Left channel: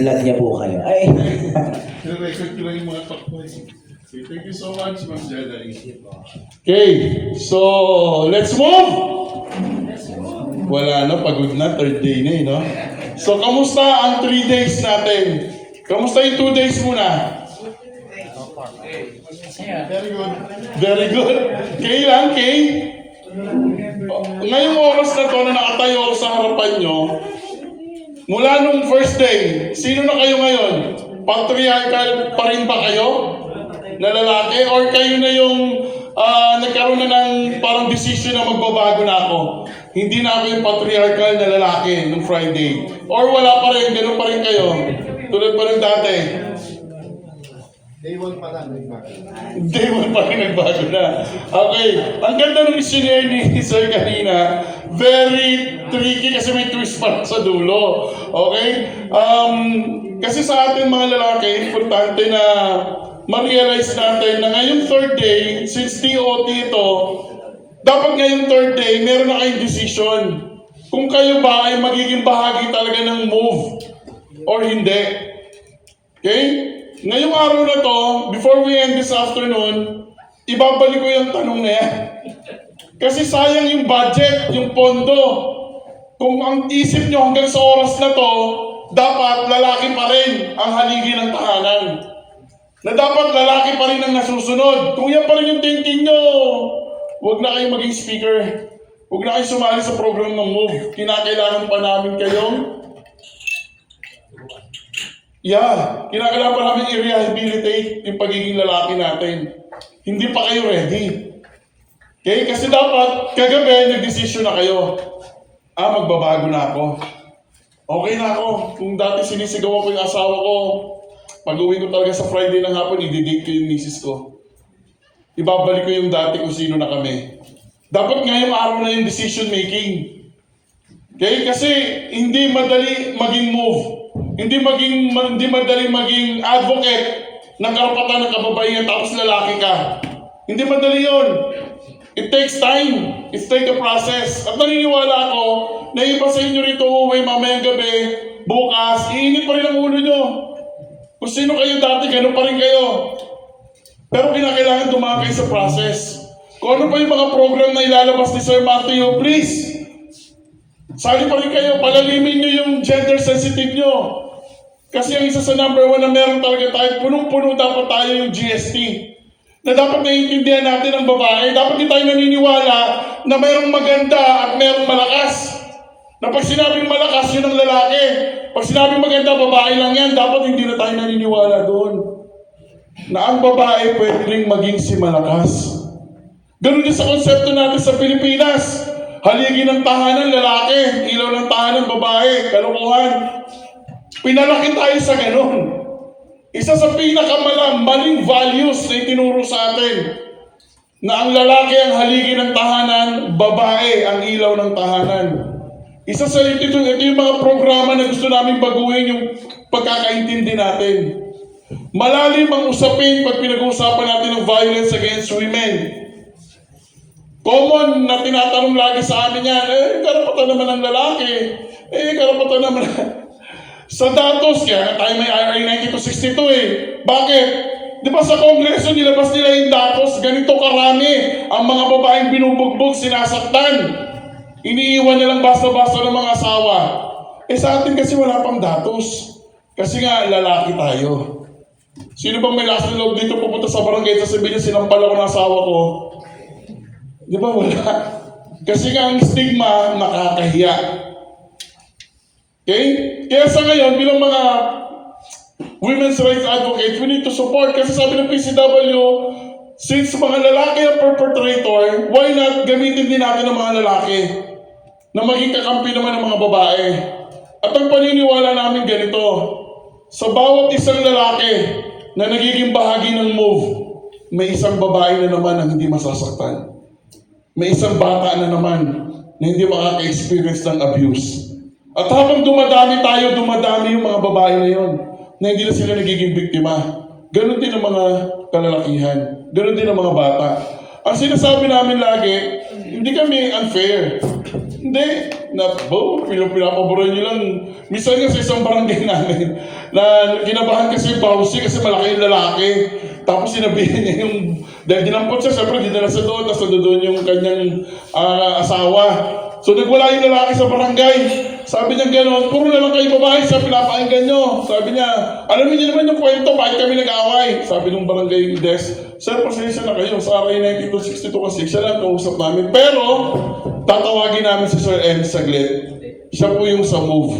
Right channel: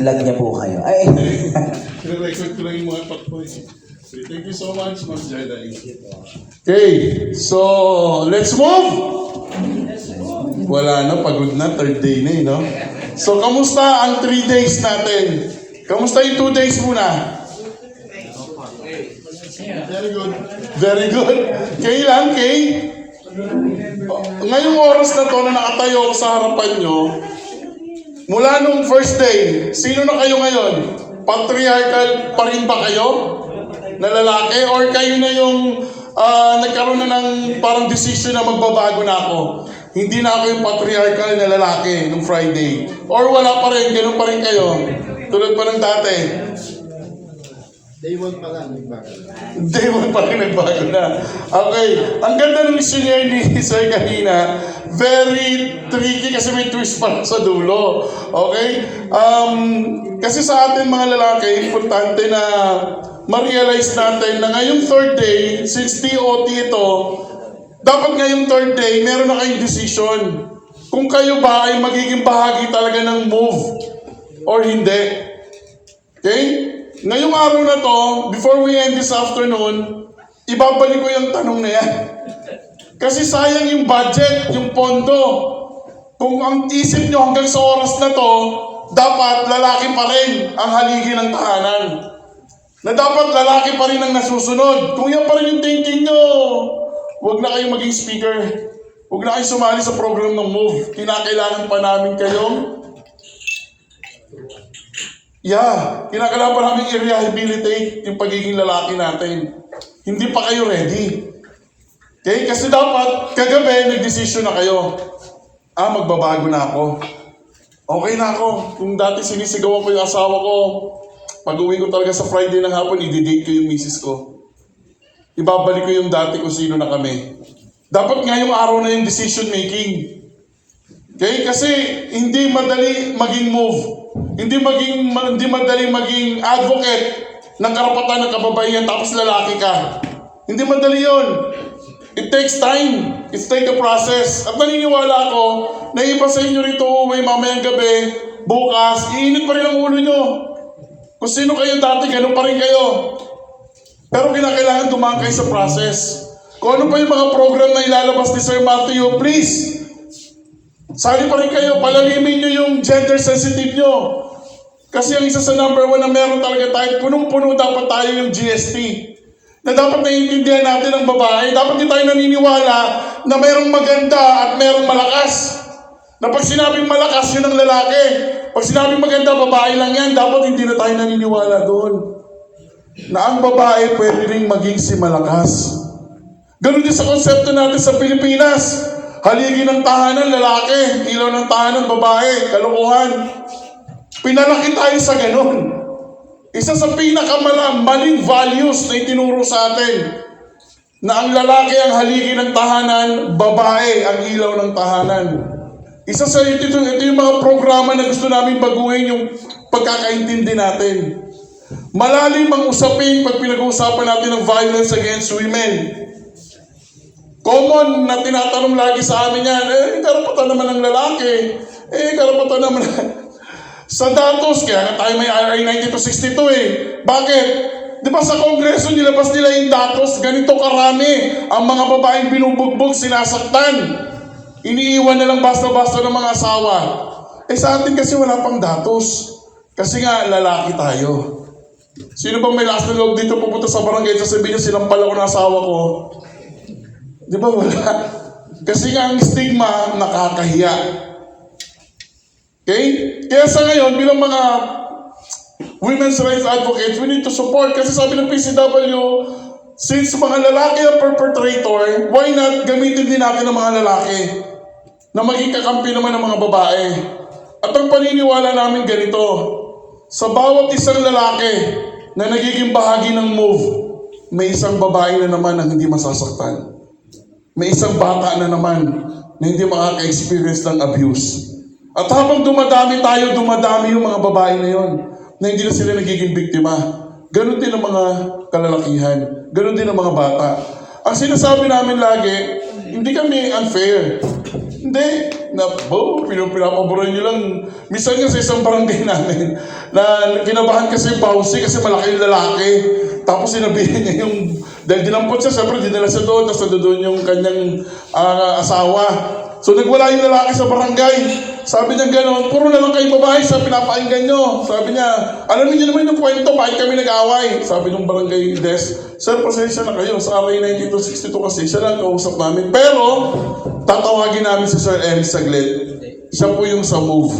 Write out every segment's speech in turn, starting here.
vlog niya po kayo. Ay! Record ko lang yung mga pakpoy. Thank you so much, Ma'am Jada. Okay, so let's move! Wala na, pagod na, third day na no? So, kamusta ang 3 days natin? Kamusta yung 2 days muna? Very good. Very good. Kay lang, Kay? Ngayong oras na to, na nakatayo ako sa harapan nyo, mula nung first day, sino na kayo ngayon? Patriarchal pa rin ba kayo? Na lalaki? Or kayo na yung nagkaroon na ng parang decision na magbabago na ako? Hindi na ako yung patriarchal na lalaki nung Friday. Or wala pa rin, ganun pa rin kayo? Tulad pa ng dati. Day 1 pa lang, nagbago. Day 1 pa rin nagbago na. Okay. Ang ganda ng missionary ni Sir kanina. Very tricky kasi may twist pa sa dulo. Okay? Kasi sa atin mga lalaki, importante na ma-realize natin na ngayong third day, since TOT ito, dapat ngayong third day, meron na kayong decision. Kung kayo ba ay magiging bahagi talaga ng move or hindi. Okay? Ngayong araw na to, before we end this afternoon, ibabalik ko yung tanong na yan. Kasi sayang yung budget, yung pondo. Kung ang isip nyo hanggang sa oras na to, dapat lalaki pa rin ang haligi ng tahanan. Na dapat lalaki pa rin ang nasusunod. Kung yan pa rin yung thinking nyo, huwag na kayong maging speaker. Huwag na kayong sumali sa program ng MOVE. Kinakailangan pa namin kayong kinakailangan pa namin i-rehabilitate yung pagiging lalaki natin. Hindi pa kayo ready. Okay? Kasi dapat, kagabi, nag-decision na kayo. Magbabago na ako. Okay na ako. Kung dati sinisigawan ko yung asawa ko, pag-uwi ko talaga sa Friday ng hapon, i-date ko yung misis ko. Ibabalik ko yung dati kung sino na kami. Dapat ngayong araw na yung decision making. Okay? Kasi hindi madali maging move. Hindi madali maging advocate ng karapatan ng kababaihan tapos lalaki ka. Hindi madali yon. It takes time. It takes a process. At naniniwala ako na iba sa inyo rito uwi mamayang gabi, bukas, iinit pa rin ang ulo nyo. Kung sino kayo dati, ganun pa rin kayo. Pero kinakailangan dumaan kayo sa process. Kung ano pa yung mga program na ilalabas ni Sir Matthew, please, sali pa rin kayo, palalimin nyo yung gender sensitive nyo. Kasi ang isa sa number 1 na meron talaga tayo, punong-puno dapat tayo yung GST. Na dapat naiintindihan natin ang babae. Dapat din tayo naniniwala na mayroong maganda at mayroong malakas. Na pag sinabing malakas, yun ang lalaki. Pag sinabing maganda, babae lang yan. Dapat hindi na tayo naniniwala doon. Na ang babae pwede rin maging si malakas. Ganun din sa konsepto natin sa Pilipinas. Haligi ng tahanan, lalaki. Ilaw ng tahanan, babae. Kalokohan. Pinalaki tayo sa ganun. Isa sa pinakamaling values na itinuro sa atin. Na ang lalaki ang haligi ng tahanan, babae ang ilaw ng tahanan. Isa sa ito yung mga programa na gusto namin baguhin yung pagkakaintindi natin. Malalim ang usapin pag pinag-uusapan natin ng violence against women. Common na tinatanong lagi sa amin yan, karapatan naman ng lalaki. Karapatan naman sa datos, kaya tayo may RA 9262 Bakit? Di ba sa Kongreso nilabas nila yung datos, ganito karami ang mga babaeng binubugbog, sinasaktan. Iniiwan na lang basta-basta ng mga asawa. Sa atin kasi wala pang datos. Kasi nga, lalaki tayo. Sino bang may last na loob dito pupunta sa barangay, sasabihin niya, sinampal ako ng asawa ko? Di ba wala? Kasi nga ang stigma, nakakahiya. Okay? Kaya sa ngayon, bilang mga women's rights advocates, we need to support. Kasi sabi ng PCW, since mga lalaki ang perpetrator, why not gamitin din natin ang mga lalaki na maging kakampi naman ng mga babae? At ang paniniwala namin ganito, sa bawat isang lalaki na nagiging bahagi ng move, may isang babae na naman ang hindi masasaktan. May isang bata na naman na hindi makaka-experience ng abuse. At habang dumadami tayo, dumadami yung mga babae na yon na hindi na sila nagiging biktima. Ganon din ang mga kalalakihan. Ganon din ang mga bata. Ang sinasabi namin lagi, hindi kami unfair. Hindi. Pinapaboran nyo lang. Minsan nga sa isang barangay namin, na kinabahan kasi yung bawsi kasi malaki yung lalaki. Tapos sinabihan niya yung, dahil dinampot siya, syempre dinala siya doon, tapos doon yung kanyang asawa. So nagwala yung lalaki sa barangay. Sabi niya gano'n, puro na lang kayo babae sa pinapakinggan nyo. Sabi niya, alam niyo naman yung kwento, bakit kami nag-away? Sabi ng barangay desk, sir, pasensya na kayo. Sa RA 9262 kasi, siya lang kausap namin. Pero, tatawagin namin si Sir M saglit. Siya po yung sa move.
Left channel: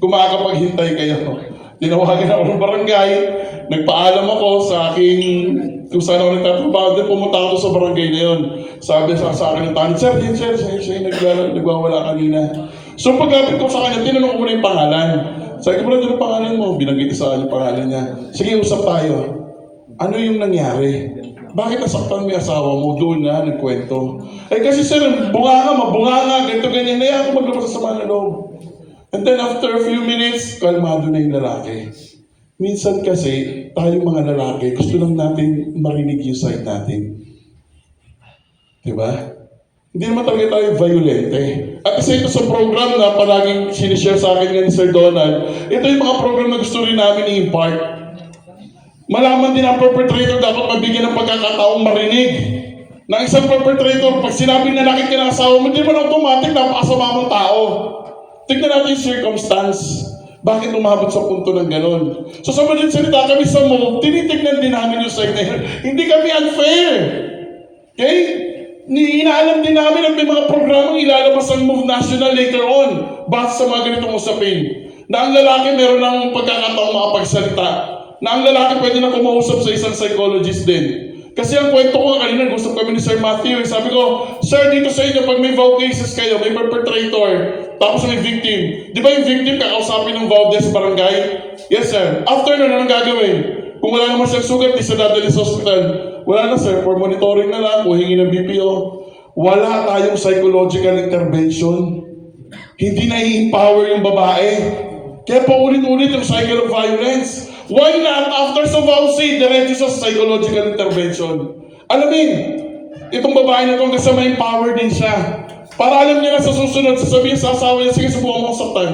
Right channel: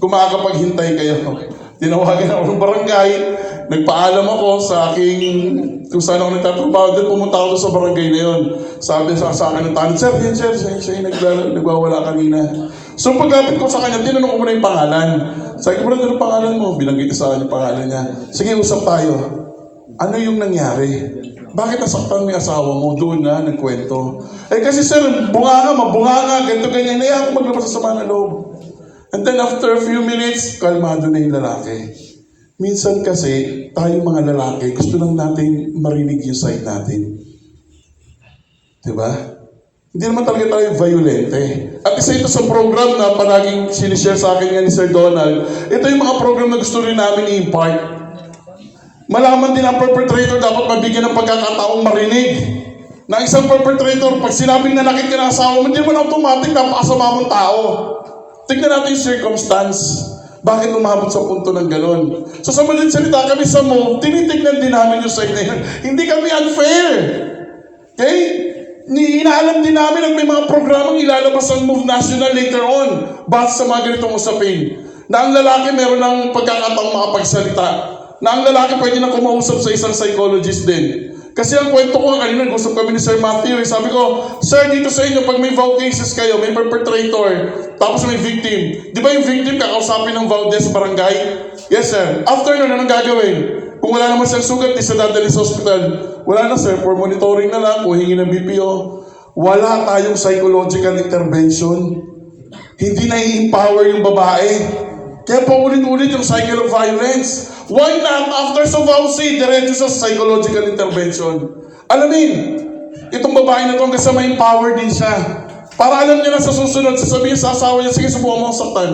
Kung makakapaghintay kayo. Tinawagan ako ng barangay. Nagpaalam ako sa aking, kung saan ako nagtatrabaho. Then pumunta ako doon sa barangay na yun. Sabi sa akin ng tanong, sir, yan sir, siya yung nagwawala kanina. So paglapit ko sa kanya, tinanong ko muna yung pangalan. Sabi ko, brother, anong pangalan mo? Binanggit sa akin yung pangalan niya. Sige, usap tayo. Ano yung nangyari? Bakit nasaktan mo yung asawa mo? Doon na, nagkwento. Eh kasi sir, mabunga ganito ganyan. Naya ako maglabas sa sama ng loob. And then after a few minutes, kalmado na yung lalaki. Minsan kasi, tayong mga lalaki, gusto lang natin marinig yung side natin. Diba? Hindi naman talaga tayo violente. At isa ito sa program na palaging sinishare sa akin nga ni Sir Donald, ito yung mga program na gusto rin namin i-impart. Malaman din ang perpetrator dapat mabigyan ng pagkakataong marinig. Na isang perpetrator, pag sinabing nanakit ka ng asawa mo, hindi naman automatic napakasama mong tao. Tignan natin yung circumstance. Bakit umabot sa punto ng ganon? So sa madaling salita kami sa MOVE, tinitignan din namin yung side na yun. Hindi kami unfair. Okay? Inaalam din namin at may mga programang ilalabas ang MOVE National later on base sa mga ganitong usapin. Na ang lalaki meron ng pagkakataong makapagsalita. Na ang lalaki pwede na kumausap sa isang psychologist din. Kasi ang kwento ko kanina, nag-usap kami ni Sir Matthew. Sabi ko, Sir, dito sa inyo, pag may vow cases kayo, may perpetrator, tapos may victim. Di ba yung victim kakausapin ng vow sa barangay? Yes, sir. After nun, anong gagawin? Kung wala naman siyang sugat, di siya dadali sa hospital. Wala na, sir. For monitoring na lang, kuhingi ng BPO. Wala tayong psychological intervention. Hindi na-empower yung babae. Kaya paulit-ulit yung cycle of violence. Why not, after sa vowsy, diretso sa psychological intervention? Alamin, itong babae na itong kasama empower din siya. Para alam niya na sa susunod, sasabihin sa asawa niya, sige, subukan mo ako saktan.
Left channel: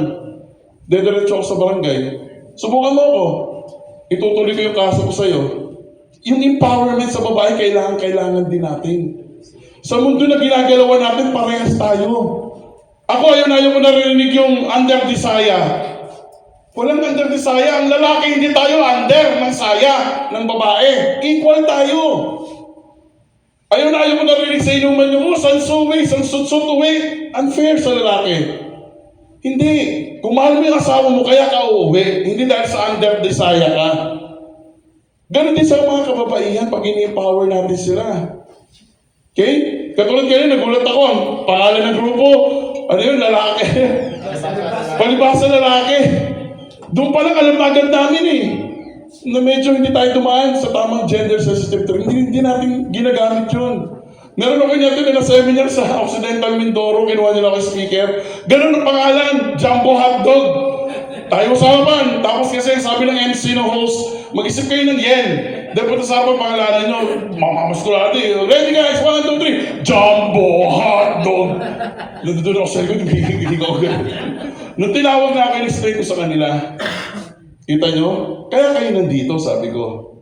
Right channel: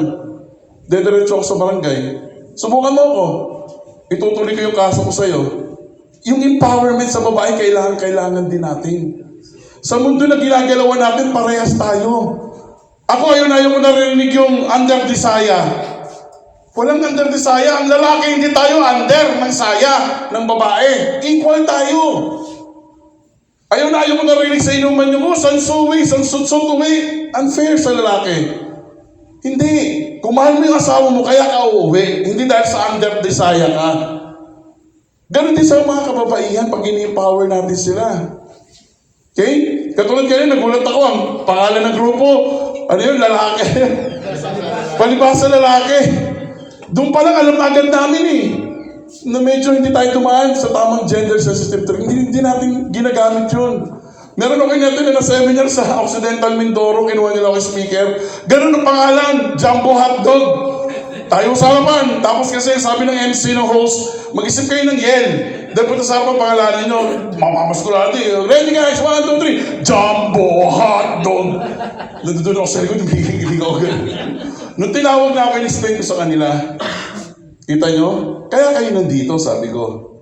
Dediretso ako sa barangay. Subukan mo ako. Itutuloy ko yung kaso ko sa'yo. Yung empowerment sa babae, kailangan din natin. Sa mundo na ginagalawan natin, parehas tayo. Ako, ayaw ko narinig yung under the saya. Walang under the saya. Ang lalaki, hindi tayo under ng saya ng babae. Equal tayo. Ayaw mo narinig sa inuman nyo, sansuwi, sansutsutuwi. Unfair sa lalaki. Hindi. Kung mahal mo yung asawa mo, kaya ka uuwi. Hindi dahil sa under the saya ka. Ganon din sa mga kababaihan pag ini-empower natin sila. Okay? Katulad kayo, nagulat ako. Ang pangalan ng grupo, ano yun, lalaki. Palibasa lalaki. Doon pa lang alam na agad namin na medyo hindi tayo tumaan sa tamang gender sensitive term. Hindi natin ginagamit yun. Meron ako natin na seminar sa Occidental Mindoro, kinuha nila ako speaker. Ganun ang pangalan, Jumbo Hotdog. Tayo usapan. Tapos kasi sabi ng MC ng host, mag-isip kayo ng yel. Dapat usapan pangalanan nyo, mamamaskulati. Ready guys, 1, 2, 3. Jumbo Hotdog. Nandun ako sa likod, hindi ako ganun. Nung tinawag na ako, in-explain ko sa kanila, kita nyo? Kaya kayo nandito, sabi ko.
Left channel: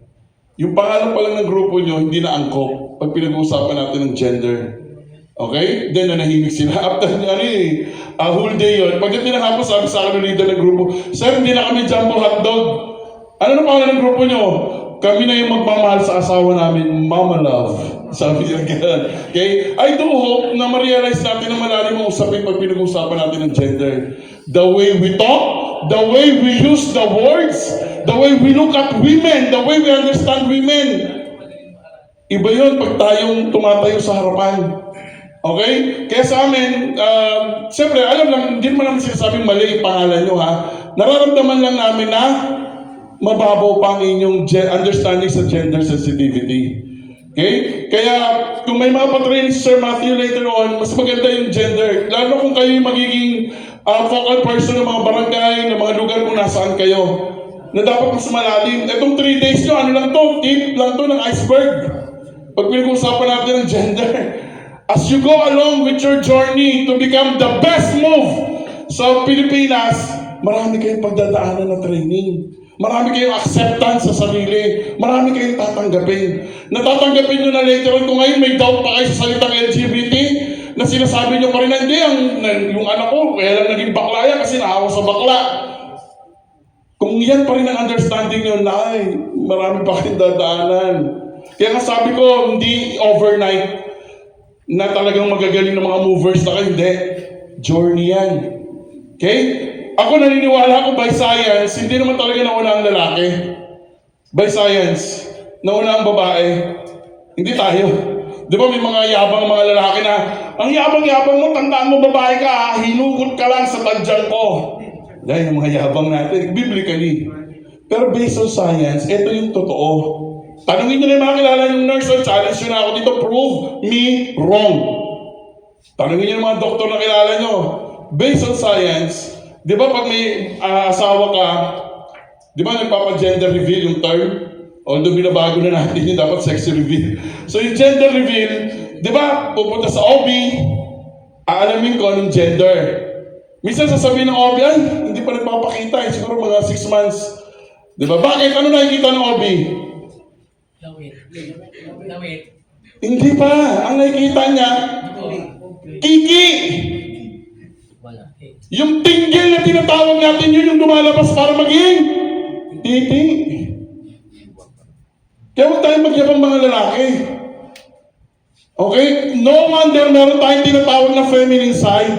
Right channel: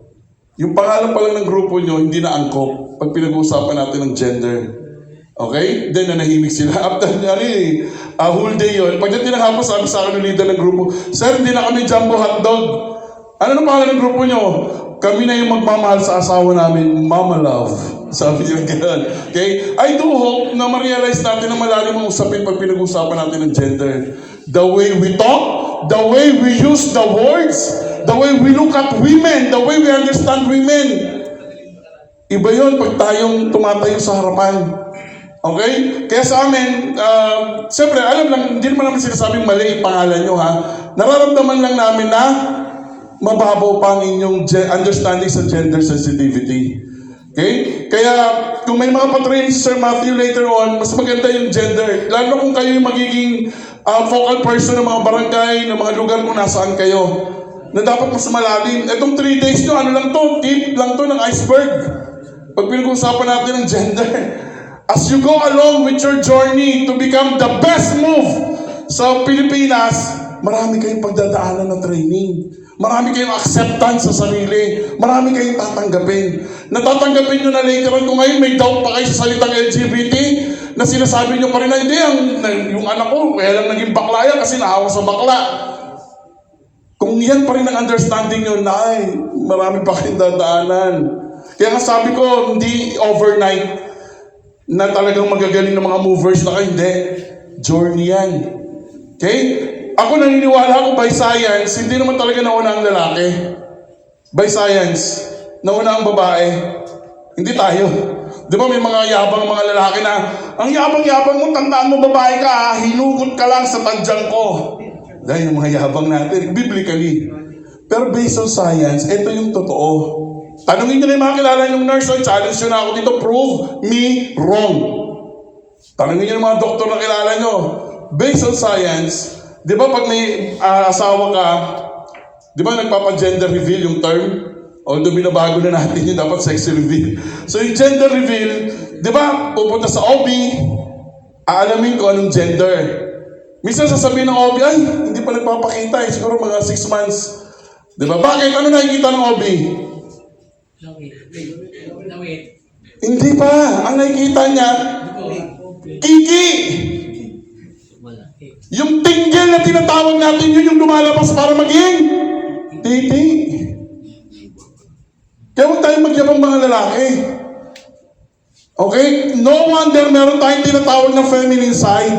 Yung pangalan pa lang ng grupo nyo, hindi na angkop pag pinag-uusapan natin ng gender. Okay? Then, nanahimik sila. After, whole day yun. Pagdating ng hapon, sabi sa akin ng leader ng grupo, Sir, hindi na kami Jumbo Hotdog. Ano nang pangalan ng grupo nyo? Kami na yung magmamahal sa asawa namin, Mama Love. Sabi niya gano'n. Okay? I do hope na ma-realize natin na malalim ang usapin pag pinag-usapan natin ng gender. The way we talk, the way we use the words, the way we look at women, the way we understand women. Iba yun pag tayong tumatayo sa harapan. Okay? Kaya sa amin, siyempre, alam lang, hindi naman namin sinasabing mali yung pangalan nyo, ha? Nararamdaman lang namin na mababaw pa ang inyong understanding sa gender sensitivity. Okay? Kaya, kung may mga patraining si Sir Matthew later on, mas maganda yung gender. Lalo kung kayo yung magiging focal person ng mga barangay, ng mga lugar kung nasaan kayo, na dapat mas malalim. Itong 3 days nyo, ano lang to? Tip lang to ng iceberg. Pag pinag-uusapan natin ng gender. As you go along with your journey to become the best move sa Pilipinas, marami kayong pagdadaanan na training. Marami kayong acceptance sa sarili. Marami kayong tatanggapin. Natatanggapin nyo na later on kung ngayon may doubt pa kayo sa salitang LGBT, na sinasabi nyo pa rin na hindi, yung anak ko, kaya lang naging bakla yan kasi nahawa sa bakla. Kung yan pa rin ang understanding nyo, nay, marami pa kayong dadaanan. Kaya nga sabi ko, hindi overnight na talagang magagaling ng mga movers na kayo. Hindi. Journey yan. Okay? Ako naniniwala ako by science, hindi naman talaga nauna ang lalaki. By science, nauna ang babae. Hindi tayo. Di ba may mga yabang mga lalaki na, ang yabang-yabang mo, tandaan mo babae ka, hinugot ka lang sa tadyang ko. Dahil ang mga yabang natin, biblically. Pero based on science, ito yung totoo. Tanungin nyo na yung mga kilala yung nurse, challenge nyo na ako dito, prove me wrong. Tanungin nyo yung mga doktor na kilala nyo. Based on science, di ba pag may asawa ka, di ba nagpapa-gender reveal yung term? Although binabago na natin yun, dapat sexy reveal. So yung gender reveal, di ba, pupunta sa OB, aalamin ko anong gender. Minsan sasabihin ng OB, ay, hindi pa nagpapakita, siguro mga 6 months. Di ba? Bakit? Ano nakikita ng OB? Lawit. Hindi pa. Ang nakikita niya, kiki. Yung tinggil na tinatawag natin, yun yung lumalabas para maging titi. Kaya huwag tayong magyabang mga lalaki. Okay? No wonder meron tayong tinatawag na feminine side.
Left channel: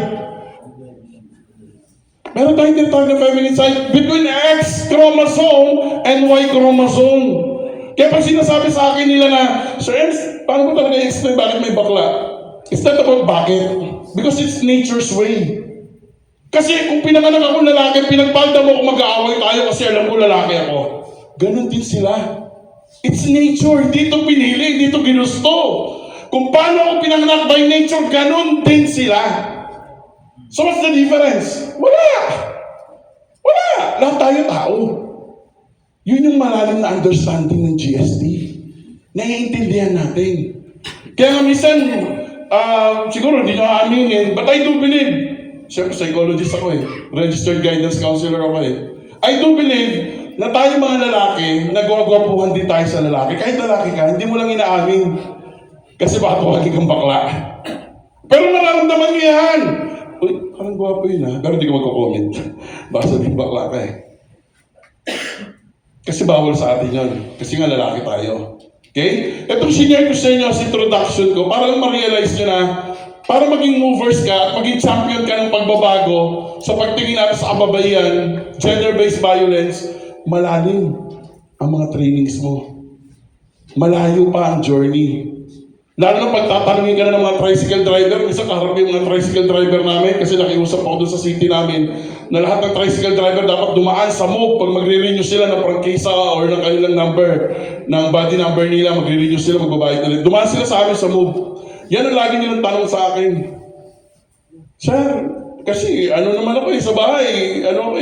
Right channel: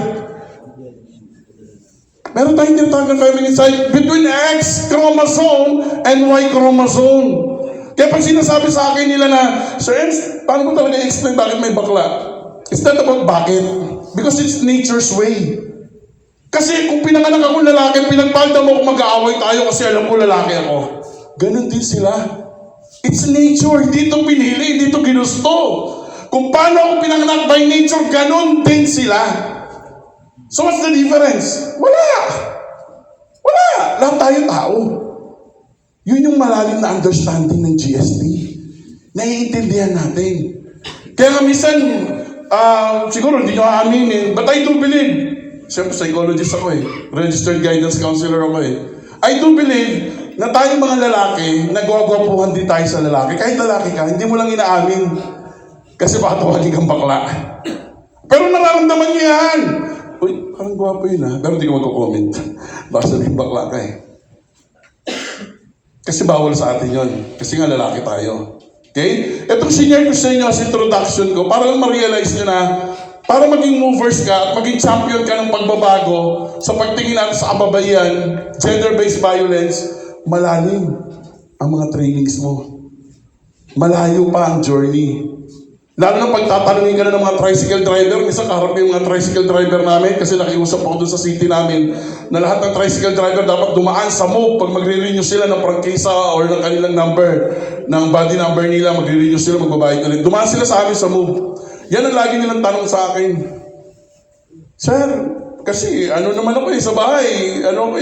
Meron tayong tinatawag na feminine side between X chromosome and Y chromosome. Kaya pag sinasabi sa akin nila na, Sir Ems, paano mo talaga i-explain bakit may bakla? It's not about bakit. Because it's nature's way. Kasi kung pinanganak ako lalaki, pinagpalda mo kung mag-aaway tayo kasi alam ko lalaki ako. Ganon din sila. It's nature. Hindi ito pinili, hindi ito ginusto. Kung paano ako pinanganak by nature, ganon din sila. So what's the difference? Wala. Wala. Lahat tayo tao. Yun yung malalim na understanding ng GST. Naiintindihan natin. Kaya nga minsan, siguro hindi nyo aaminin, but I do believe, siyempre psychologist ako registered guidance counselor ako I do believe na tayo mga lalaki, nagwagwapuhan din tayo sa lalaki. Kahit lalaki ka, hindi mo lang inaamin. Kasi baka tawagin kang bakla. Pero nararamdaman niya yan. Uy, parang gwapo yun Pero hindi ko magko-comment. Baka sabihin bakla ka Kasi bawal sa atin yun. Kasi nga lalaki tayo. Okay? Itong senior ko sa inyo sa introduction ko, para lang ma-realize nyo na, para maging movers ka at maging champion ka ng pagbabago sa pagtingin natin sa kababayan, gender-based violence, malalim ang mga trainings mo. Malayo pa ang journey. Lalo na pagtatanungin ka na ng mga tricycle driver, minsan kaharap yung mga tricycle driver namin kasi nakiusap ako doon sa city namin na lahat ng tricycle driver dapat dumaan sa MOVE pag magre-renew sila ng prangkisa or ng kanilang number, ng body number nila, magre-renew sila, magbabayad nila. Dumaan sila sa amin sa MOVE. Yan ang lagi nilang tanong sa akin. Sir, kasi ano naman ako sa bahay, ano mo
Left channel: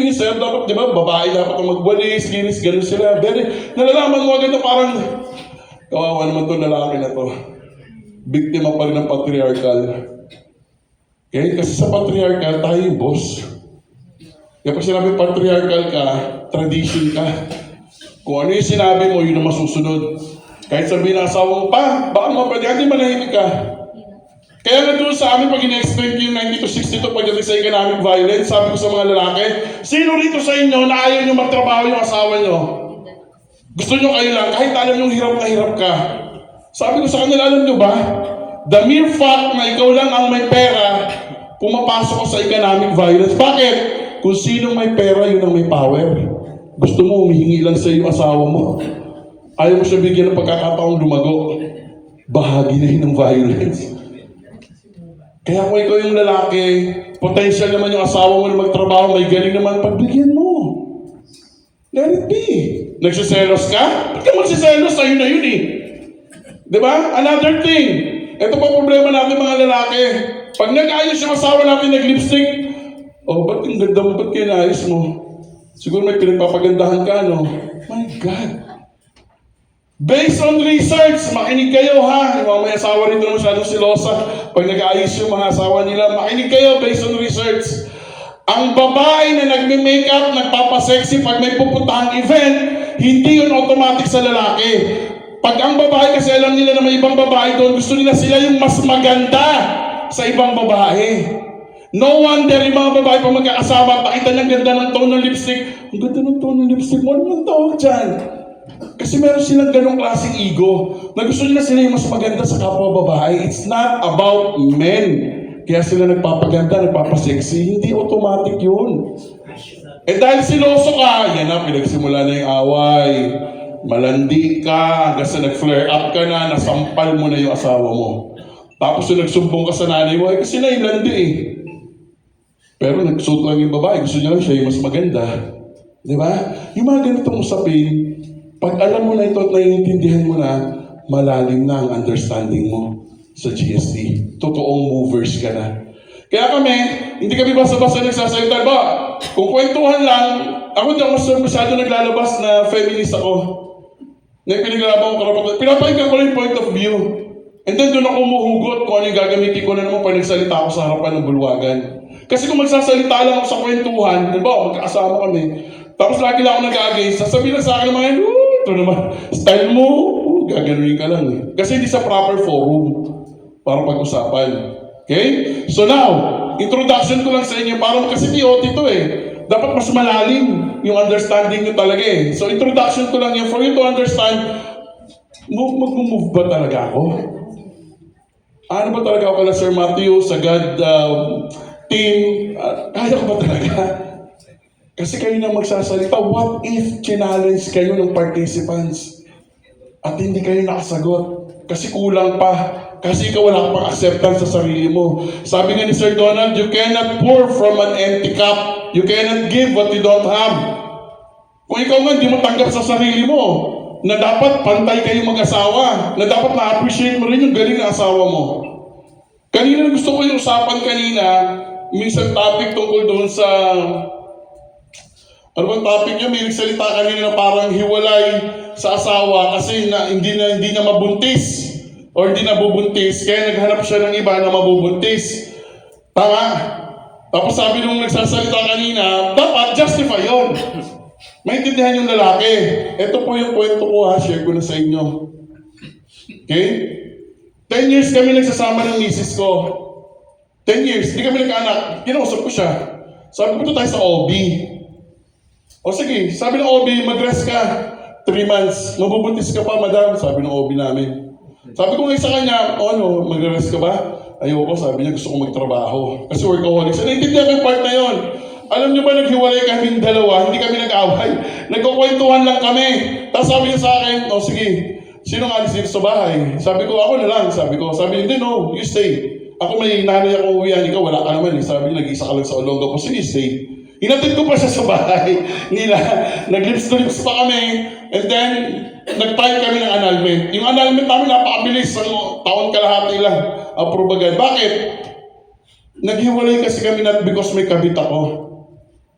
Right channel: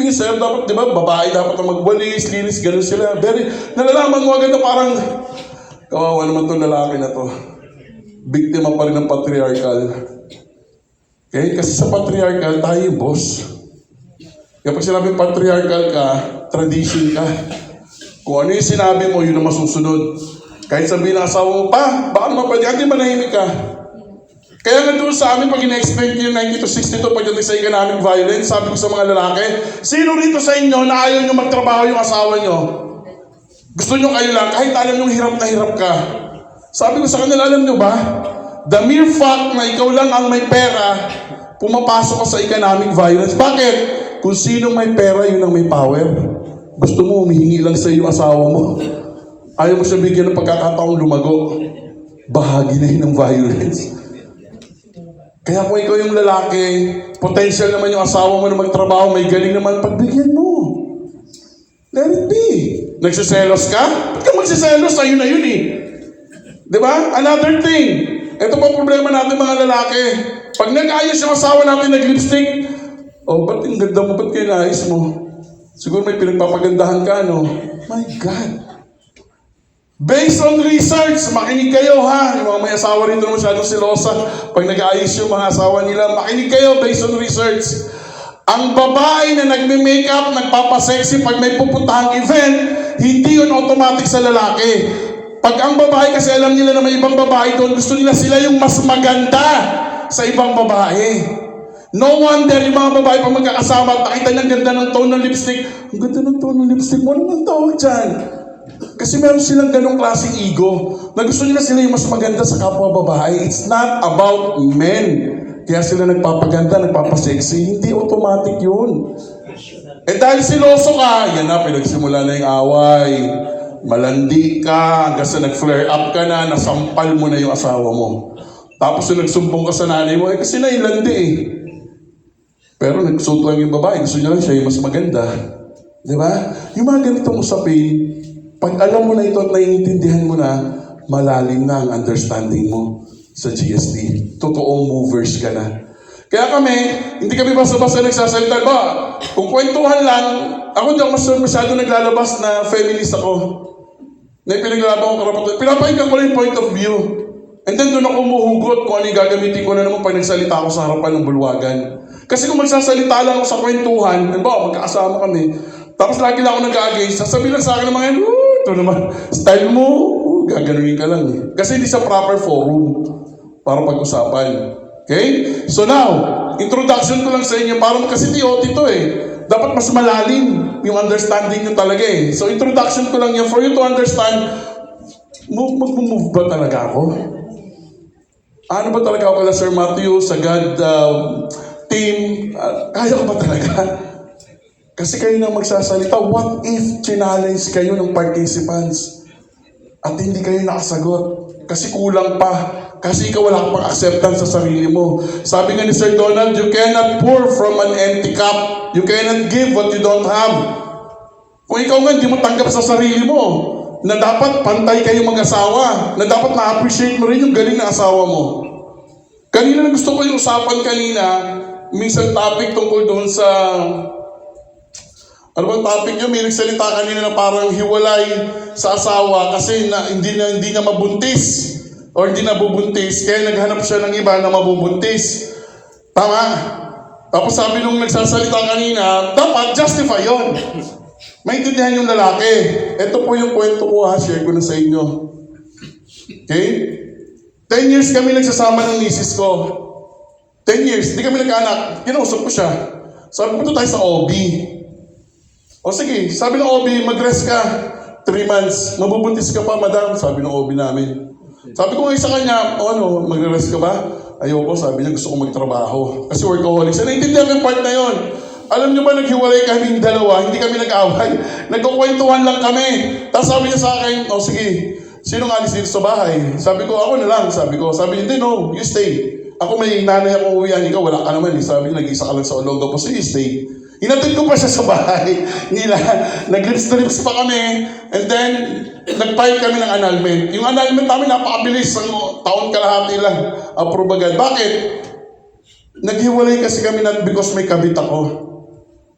yun sir, dapat, di ba, babae dapat ang magwalis, linis, ganun sila. Nalalaman mo agad na parang, kawawa naman itong lalaki na to. Biktima pa rin ng patriarchal. Okay? Kasi sa patriarchal, tayo yung boss. Kaya pag sinabi patriarchal ka, tradition ka. Kung ano yung sinabi mo, yun ang masusunod. Kahit sabihin ng asawa mo, pa, baka naman pwede, hindi manahimik ka. Kaya nga doon sa amin, pag ina-explain ko yung 92-62 pagdating sa economic violence, sabi ko sa mga lalaki, sino rito sa inyo na ayaw nyo magtrabaho yung asawa nyo? Gusto nyo kayo lang, kahit alam nyo hirap na hirap ka. Sabi ko sa kanila, alam nyo ba? The mere fact na ikaw lang ang may pera, pumapasok ka sa economic violence. Bakit? Kung sinong may pera, yun ang may power. Gusto mo, humihingi lang sa iyo asawa mo. Ayaw mo siya bigyan ng pagkakataong lumago. Bahagi na yun ng violence. Kaya kung ikaw yung lalaki, potential naman yung asawa mo na magtrabaho, may galing naman, pagbigyan mo. Let it be. Nagsiselos ka? Ba't ka magsiselos? Sa'yo na yun Diba? Another thing. Ito pa problema natin mga lalaki. Pag nag-ayos yung asawa natin nag-lipstick, ba't ang ganda mo? Ba't kinaayos mo? Siguro may pinagpapagandahan ka, no? My God. Based on research, makinig kayo ha. Yung mga may asawa rito na masyadong silosa. Pag nag-aayos yung mga asawa nila, makinig kayo based on research. Ang babae na nagme-makeup, nagpapasexy pag may pupuntahang event, hindi yun automatic sa lalaki. Pag ang babae, kasi alam nila na may ibang babae doon, gusto nila sila yung mas maganda sa ibang babae. No wonder yung mga babae pag magkakasama, pakita ng ganda ng tone ng lipstick. Ang ganda ng tone ng lipstick mo, ano ang tawag dyan? Kasi meron silang ganong klaseng ego na gusto nila sila yung mas maganda sa kapwa babae. It's not about men. Kaya sila nagpapaganda, nagpapasexy. Hindi automatic yun. Eh dahil siloso ka, yan na, pinagsimula na yung away. Malandi ka, hanggang sa nag-flare up ka na, nasampal mo na yung asawa mo. Tapos yung nagsumbong ka sa nanay mo, kasi nailandi eh. Pero nagsuot lang yung babae, gusto niya lang siya yung mas maganda. Di ba? Yung mga ganitong usapin, pag alam mo na ito at naiintindihan mo na, malalim na ang understanding mo sa GST. Totoong movers ka na. Kaya kami, hindi kami basta-basta nagsasalita. Ba, kung kwentuhan lang, ako hindi ako masyado naglalabas na feminist ako. Na pinaglaban ko karapatan. Pinapahinggan ko lang yung point of view. And then doon ako umuhugot kung ano yung gagamitin ko na naman pag nagsalita ako sa harapan ng bulwagan. Kasi kung magsasalita lang ako sa kwentuhan, halimbawa magkakasama kami, tapos lagi lang ako nag-against, sasabihin lang sa akin ng mga yan, ito naman, style mo, gaganunin ka lang eh. Kasi hindi sa proper forum para pag-usapan. Okay? So now, introduction ko lang sa inyo, parang kasi TOT ito eh. Dapat mas malalim yung understanding nyo talaga eh. So introduction ko lang yun for you to understand, mag-move ba talaga ako? Ano ba talaga ako kala Sir Matthew sa God team? Kaya ko ba talaga? Kasi kayo na magsasalita, what if challenge kayo ng participants at hindi kayo nakasagot? Kasi kulang pa. Kasi ikaw wala pang acceptance sa sarili mo. Sabi nga ni Sir Donald, you cannot pour from an empty cup. You cannot give what you don't have. Kung ikaw nga hindi mo tanggap sa sarili mo, na dapat pantay kayo mag-asawa, na dapat na-appreciate mo rin yung galing na asawa mo. Kanina na gusto ko yung usapan kanina, minsan topic tungkol doon sa ano bang topic niya? May nagsalita kanina na parang hiwalay sa asawa kasi hindi na mabuntis or hindi nabubuntis kaya naghanap siya ng iba na mabubuntis. Tama? Tapos sabi nung nagsasalita kanina, dapat justify yon. Maintindihan yung lalaki. Ito po yung kwento ko ha, share ko na sa inyo. Okay? 10 years kami nagsasama ng misis ko. 10 years, hindi kami nagkaanak. Kinausap ko siya. Sabi ko, tayo sa OB. O sige, sabi ng OB, mag-rest ka. 3 months. Mabubuntis ka pa, madam. Sabi ng OB namin. Sabi ko ngayon sa kanya, mag-rest ka ba? Ayoko, sabi niya, gusto ko magtrabaho. Kasi workaholic. So, naintindihan ko yung part na yon. Alam niyo ba, naghiwalay kaming dalawa, hindi kami nag-away. Nagkukwentuhan lang kami. Tapos sabi niya sa akin, sige, sino nga alis dito sa bahay? Sabi ko, ako na lang. Sabi niya, hindi, no, you stay. Ako may nanay ako uwihan, ikaw wala ka naman. Sabi niya, nag-isa ka lang sa Olonga po, so you stay. Hinatid ko pa siya sa bahay nila. Nag-lips to lips pa kami. And then, nag-file kami ng annulment. Yung annulment namin, napakabilis. Taon kalahati lang. Approve agad. Bakit? Naghiwalay kasi kami not because may kabit ako.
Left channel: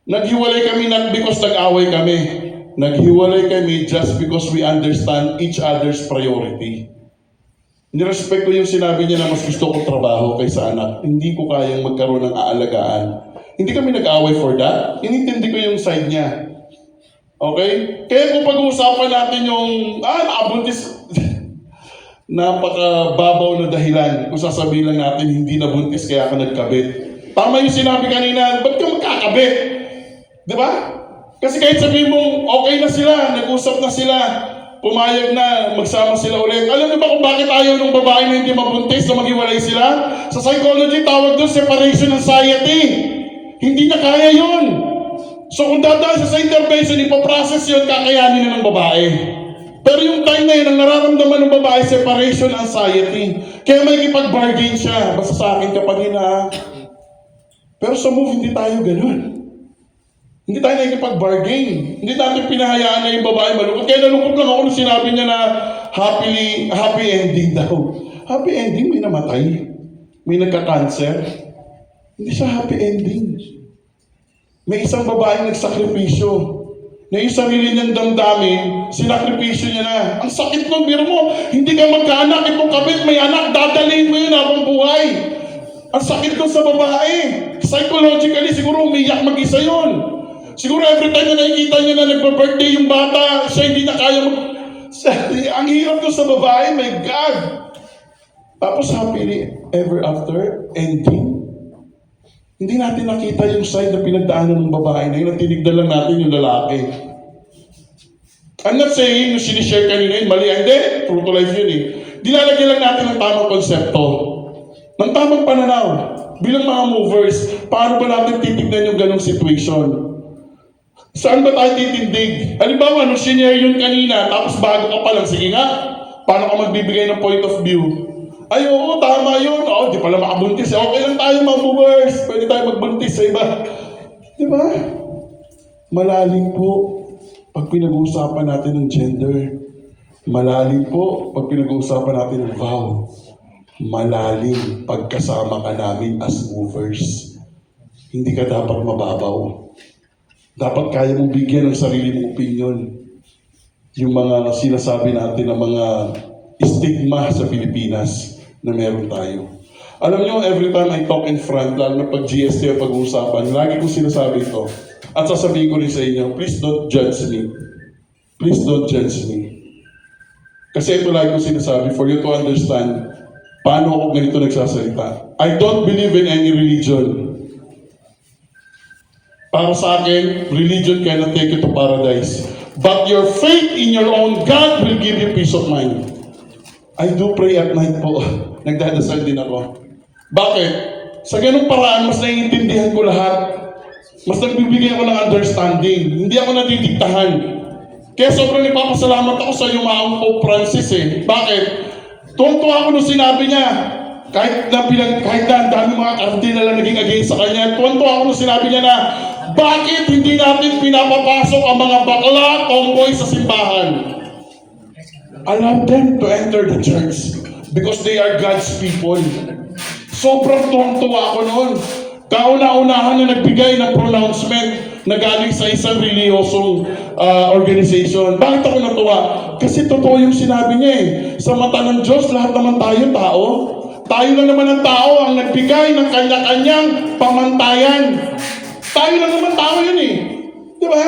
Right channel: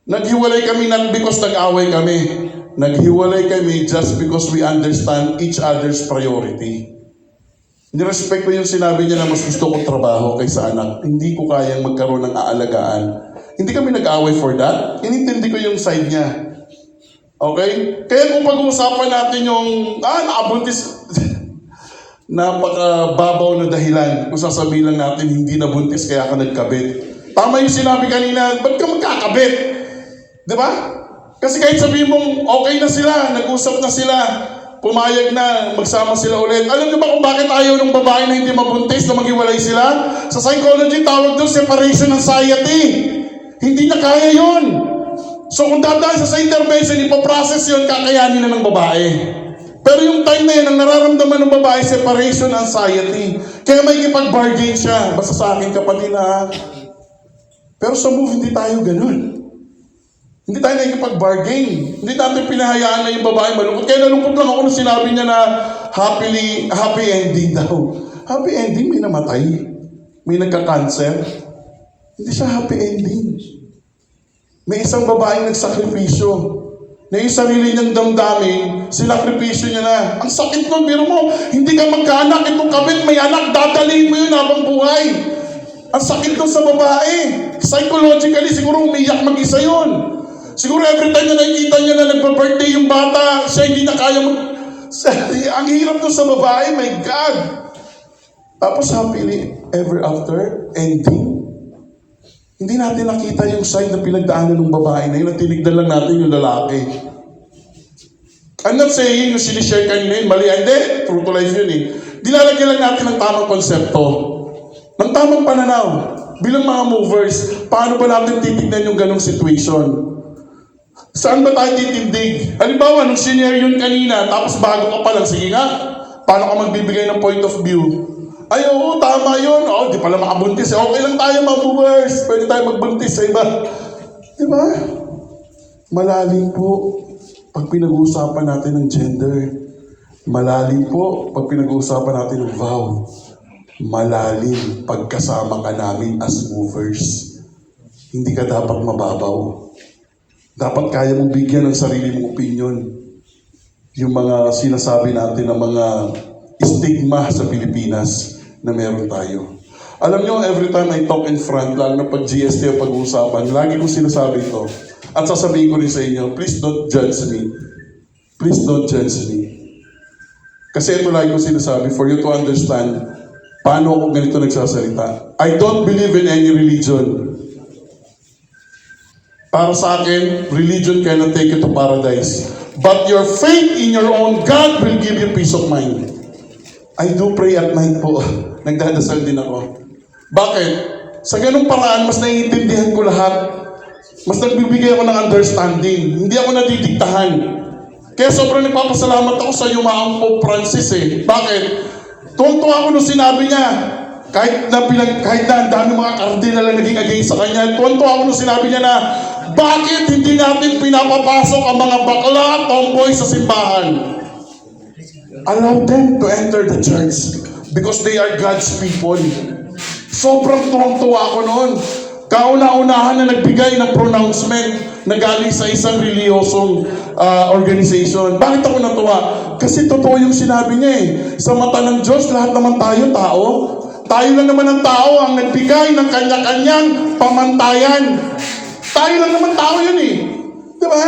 Naghiwalay kami not because nag-away kami. Naghiwalay kami just because we understand each other's priority. Nirespect ko yung sinabi niya na mas gusto kong trabaho kaysa anak. Hindi ko kayang magkaroon ng aalagaan. Hindi kami nag-away for that. Inintindi ko yung side niya. Okay? Kaya kung pag-uusapan natin yung, nakabuntis, napakababaw na dahilan. Kung sasabihin lang natin, hindi nabuntis kaya ka nagkabit. Tama yung sinabi kanina, ba't ka magkakabit? Di ba? Kasi kahit sabihin mong okay na sila, nag-usap na sila, pumayag na, magsama sila ulit. Alam niyo ba kung bakit ayaw ng babae na hindi mabuntis na maghiwalay sila? Sa psychology, tawag doon separation anxiety. Hindi na kaya yun. So kung dadaan sa intervention, ipaprocess yun, kakayanin na ng babae. Pero yung time na yun, ang nararamdaman ng babae, separation anxiety. Kaya may ikipag-bargain siya. Basta sa akin kapag na. Pero sa move, hindi tayo ganun. Hindi tayo nakikipag-bargain. Hindi natin pinahayaan na yung babae malungkot. Kaya nalungkot lang ako nung sinabi niya na happy ending daw. Happy ending, may namatay. May nagka-cancer. Hindi siya happy ending. May isang babaeng nagsakripisyo. na yung sarili niyang damdamin, sinakripisyo niya na. Ang sakit nun, biro mo, hindi ka magkaanak, itong kabit may anak, dadalhin mo yun habang buhay. Ang sakit nun sa babae. Psychologically, siguro umiyak mag-isa yun. Siguro every time na nakikita niya na nagpa-birthday yung bata, siya hindi na kaya ang hirap nun sa babae, my God. Tapos happily ever after, ending. Hindi natin nakita yung side na pinagdaanan ng babae na yun, at tinignan lang natin yung lalaki. I'm not saying yung sinishare kanina yun, mali. Hindi, true to life yun eh. Dilalagyan lang natin ng tamang konsepto, ng tamang pananaw. Bilang mga movers, paano ba natin titignan yung ganong situation? Saan ba tayo titindig? Halimbawa, nung sinare yun kanina, tapos bago ka pa lang, sige nga, paano ka magbibigay ng point of view? Ay, oo, tama yun. Oo, di pala makabuntis. Okay lang tayo, mga movers. Pwede tayo magbuntis sa iba. Di ba? Malalim po pag pinag-uusapan natin ng gender. Malalim po pag pinag-uusapan natin ng vow. Malalim pagkasama ka namin as movers. Hindi ka dapat mababaw. Dapat kaya mong bigyan ng sarili mong opinion. Yung mga sinasabi natin ng mga stigma sa Pilipinas na meron tayo. Alam nyo, every time I talk in front, lalo na pag GST ang pag-uusapan, lagi ko sinasabi ito. At sasabihin ko rin sa inyo, please don't judge me. Please don't judge me. Kasi ito lagi ko sinasabi, for you to understand, paano ako ganito nagsasalita. I don't believe in any religion. Para sa akin, religion cannot take you to paradise. But your faith in your own God will give you peace of mind. I do pray at night po. Nagdadasal din ako. Bakit? Sa ganung paraan, mas naiintindihan ko lahat. Mas nagbibigay ako ng understanding. Hindi ako nadidiktahan. Kaya sobrang nagpapasalamat ako sa yumaang Pope Francis eh. Bakit? Tuwang-tuwa ako nung sinabi niya. Kahit na ang dami mga kardinal na naging against sa kanya. Tuwang-tuwa ako nung sinabi niya na, bakit hindi natin pinapapasok ang mga bakla, tomboy sa simbahan? Allow them to enter the church because they are God's people. Sobrang tuwang-tuwa ako noon. Kauna-unahan na nagbigay ng pronouncement na galing sa isang reliyosong organization. Bakit ako natuwa? Kasi totoo yung sinabi niya eh. Sa mata ng Diyos, lahat naman tayo tao. Tayo lang naman ang tao ang nagbigay ng kanya-kanyang pamantayan. Tayo lang naman tao yun eh. Di ba?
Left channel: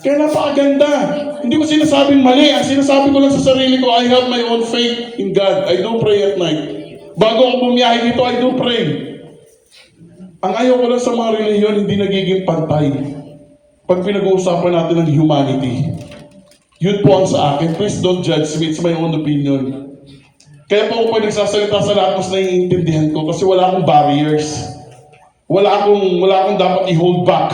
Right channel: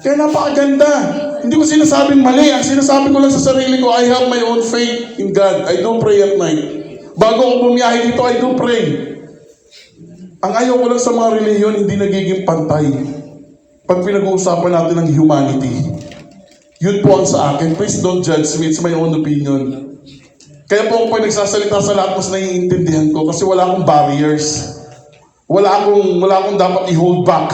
Kaya napakaganda. Hindi ko sinasabing mali. Ang sinasabi ko lang sa sarili ko, I have my own faith in God. I do pray at night. Bago ako bumiyahe dito, I do pray. Ang ayaw ko lang sa mga relihiyon, hindi nagiging pantay. Pag pinag-uusapan natin ng humanity. Yun po ang sa akin. Please don't judge me. It's my own opinion. Kaya po ako pag nagsasalita sa lahat, mas naiintindihan ko kasi wala akong barriers. Wala akong dapat i-hold back.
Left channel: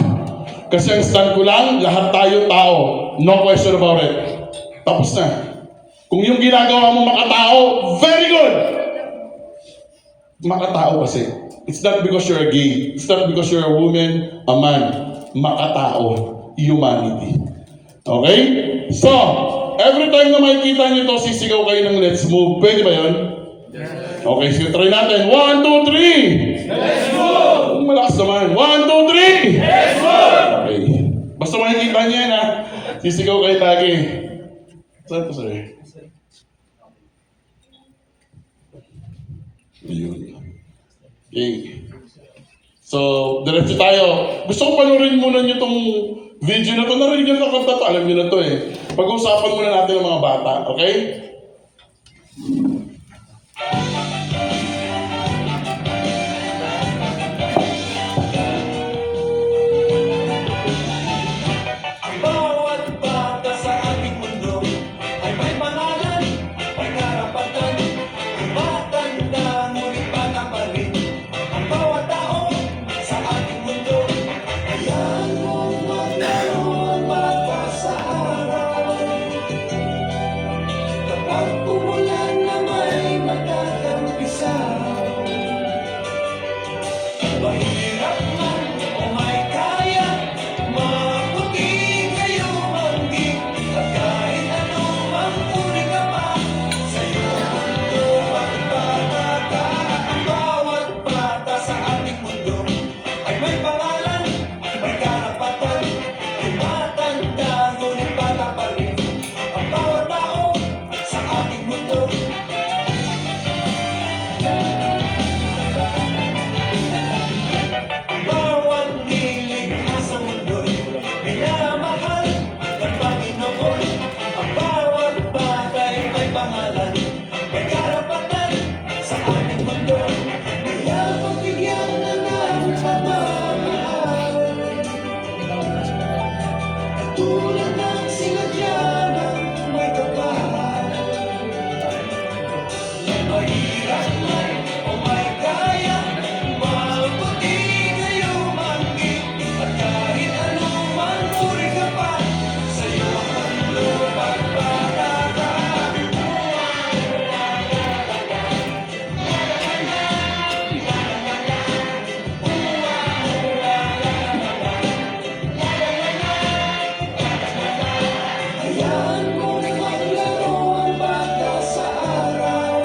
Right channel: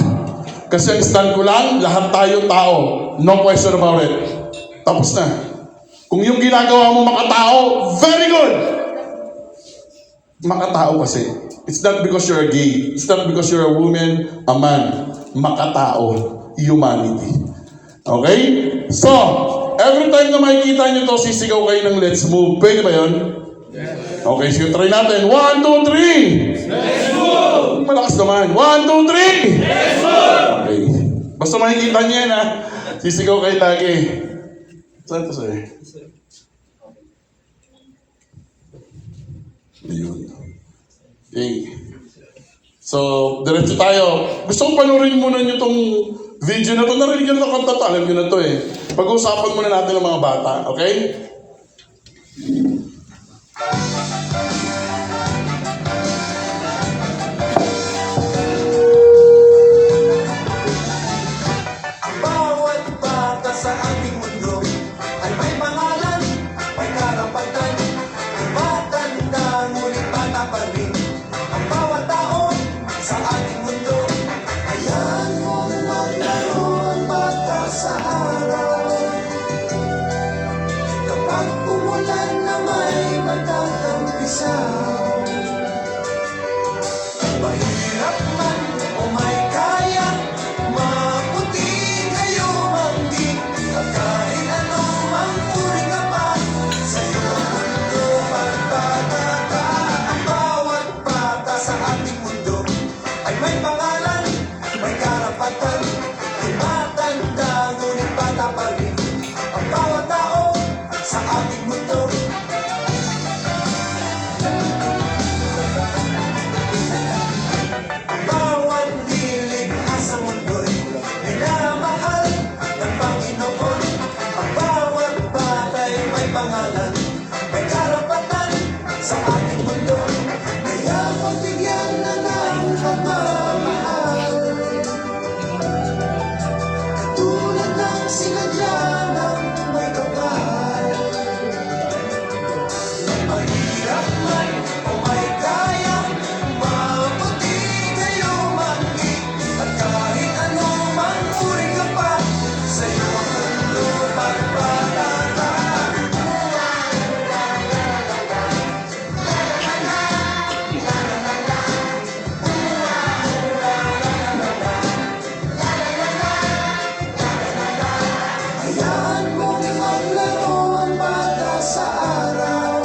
Kasi ang stand ko lang, lahat tayo tao. No question about it. Tapos na. Kung yung ginagawa mo makatao, very good! Makatao kasi. It's not because you're a gay. It's not because you're a woman, a man. Makatao. Humanity. Okay? So, every time na makikita nyo to, sisigaw kayo ng let's move. Pwede ba yun? Okay, sige, try natin. 1, 2, 3! Let's move! Malakas naman. 1, 2, 3! Let's move! Okay. Basta makikita niya yan, ha? Sisigaw kayo lagi. Saan to, sir? Ayun. Okay. So, diretso tayo. Gusto ko panurin muna nyo tong video na to. Narinig nyo na kanta to. Alam nyo na to eh. Pag-uusapan muna natin ng mga bata. Okay? Kapag umulan na may matatagal. tulad ng sinadya ng may kapal. Mahirap man o may kaya, mabuti kayo mangit. At kahit anumang uri ka pa, sa'yo ang lumang patata. Hayaan mong maglaro ang bata sa araw.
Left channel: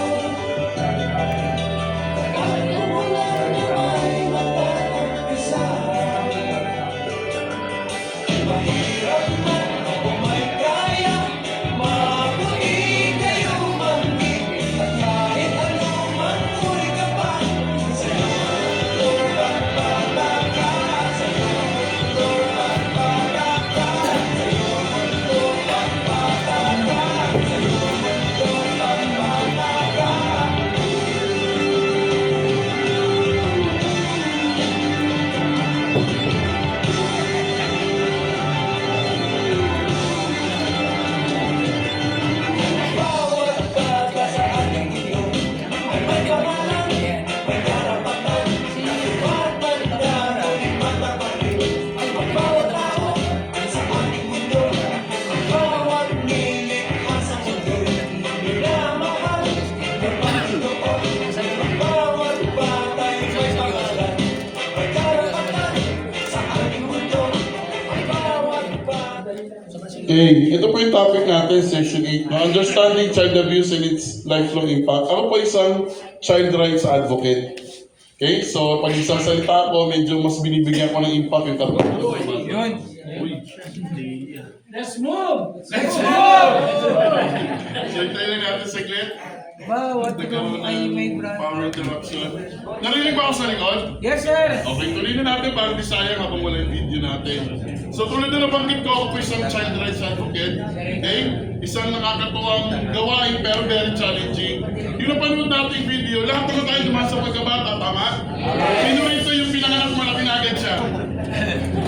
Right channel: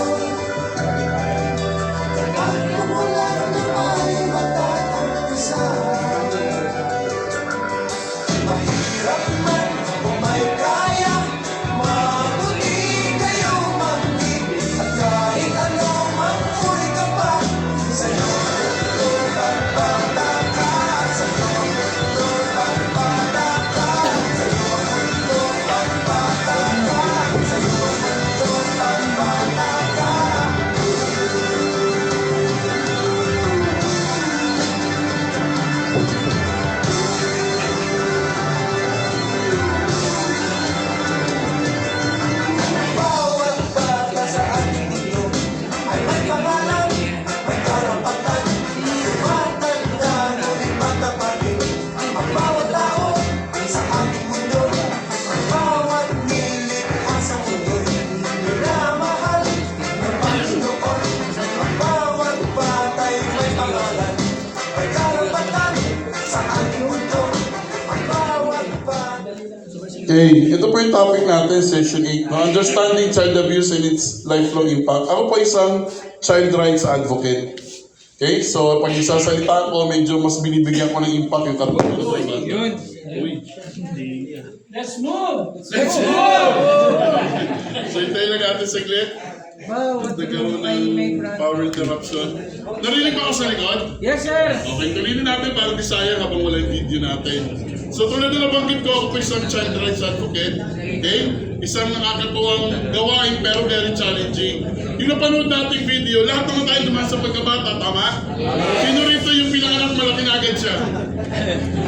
Kapag umulan na may matatagpisa. Mahirap man o may kaya, mabuti kayo mangit. At kahit anumang uri ka pa, sa'yo ang lumang patata. Sa'yo ang lumang patata. Sa'yo ang lumang patata. Sa'yo ang lumang patata. Bawat bata sa ating mundo ay may pangalan, may karapatan. Matanda o di matapatid, ang bawat tao ay sa ating mundo. Ang bawat nilikha sa mundo, minamahal ng Panginoon. Ang bawat bata ay may pangalan, may karapatan sa ating mundo. Ang bawat bata. Okay, ito po yung topic natin, session 8. No? Understanding child abuse and its lifelong impact. Ako po isang child rights advocate. Okay, so pag isasalita ko, medyo mas binibigyan ko ng impact yung katulad ko. Yun. Uy. Let's move! So hintayin lang natin saglit. Bawat Nagkaroon ay may ng power interruption. Narinig ba ako sa likod? Yes, sir! Okay, tuloy na natin para di sayang habang wala yung video natin. So tulad na nabanggit ko, ako po isang child rights advocate. Okay? Isang nakakatuwang gawain pero very challenging. Yung napanood nating video, lahat naman tayo dumaan sa pagkabata, tama? Sino rito yung pinanganak malaki na agad siya?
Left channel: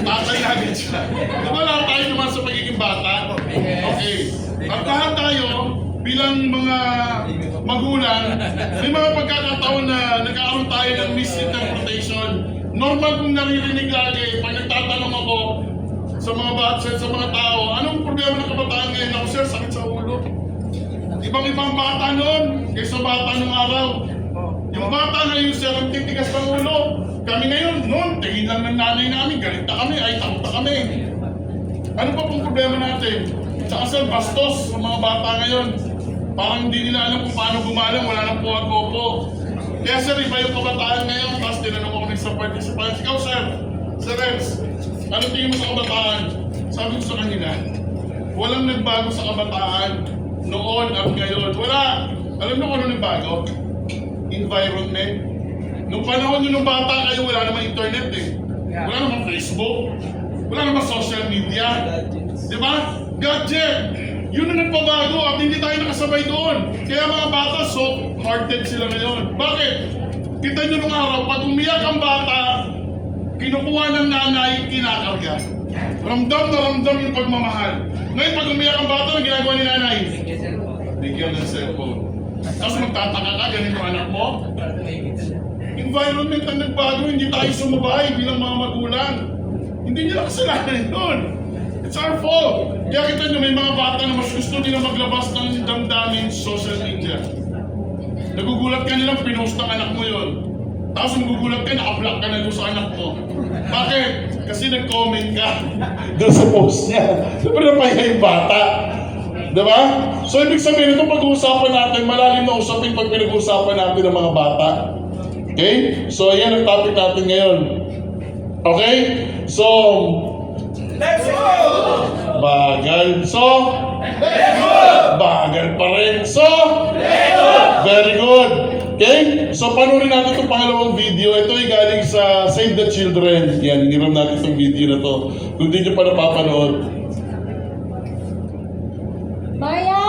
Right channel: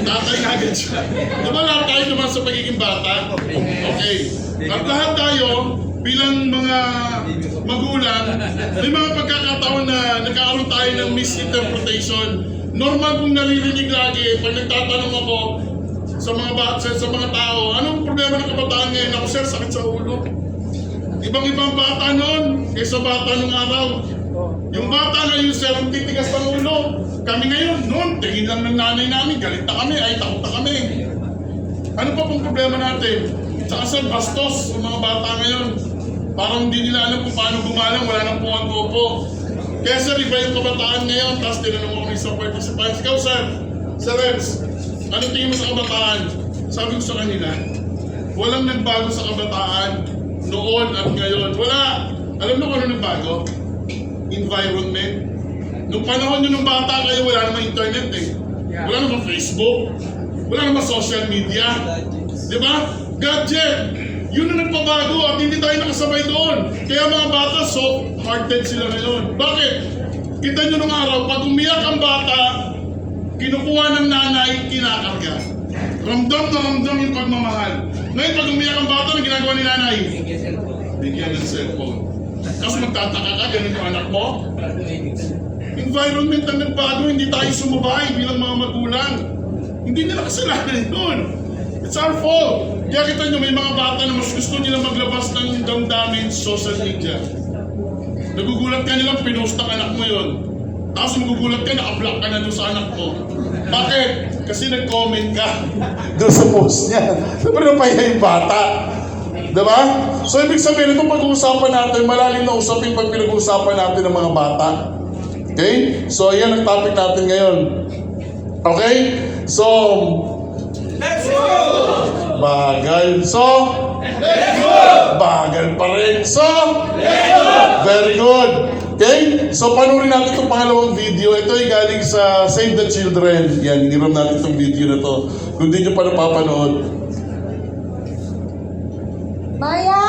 Tatay na agad siya. Di ba lahat tayo dumaan sa pagiging bata? Okay. At lahat tayo, bilang mga magulang, may mga pagkakataon na nagkakaroon tayo ng misinterpretation. Normal kung naririnig lagi, pag nagtatanong ako sa mga sa mga tao, anong problema ng kabataan ngayon? Ako, sir, sakit sa ulo. Ibang-ibang bata noon kaysa bata nung araw. Yung bata ngayon, sir, ang titigas ng ulo. Kami ngayon, noon, tingin lang ng nanay namin, galit na kami, ay takot na kami. Ano pa pong problema natin? Tsaka sir, bastos sa mga bata ngayon. Parang hindi nila alam kung paano gumalang, wala nang puwag-opo. Kaya sir, iba yung kabataan ngayon, tapos tinanong ako ng isang participants. Ikaw sir, Sir Rems, ano tingin mo sa kabataan? Sabi ko sa kanila, walang nagbago sa kabataan noon at ngayon. Wala. Alam mo kung ano nagbago? Environment. Nung panahon nyo nung bata kayo, wala namang internet eh. Wala namang Facebook. Wala namang social media. Di ba? Gadget. Yun ang nagpabago at hindi tayo nakasabay doon. Kaya mga bata, soft-hearted sila ngayon. Bakit? Kita nyo nung araw, pag umiyak ang bata, kinukuha ng nanay, kinakarga. Ramdam na ramdam yung pagmamahal. Ngayon, pag umiyak ang bata, ang ginagawa ni nanay? Bigyan ng cellphone. Tapos magtataka ka, ganun yung anak mo? Environment ang nagbago, hindi tayo sumabay bilang mga magulang. Hindi nila kasalanan yun. It's our fault. Kaya kita nyo, may mga bata na mas gusto nila maglabas ng damdamin sa social media. Nagugulat ka nilang pinost ang anak mo yun. Tapos magugulat ka, naka-block ka na doon sa anak mo. Bakit? Kasi nag-comment ka doon sa post niya. Siyempre napahiya yung bata. Diba? So ibig sabihin, itong pag-uusapan natin, malalim na usapin pag pinag-uusapan natin ng mga bata. Okay? So ayan ang topic natin ngayon. Okay? So, Let's go! bagal. So, Let's go! bagal pa rin. So, Let's go! very good. Okay? So, panoorin natin itong pangalawang video. Ito ay galing sa Save the Children. Yan, hiniram natin itong video na to. Kung di nyo pa napapanood. Maya!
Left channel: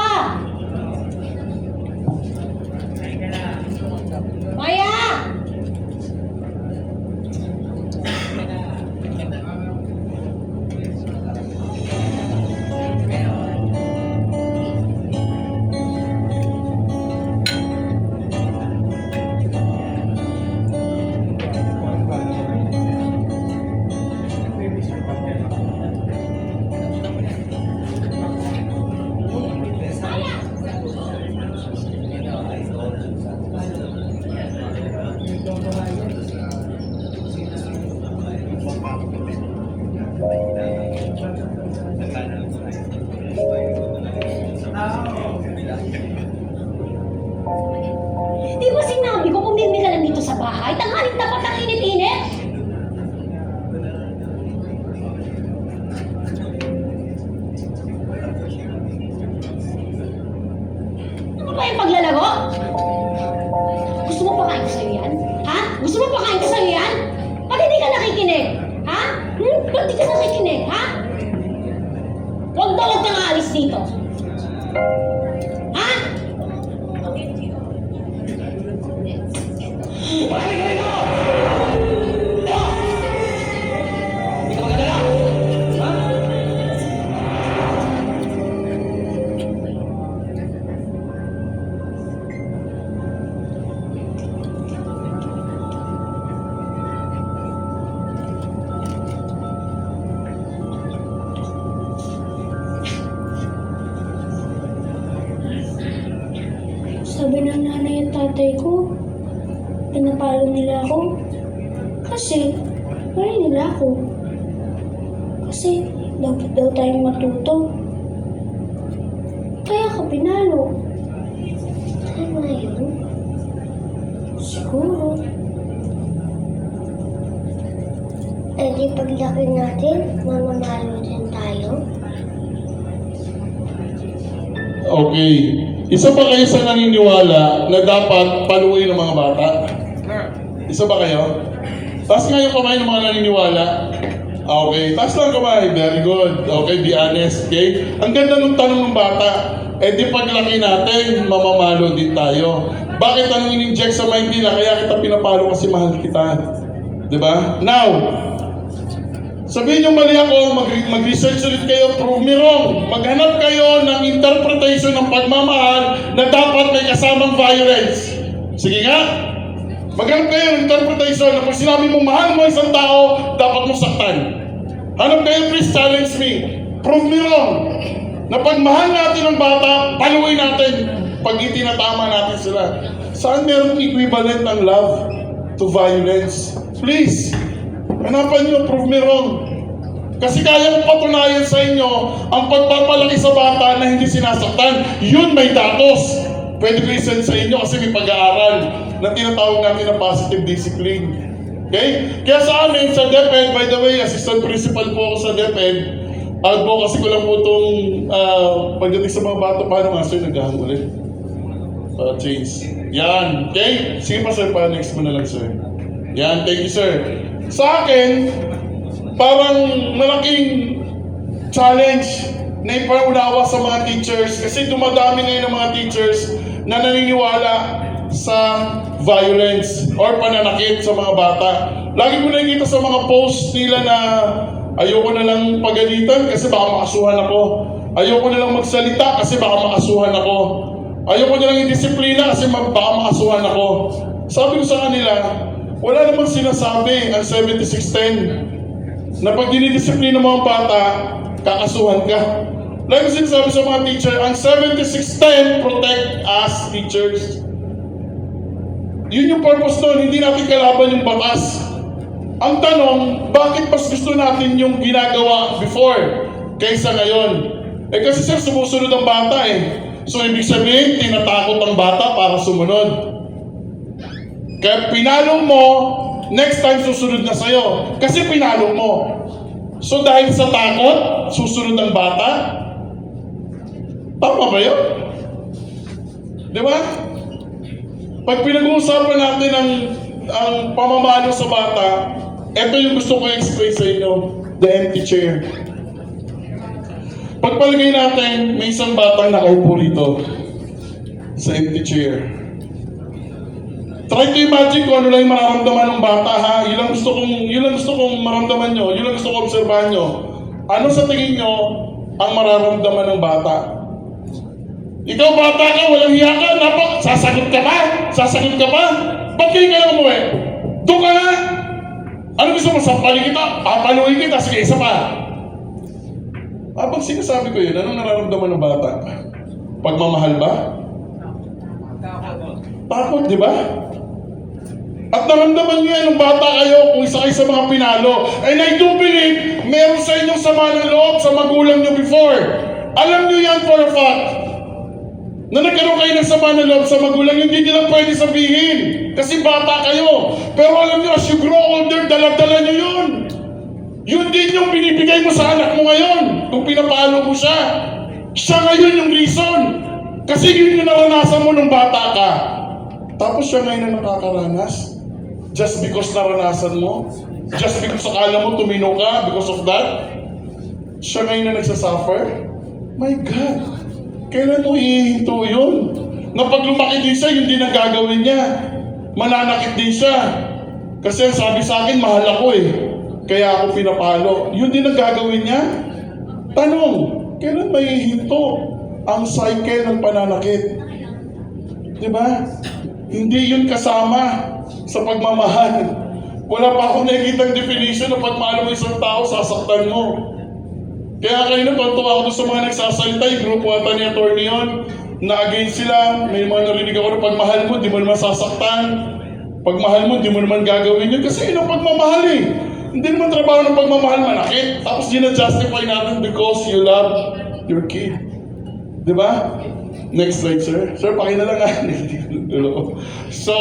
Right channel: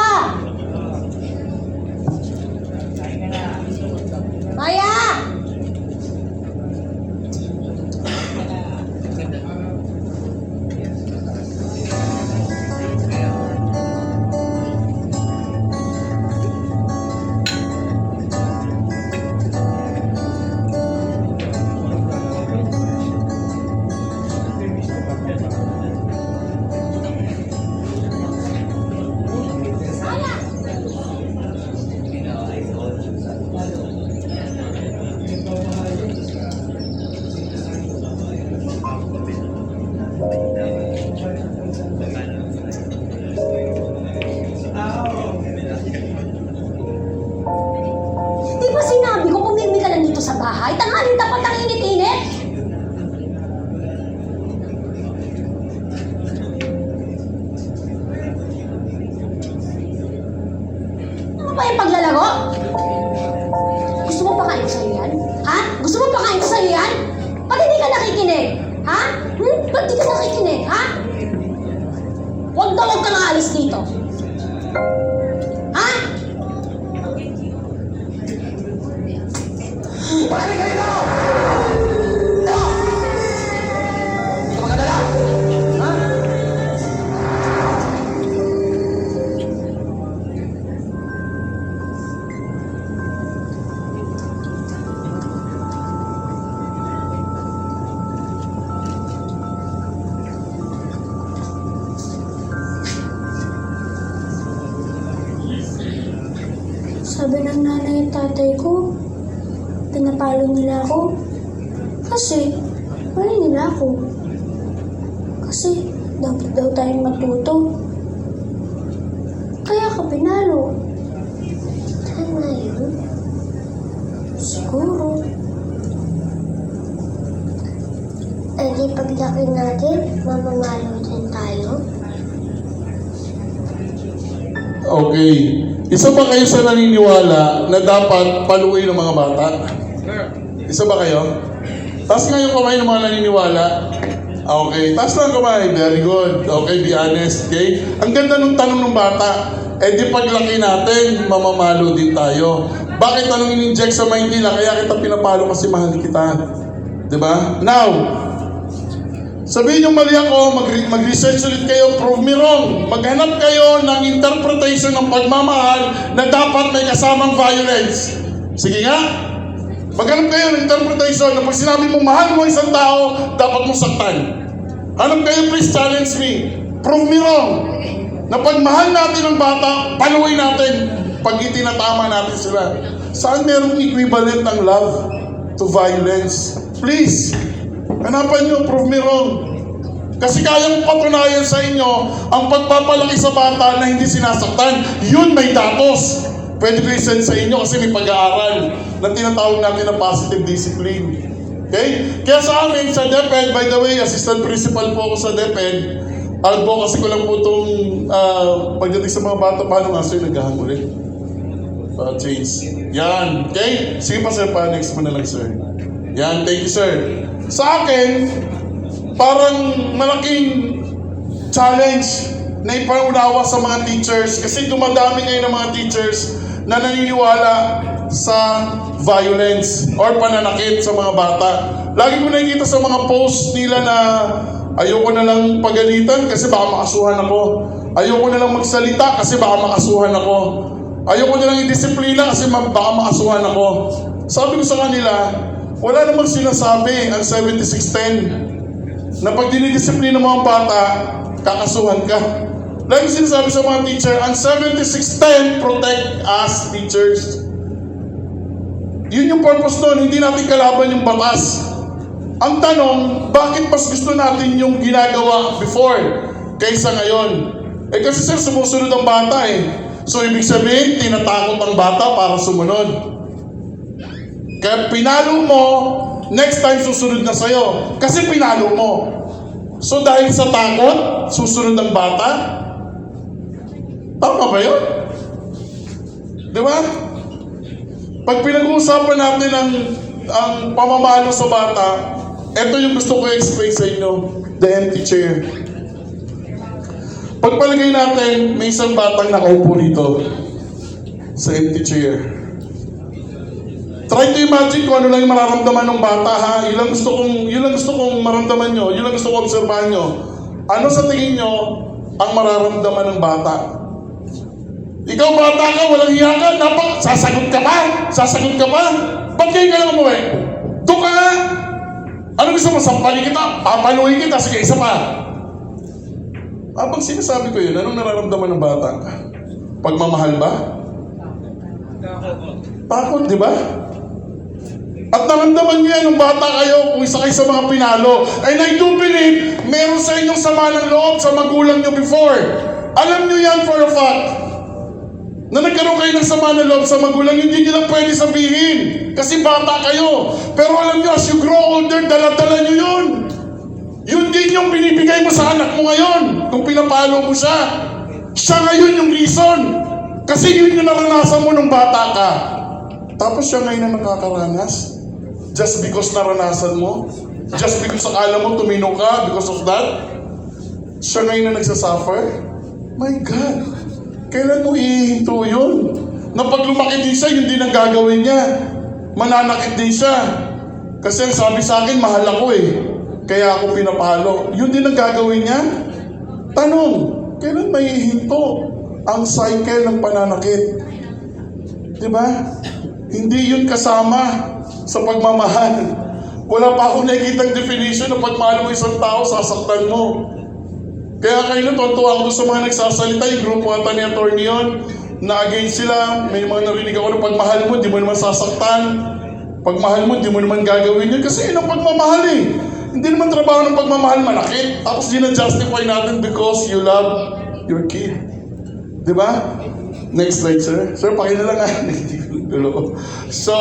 Maya! Sabi ng nanay at tatay ko, pinapalo nila ako. Kasi, mahal nila ako. Kasi, dapat daw tayong matuto. Kaya ka pinalo. Tama yun? Siguro. Eh di paglaki natin, mamamalo din tayo. Okay. Isa ba kayo sa naniniwala na dapat paluin ng mga bata? Isa ba kayo? Taas nga yung kamay ng mga naniniwala. Okay. Taas lang kamay. Very good. Okay, be honest. Okay? Ang ganda ng tanong ng bata. Eh di paglaki natin, mamamalo din tayo. Bakit anong in-inject sa mind nila? Kaya kita pinapalo kasi mahal kita. Diba? Now, sabihin nyo mali ako, mag-research ulit kayo, prove me wrong. Maghanap kayo ng interpretation ng pagmamahal na dapat may kasamang violence. Sige nga. Maghanap kayo ng interpretation na pag sinabi mo mahal mo isang tao, dapat mo saktan. Hanap kayo, please challenge me. Prove me wrong. Na pag mahal natin ang bata, paluin natin pag itinatama natin sila. Saan merong equivalent ng love to violence? Please. Hanapan nyo, prove me wrong. Kasi kaya mong patunayan sa inyo ang pagpapalaki sa bata na hindi sinasaktan. Yun may datos. Pwede ko i-send sa inyo kasi may pag-aaral na tinatawag natin na positive discipline. Okay? Kaya sa amin, sa DepEd, by the way, assistant principal po ako sa DepEd, advocacy ko lang po itong pagdating sa mga bata, paano nga sir, naghahang ulit? Para change. Yan. Okay? Sige pa sir, pa next mo na lang sir. Yan, thank you sir. Sa akin, parang malaking challenge na ipaunawa sa mga teachers kasi dumadami ngayon ng mga teachers na naniniwala sa violence or pananakit sa mga bata. Lagi ko nakikita sa mga posts nila na ayoko na lang pagalitan kasi baka makasuhan ako. Ayoko na lang magsalita kasi baka makasuhan ako. Ayoko na lang i-disiplina kasi baka makasuhan ako. Sabi ko sa kanila, wala namang sinasabi ang 7610 na pag dinidisiplina mo ang bata, kakasuhan ka. Lagi sinasabi sa mga teacher, ang 7610 protect us teachers. Yun yung purpose nun, hindi natin kalaban yung batas. Ang tanong, bakit mas gusto natin yung ginagawa before kaysa ngayon? Eh kasi sir, sumusunod ang bata eh. So ibig sabihin, tinatakot ang bata para sumunod. Kaya pinalo mo, next time susunod na sa'yo. Kasi pinalo mo. So dahil sa takot, susunod ang bata? Tama ba yun? Di ba? Pag pinag-uusapan natin ang pamamalo sa bata, ito yung gusto ko i-explain sa inyo, the empty chair. Pagpalagay natin, may isang batang nakaupo rito sa empty chair. Try to imagine kung ano lang yung mararamdaman ng bata ha. Yun lang gusto kong maramdaman nyo, yun lang gusto kong obserbahan nyo. Ano sa tingin nyo ang mararamdaman ng bata? Ikaw bata ka, walang hiya ka, sasagot ka pa? Sasagot ka pa? Ba't kayo ka lang umuwi? Doon ka nga! Ano gusto mo? Sampalin kita? Papaluin kita? Sige, isa pa. Pag sinasabi ko yun, anong nararamdaman ng bata? Pagmamahal ba? Takot, di ba? At naramdaman niya yung bata kayo kung isa kayo sa mga pinalo. And I do believe, meron sa inyong sama ng loob sa magulang nyo before. Alam nyo yan for a fact. Na nagkaroon kayo ng sama ng loob sa magulang, hindi nyo lang pwede sabihin. Kasi bata kayo. Pero alam nyo, as you grow older, dala-dala nyo yun. Yun din yung binibigay mo sa anak mo ngayon. Kung pinapalo mo siya. Siya ngayon yung reason. Kasi yun yung naranasan mo nung bata ka. Tapos siya ngayon ang nakakaranas. Just because naranasan mo. Just because akala mo tumino ka because of that. Siya ngayon ang nagsasuffer. My God. Kailan mo ihinto yun? Na pag lumaki din siya, yun din ang gagawin niya. Mananakit din siya. Kasi ang sabi sa akin, mahal ako eh. Kaya ako pinapalo. Yun din ang gagawin niya. Tanong, kailan may ihinto ang cycle ng pananakit? Diba? Hindi yun kasama sa pagmamahal. Wala pa akong nakikitang definition ng pagmahal mo isang tao, sasaktan mo. Kaya kayo natutuwa ako sa mga nagsasalita, yung grupo ata ni attorney yun, na against sila. May mga narinig ako na pagmahal mo, di mo naman sasaktan. Pagmahal mo, di mo naman gagawin yun. Kasi yun ang pagmamahal eh. Hindi naman trabaho ng pagmamahal manakit. Tapos di na-justify natin because you love your kid. Di ba? Next slide, sir. Sir, pakin na lang ha. So,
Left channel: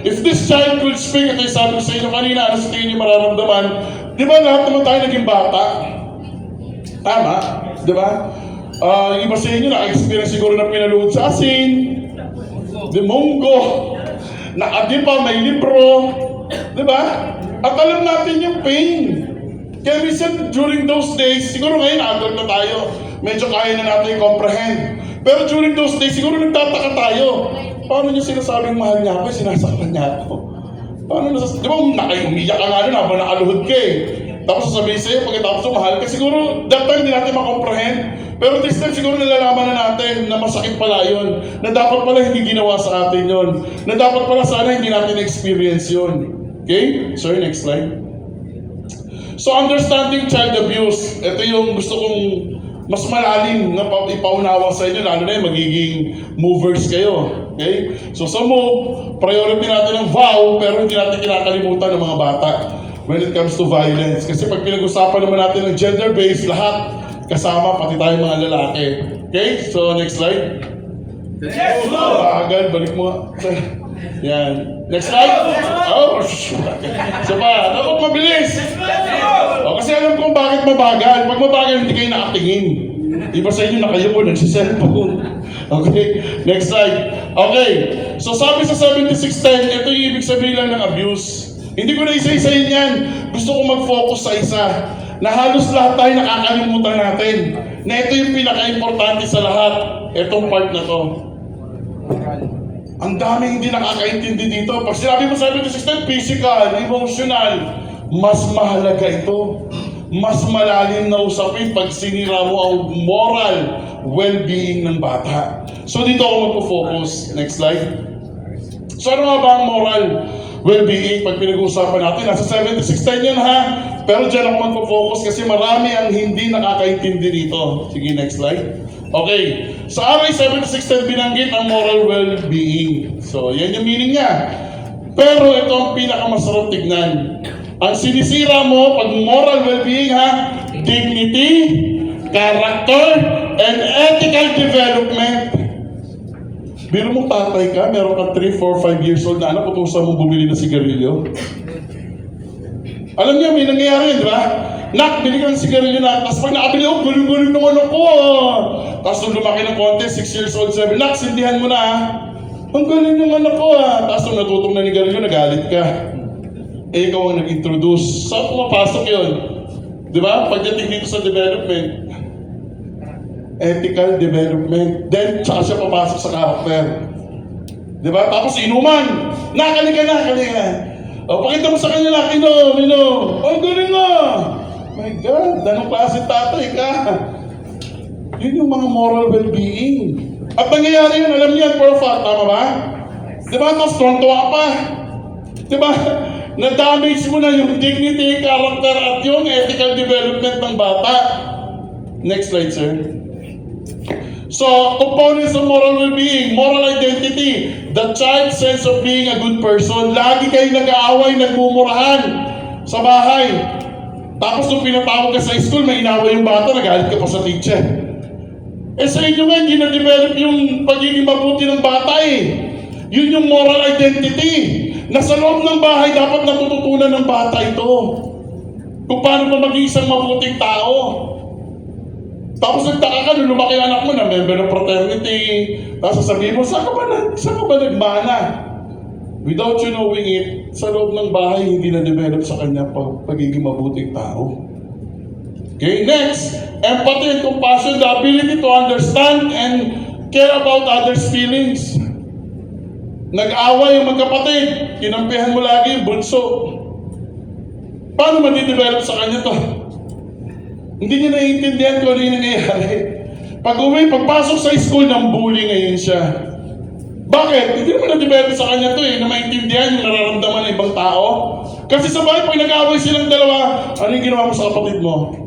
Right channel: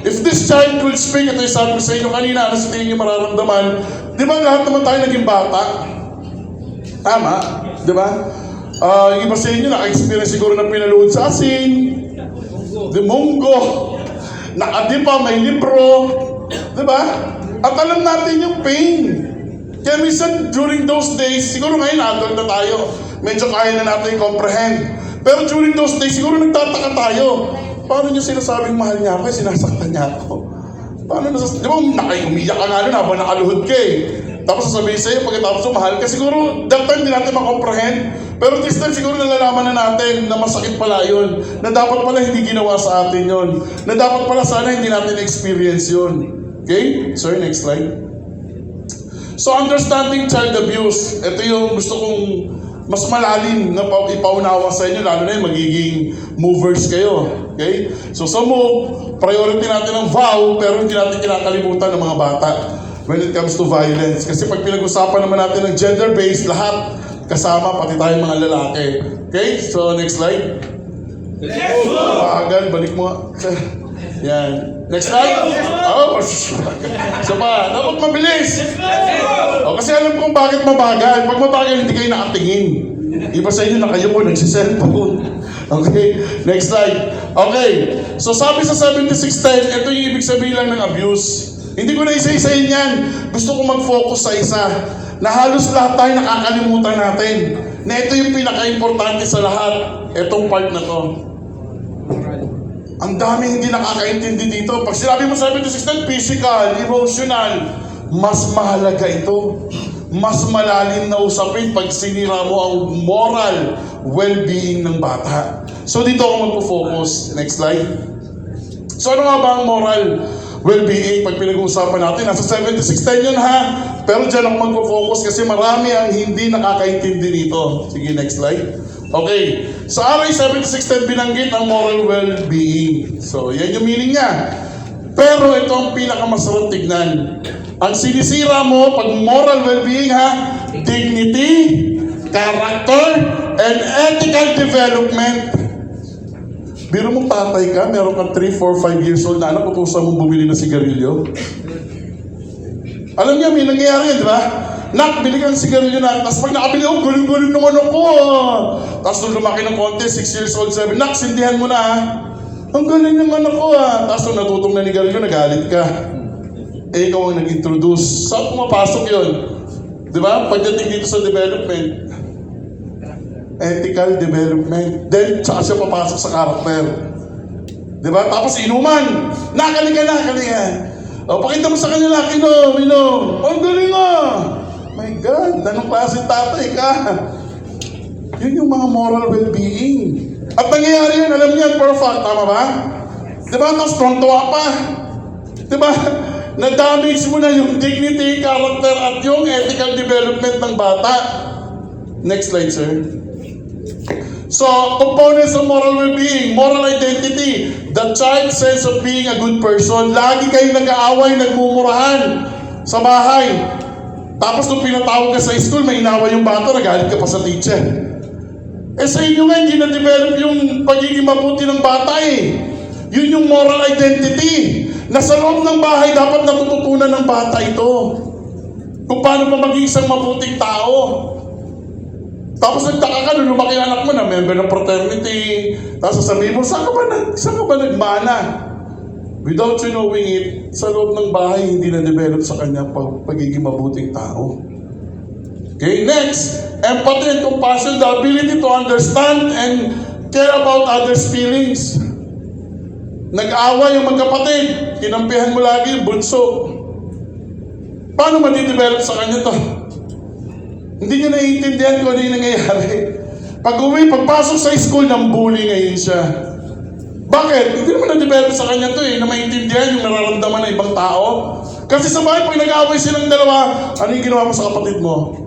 if this child could speak, ito yung sabi ko sa inyo kanina, ano sa tingin niyo mararamdaman? Di ba lahat naman tayo naging bata? Tama? Di ba? Iba sa inyo, naka-experience siguro na pinaluhod sa asin, demongo, nakadipa, may libro, di ba? At alam natin yung pain. Kaya minsan, during those days, siguro ngayon, adult na tayo, medyo kaya na natin comprehend. Pero during those days, siguro nagtataka tayo. Paano niya sinasabing mahal niya ako, sinasaktan niya ako? Paano di ba, umiyak ka nga nun habang nakaluhod ka eh. Tapos sasabihin sa'yo, pagkatapos mahal ka, siguro that time di natin makomprehend. Pero this time siguro nalalaman na natin na masakit pala yun. Na dapat pala hindi ginawa sa atin yun. Na dapat pala sana hindi natin experience yun. Okay? Sir, next slide. So, understanding child abuse. Ito yung gusto kong mas malalim na ipaunawa sa inyo, lalo na yung magiging movers kayo. Okay? So, sa move, priority natin ang vow, pero hindi natin kinakalimutan ng mga bata when it comes to violence. Kasi pag pinag-usapan naman natin ng gender-based, lahat kasama, pati tayong mga lalaki. Okay? So, next slide. Let's go! Agad, balik mo. Yan. Next slide. Oh, so pa, dapat mabilis. Kasi alam kong bakit mabagal. Pag mabagal, hindi kayo nakatingin. Iba sa inyo na kayo po nagsiselfone. Okay? Next slide. Okay. So sabi sa 7610, ito yung ibig sabihin lang ng abuse. Hindi ko na isa-isayin yan. Gusto ko mag-focus sa isa. Na halos lahat tayo nakakalimutan natin. Na ito yung pinaka-importante sa lahat. Itong part na to. Ang dami hindi nakakaintindi dito. Pag sinabi mo 7610, physical, emotional, mas mahalaga ito. Mas malalim na usapin pag sinira mo ang moral well-being ng bata. So dito ako magpo-focus. Next slide. So ano nga ba ang moral well-being pag pinag-uusapan natin? Nasa 7610 yun ha. Pero dyan ako magpo-focus kasi marami ang hindi nakakaintindi dito. Sige, next slide. Okay. Sa RA 7610 binanggit ang moral well-being. So yan yung meaning niya. Pero ito ang pinakamasarap tignan. Ang sinisira mo pag moral well-being ha, dignity, character, and ethical development. Biro mo tatay ka, meron kang 3, 4, 5 years old na anak, utusan mong bumili ng sigarilyo. Alam niya, may nangyayari yan, di ba? Nak, bili ka ng sigarilyo na, tapos pag nakabili ako, guling-guling ng ano ko. Tapos nung lumaki ng konti, 6 years old, 7, nak, sindihan mo na ha. Ang galing ng anak ko ha. Tapos nung natutong na ni Garilyo, nagalit ka. Eh, ikaw ang nag-introduce. Saan pumapasok yun? Di ba? Pagdating dito sa development, ethical development. Then, tsaka siya papasok sa character. Di ba? Tapos inuman. Nakaliga. O, pakita mo sa kanya, inom. Oh, galing ah. My God, anong klase tatay ka? Yun yung mga moral well-being. At nangyayari yun, alam niyo yan, for a fact, tama ba? Di ba? Tapos tontuwa pa. Di ba? Na-damage mo na yung dignity, character, at yung ethical development ng bata. Next slide, sir. So, components of moral well-being, moral identity, the child's sense of being a good person. Lagi kayong nag-aaway, nagmumurahan sa bahay. Tapos nung pinatawag ka sa school, may inaway yung bata, nagalit ka pa sa teacher. Eh sa inyo nga, hindi na-develop yung pagiging mabuti ng bata eh. Yun yung moral identity. Na sa loob ng bahay, dapat natututunan ng bata ito. Kung paano ba maging isang mabuting tao. Tapos nagtaka ka, nung lumaki ang anak mo na member ng fraternity. Tapos sasabihin mo, saan ka ba nagmana? Without you knowing it, sa loob ng bahay, hindi na-develop sa kanya pagiging mabuting tao. Okay, next. Empathy and compassion, the ability to understand and care about others' feelings. Nag-away yung magkapatid, kinampihan mo lagi yung bunso. Paano madidevelop sa kanya to? Hindi niya naiintindihan kung ano yung nangyayari. Pagpasok sa school, ng bully ngayon siya. Bakit? Hindi naman na-develop sa kanya to na maintindihan yung nararamdaman ng ibang tao. Kasi sa bahay, pag nag-away silang dalawa, ano yung ginawa mo sa kapatid mo?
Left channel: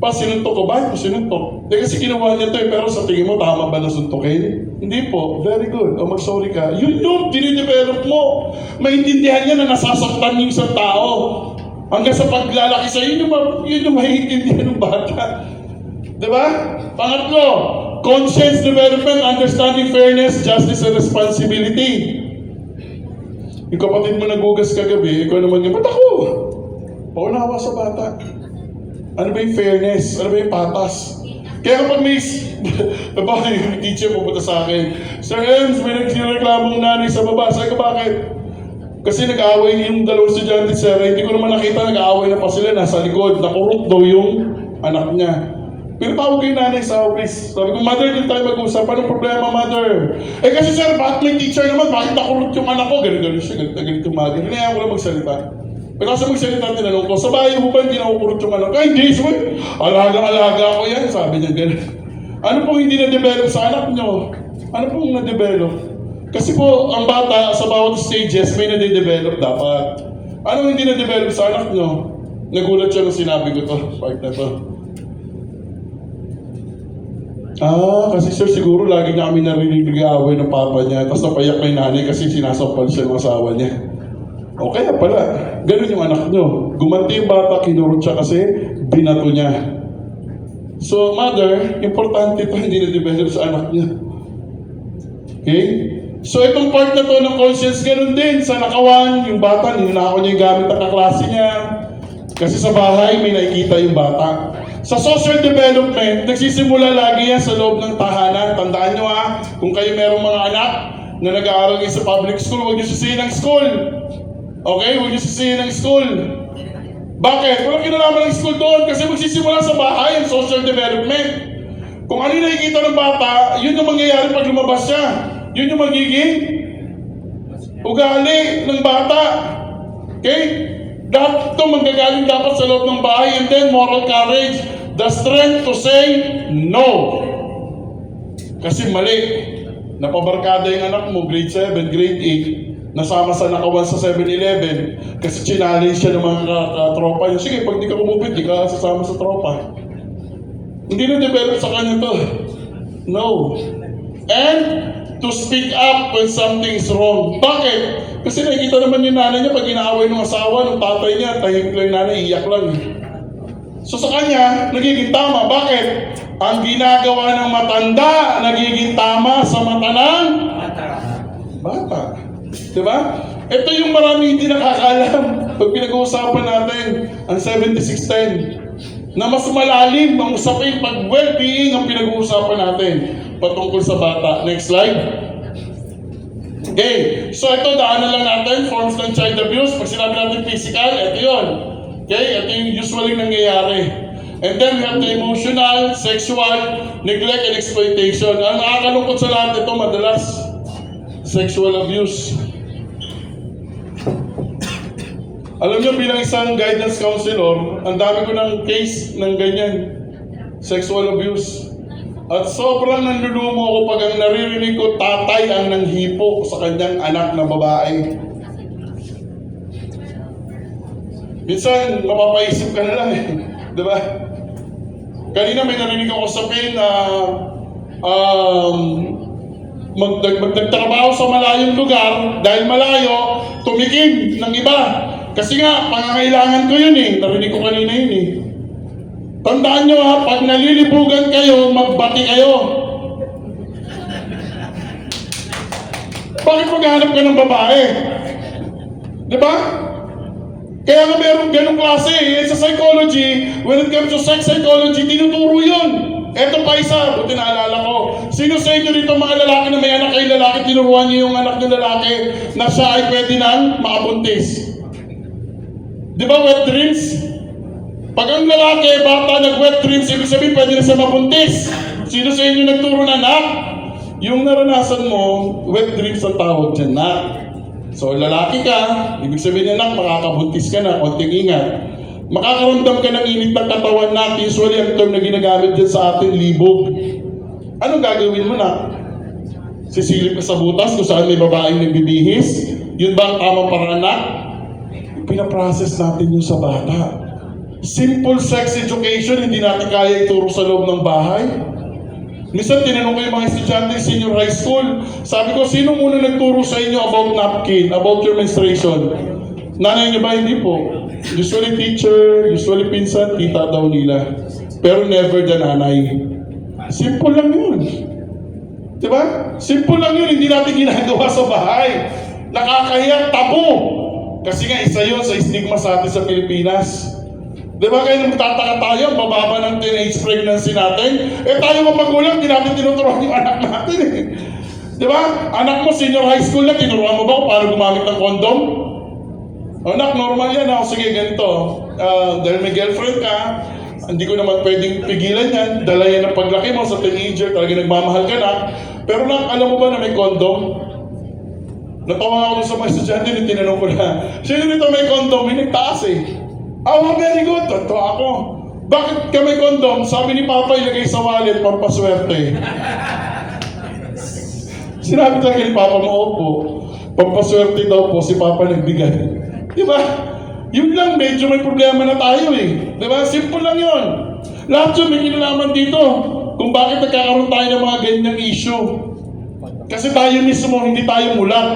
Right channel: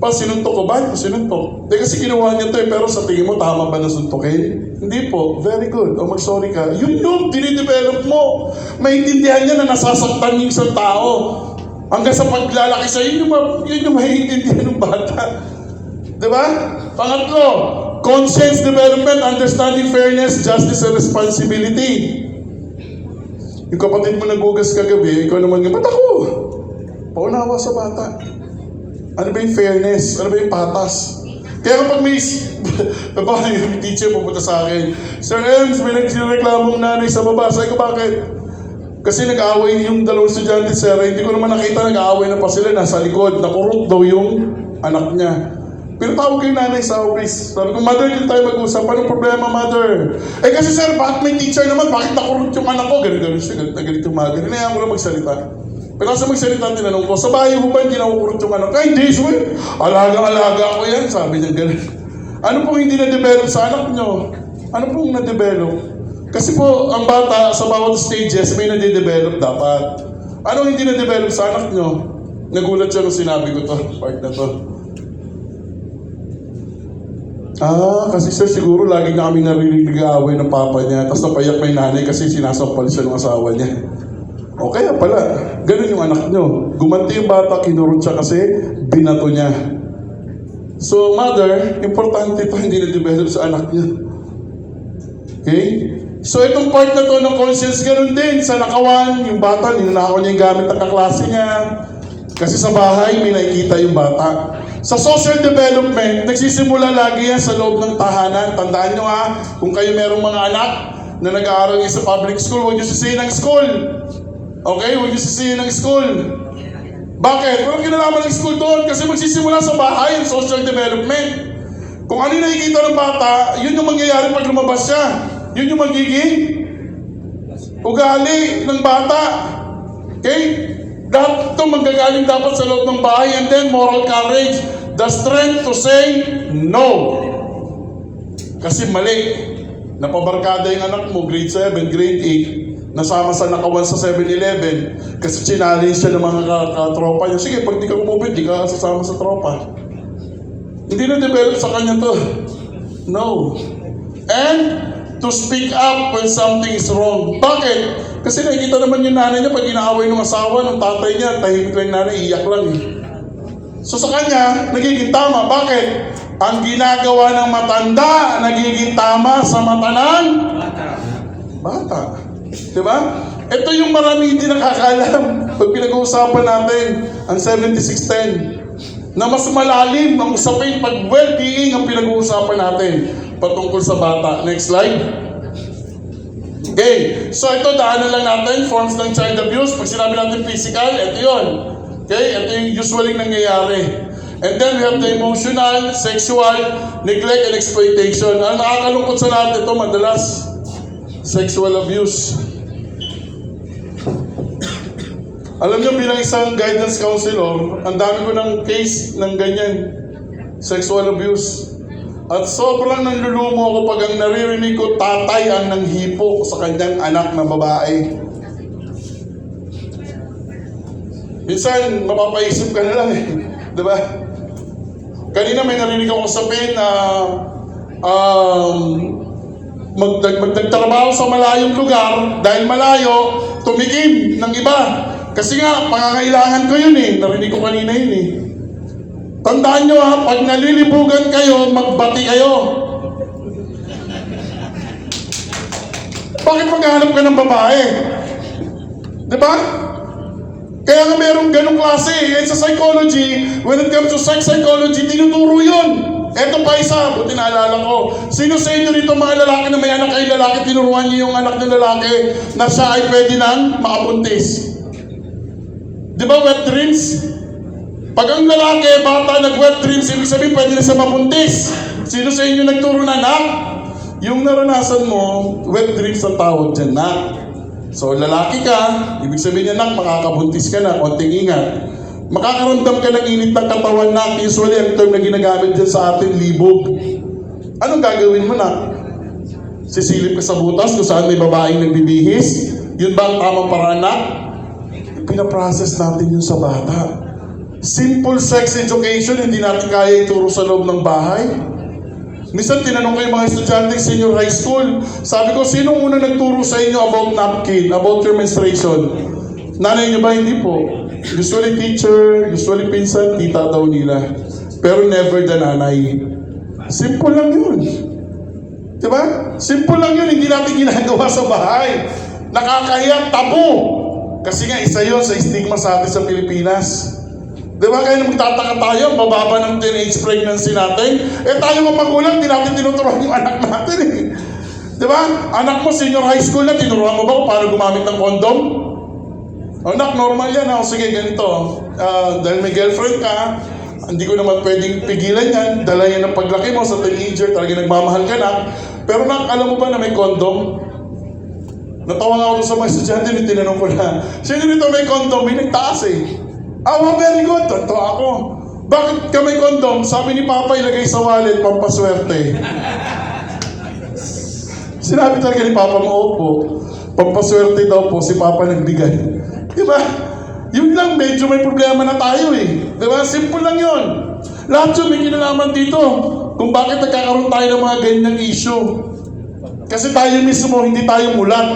Pa, sinuntok ko ba? Sinuntok. Kasi ginawa niya to pero sa tingin mo, tama ba na suntukin? Hindi po. Very good. O mag-sorry ka. Yun yung dinidevelop mo. Maintindihan niya na nasasaktan yung isang tao. Hanggang sa paglalaki sa yun yung maiintindihan ng bata. Diba? Pangatlo, conscience development, understanding fairness, justice, and responsibility. Yung kapatid mo nagugas kagabi, ikaw naman nga, ba't ako? Paunawa sa bata. Ano ba yung fairness? Ano ba yung patas? Kaya kapag may yung teacher pupunta sa akin, Sir Ems, may nagsireklamong nanay sa baba. Sabi ko, bakit? Kasi nag-aaway yung dalawang estudyante, sir. Hindi ko naman nakita, nag-aaway na pa sila. Nasa likod, nakurot daw yung anak niya. Pero tawag yung nanay sa office. Sabi ko, mother, din tayo mag-usap. Anong problema, mother? Kasi sir, bakit may teacher naman? Bakit nakurot yung anak ko? Ganito siya, ganito umaga. Hinayaan ko lang magsalita. Pero kasi magsalita, tinanong ko, sa bahay mo ba hindi nakukurot yung anak? Ay, hindi, sir. Alagang-alaga ko yan. Sabi niya, gano'n. Ano pong hindi na-develop sa anak nyo? Ano pong na-develop? Kasi po, ang bata sa bawat stages, may na-develop dapat. Ano hindi na-develop sa anak nyo? Nagulat siya nung sinabi ko to, part na to. Kasi sir, siguro lagi na kami narinig nag-aaway ng papa niya. Tapos napayak may nanay kasi sinasampal siya ng asawa niya. O kaya pala, ganun yung anak nyo. Gumanti yung bata, kinurot siya kasi binato niya. So mother, importante ito hindi na-develop sa anak niya. Okay? So itong part na to ng conscience, ganun din. Sa nakawan, yung bata, ninanakaw niya yung gamit ng kaklase niya. Kasi sa bahay, may nakikita yung bata. Sa social development, nagsisimula lagi yan sa loob ng tahanan. Tandaan nyo kung kayo merong mga anak na nag-aaral sa public school, huwag nyo sisihin ng school. Okay? Huwag nyo sisihin ng school. Bakit? Walang kinalaman ng school doon kasi magsisimula sa bahay ang social development. Kung ano yung nakikita ng bata, yun yung mangyayari pag lumabas siya. Yun yung magiging ugali ng bata. Okay? Lahat ito manggagaling dapat sa loob ng bahay. And then moral courage, the strength to say no. Kasi mali. Napabarkada yung anak mo, grade 7, grade 8, nasama sa nakawan sa 7-Eleven kasi challenge siya ng mga katropa niya. Sige, pag di ka kumupit, di ka sasama sa tropa. Hindi na-develop sa kanya to. No. And to speak up when something is wrong. Bakit? Kasi nakikita naman yung nanay niya pag inaaway ng asawa, ng tatay niya, tahimik lang nanay, iyak lang. So sa kanya, nagiging tama. Bakit? Ang ginagawa ng matanda, nagiging tama sa mata ng bata. Diba? Ito yung marami hindi nakakaalam pag pinag-uusapan natin ang 7610 na mas malalim ang usapin pag well-being ang pinag-uusapan natin patungkol sa bata. Next slide. Okay, so ito daanan lang natin, forms ng child abuse. Pag sinabi natin physical, ito yun. Okay, ito yung usually nangyayari. And then we have the emotional, sexual, neglect, and exploitation. Ang nakakalungkot sa lahat ito, madalas, sexual abuse. Alam niyo, bilang isang guidance counselor, ang dami ko ng case ng ganyan, sexual abuse. At sobrang nanlulumo ako pag ang naririnig ko, tatay ang nanghipo sa kanyang anak na babae. Minsan, mapapaisip ka na lang diba? Kanina may narinig ako sabihin na magtrabaho sa malayong lugar dahil malayo, tumikim ng iba. Kasi nga, pangangailangan ko yun narinig ko kanina yun Tandaan nyo pag nalilibugan kayo, magbati kayo. Bakit maghanap ka ng babae? Diba? Kaya nga mayroong ganong klase. Sa psychology, when it comes to sex psychology, tinuturo yun. Eto pa isa, buti naalala ko. Sino sa inyo dito mga lalaki na may anak kayo lalaki, tinuruan niyo yung anak ng lalaki na siya ay pwede nang makabuntis? Diba wet dreams? Pag ang lalaki, bata, nag-wet dreams, ibig sabihin pwede na siya mabuntis. Sino sa inyo nagturo na nak? Yung naranasan mo, wet dreams ang tawag dyan, nak. So lalaki ka, ibig sabihin niya, nak, makakabuntis ka na, konting ingat. Makakaramdam ka ng init ng katawan, nak. Usually, ang term na ginagamit dyan sa atin, libog. Anong gagawin mo, nak? Sisilip ka sa butas kung saan may babaeng nagbibihis? Yun ba ang tamang paraan, nak? Pinaprocess natin yun sa bata. Simple sex education, hindi natin kaya ituro sa loob ng bahay. Minsan tinanong ko yung mga estudyante sa senior high school, sabi ko, sino muna nagturo sa inyo about napkin, about your menstruation? Nanay niyo ba? Hindi po. Usually teacher, usually pinsan, tita daw nila. Pero never the nanay. Simple lang yun. Diba? Simple lang yun, hindi natin ginagawa sa bahay. Nakakahiya, tabu. Kasi nga, isa yun sa stigma sa atin sa Pilipinas. Diba? Kaya magtataka tayo, bababa ng teenage pregnancy natin. Tayo mga magulang, di natin tinuturuan yung anak natin eh. Diba? Anak mo, senior high school na, tinuruan mo ba kung paano gumamit ng condom? Anak, normal yan. Sige, ganito. Dahil may girlfriend ka, hindi ko naman pwedeng pigilan yan. Dala yan ng paglaki mo sa teenager, talaga nagmamahal ka na. Pero alam mo ba na may condom? Natawa nga ako sa mga estudyante, tinanong ko na, sino nito may condom? May nagtaas eh. Very good. Ito ako. Bakit ka may condom? Sabi ni Papa, ilagay sa wallet, pampaswerte. Sinabi talaga ni Papa mo, opo. Pampaswerte daw po, si Papa nagbigay. Diba? Yun lang, medyo may problema na tayo eh. Diba? Simple lang yun. Lahat yun may kinalaman dito. Kung bakit nagkakaroon tayo ng mga ganyang issue. Kasi tayo mismo, hindi tayo mulat.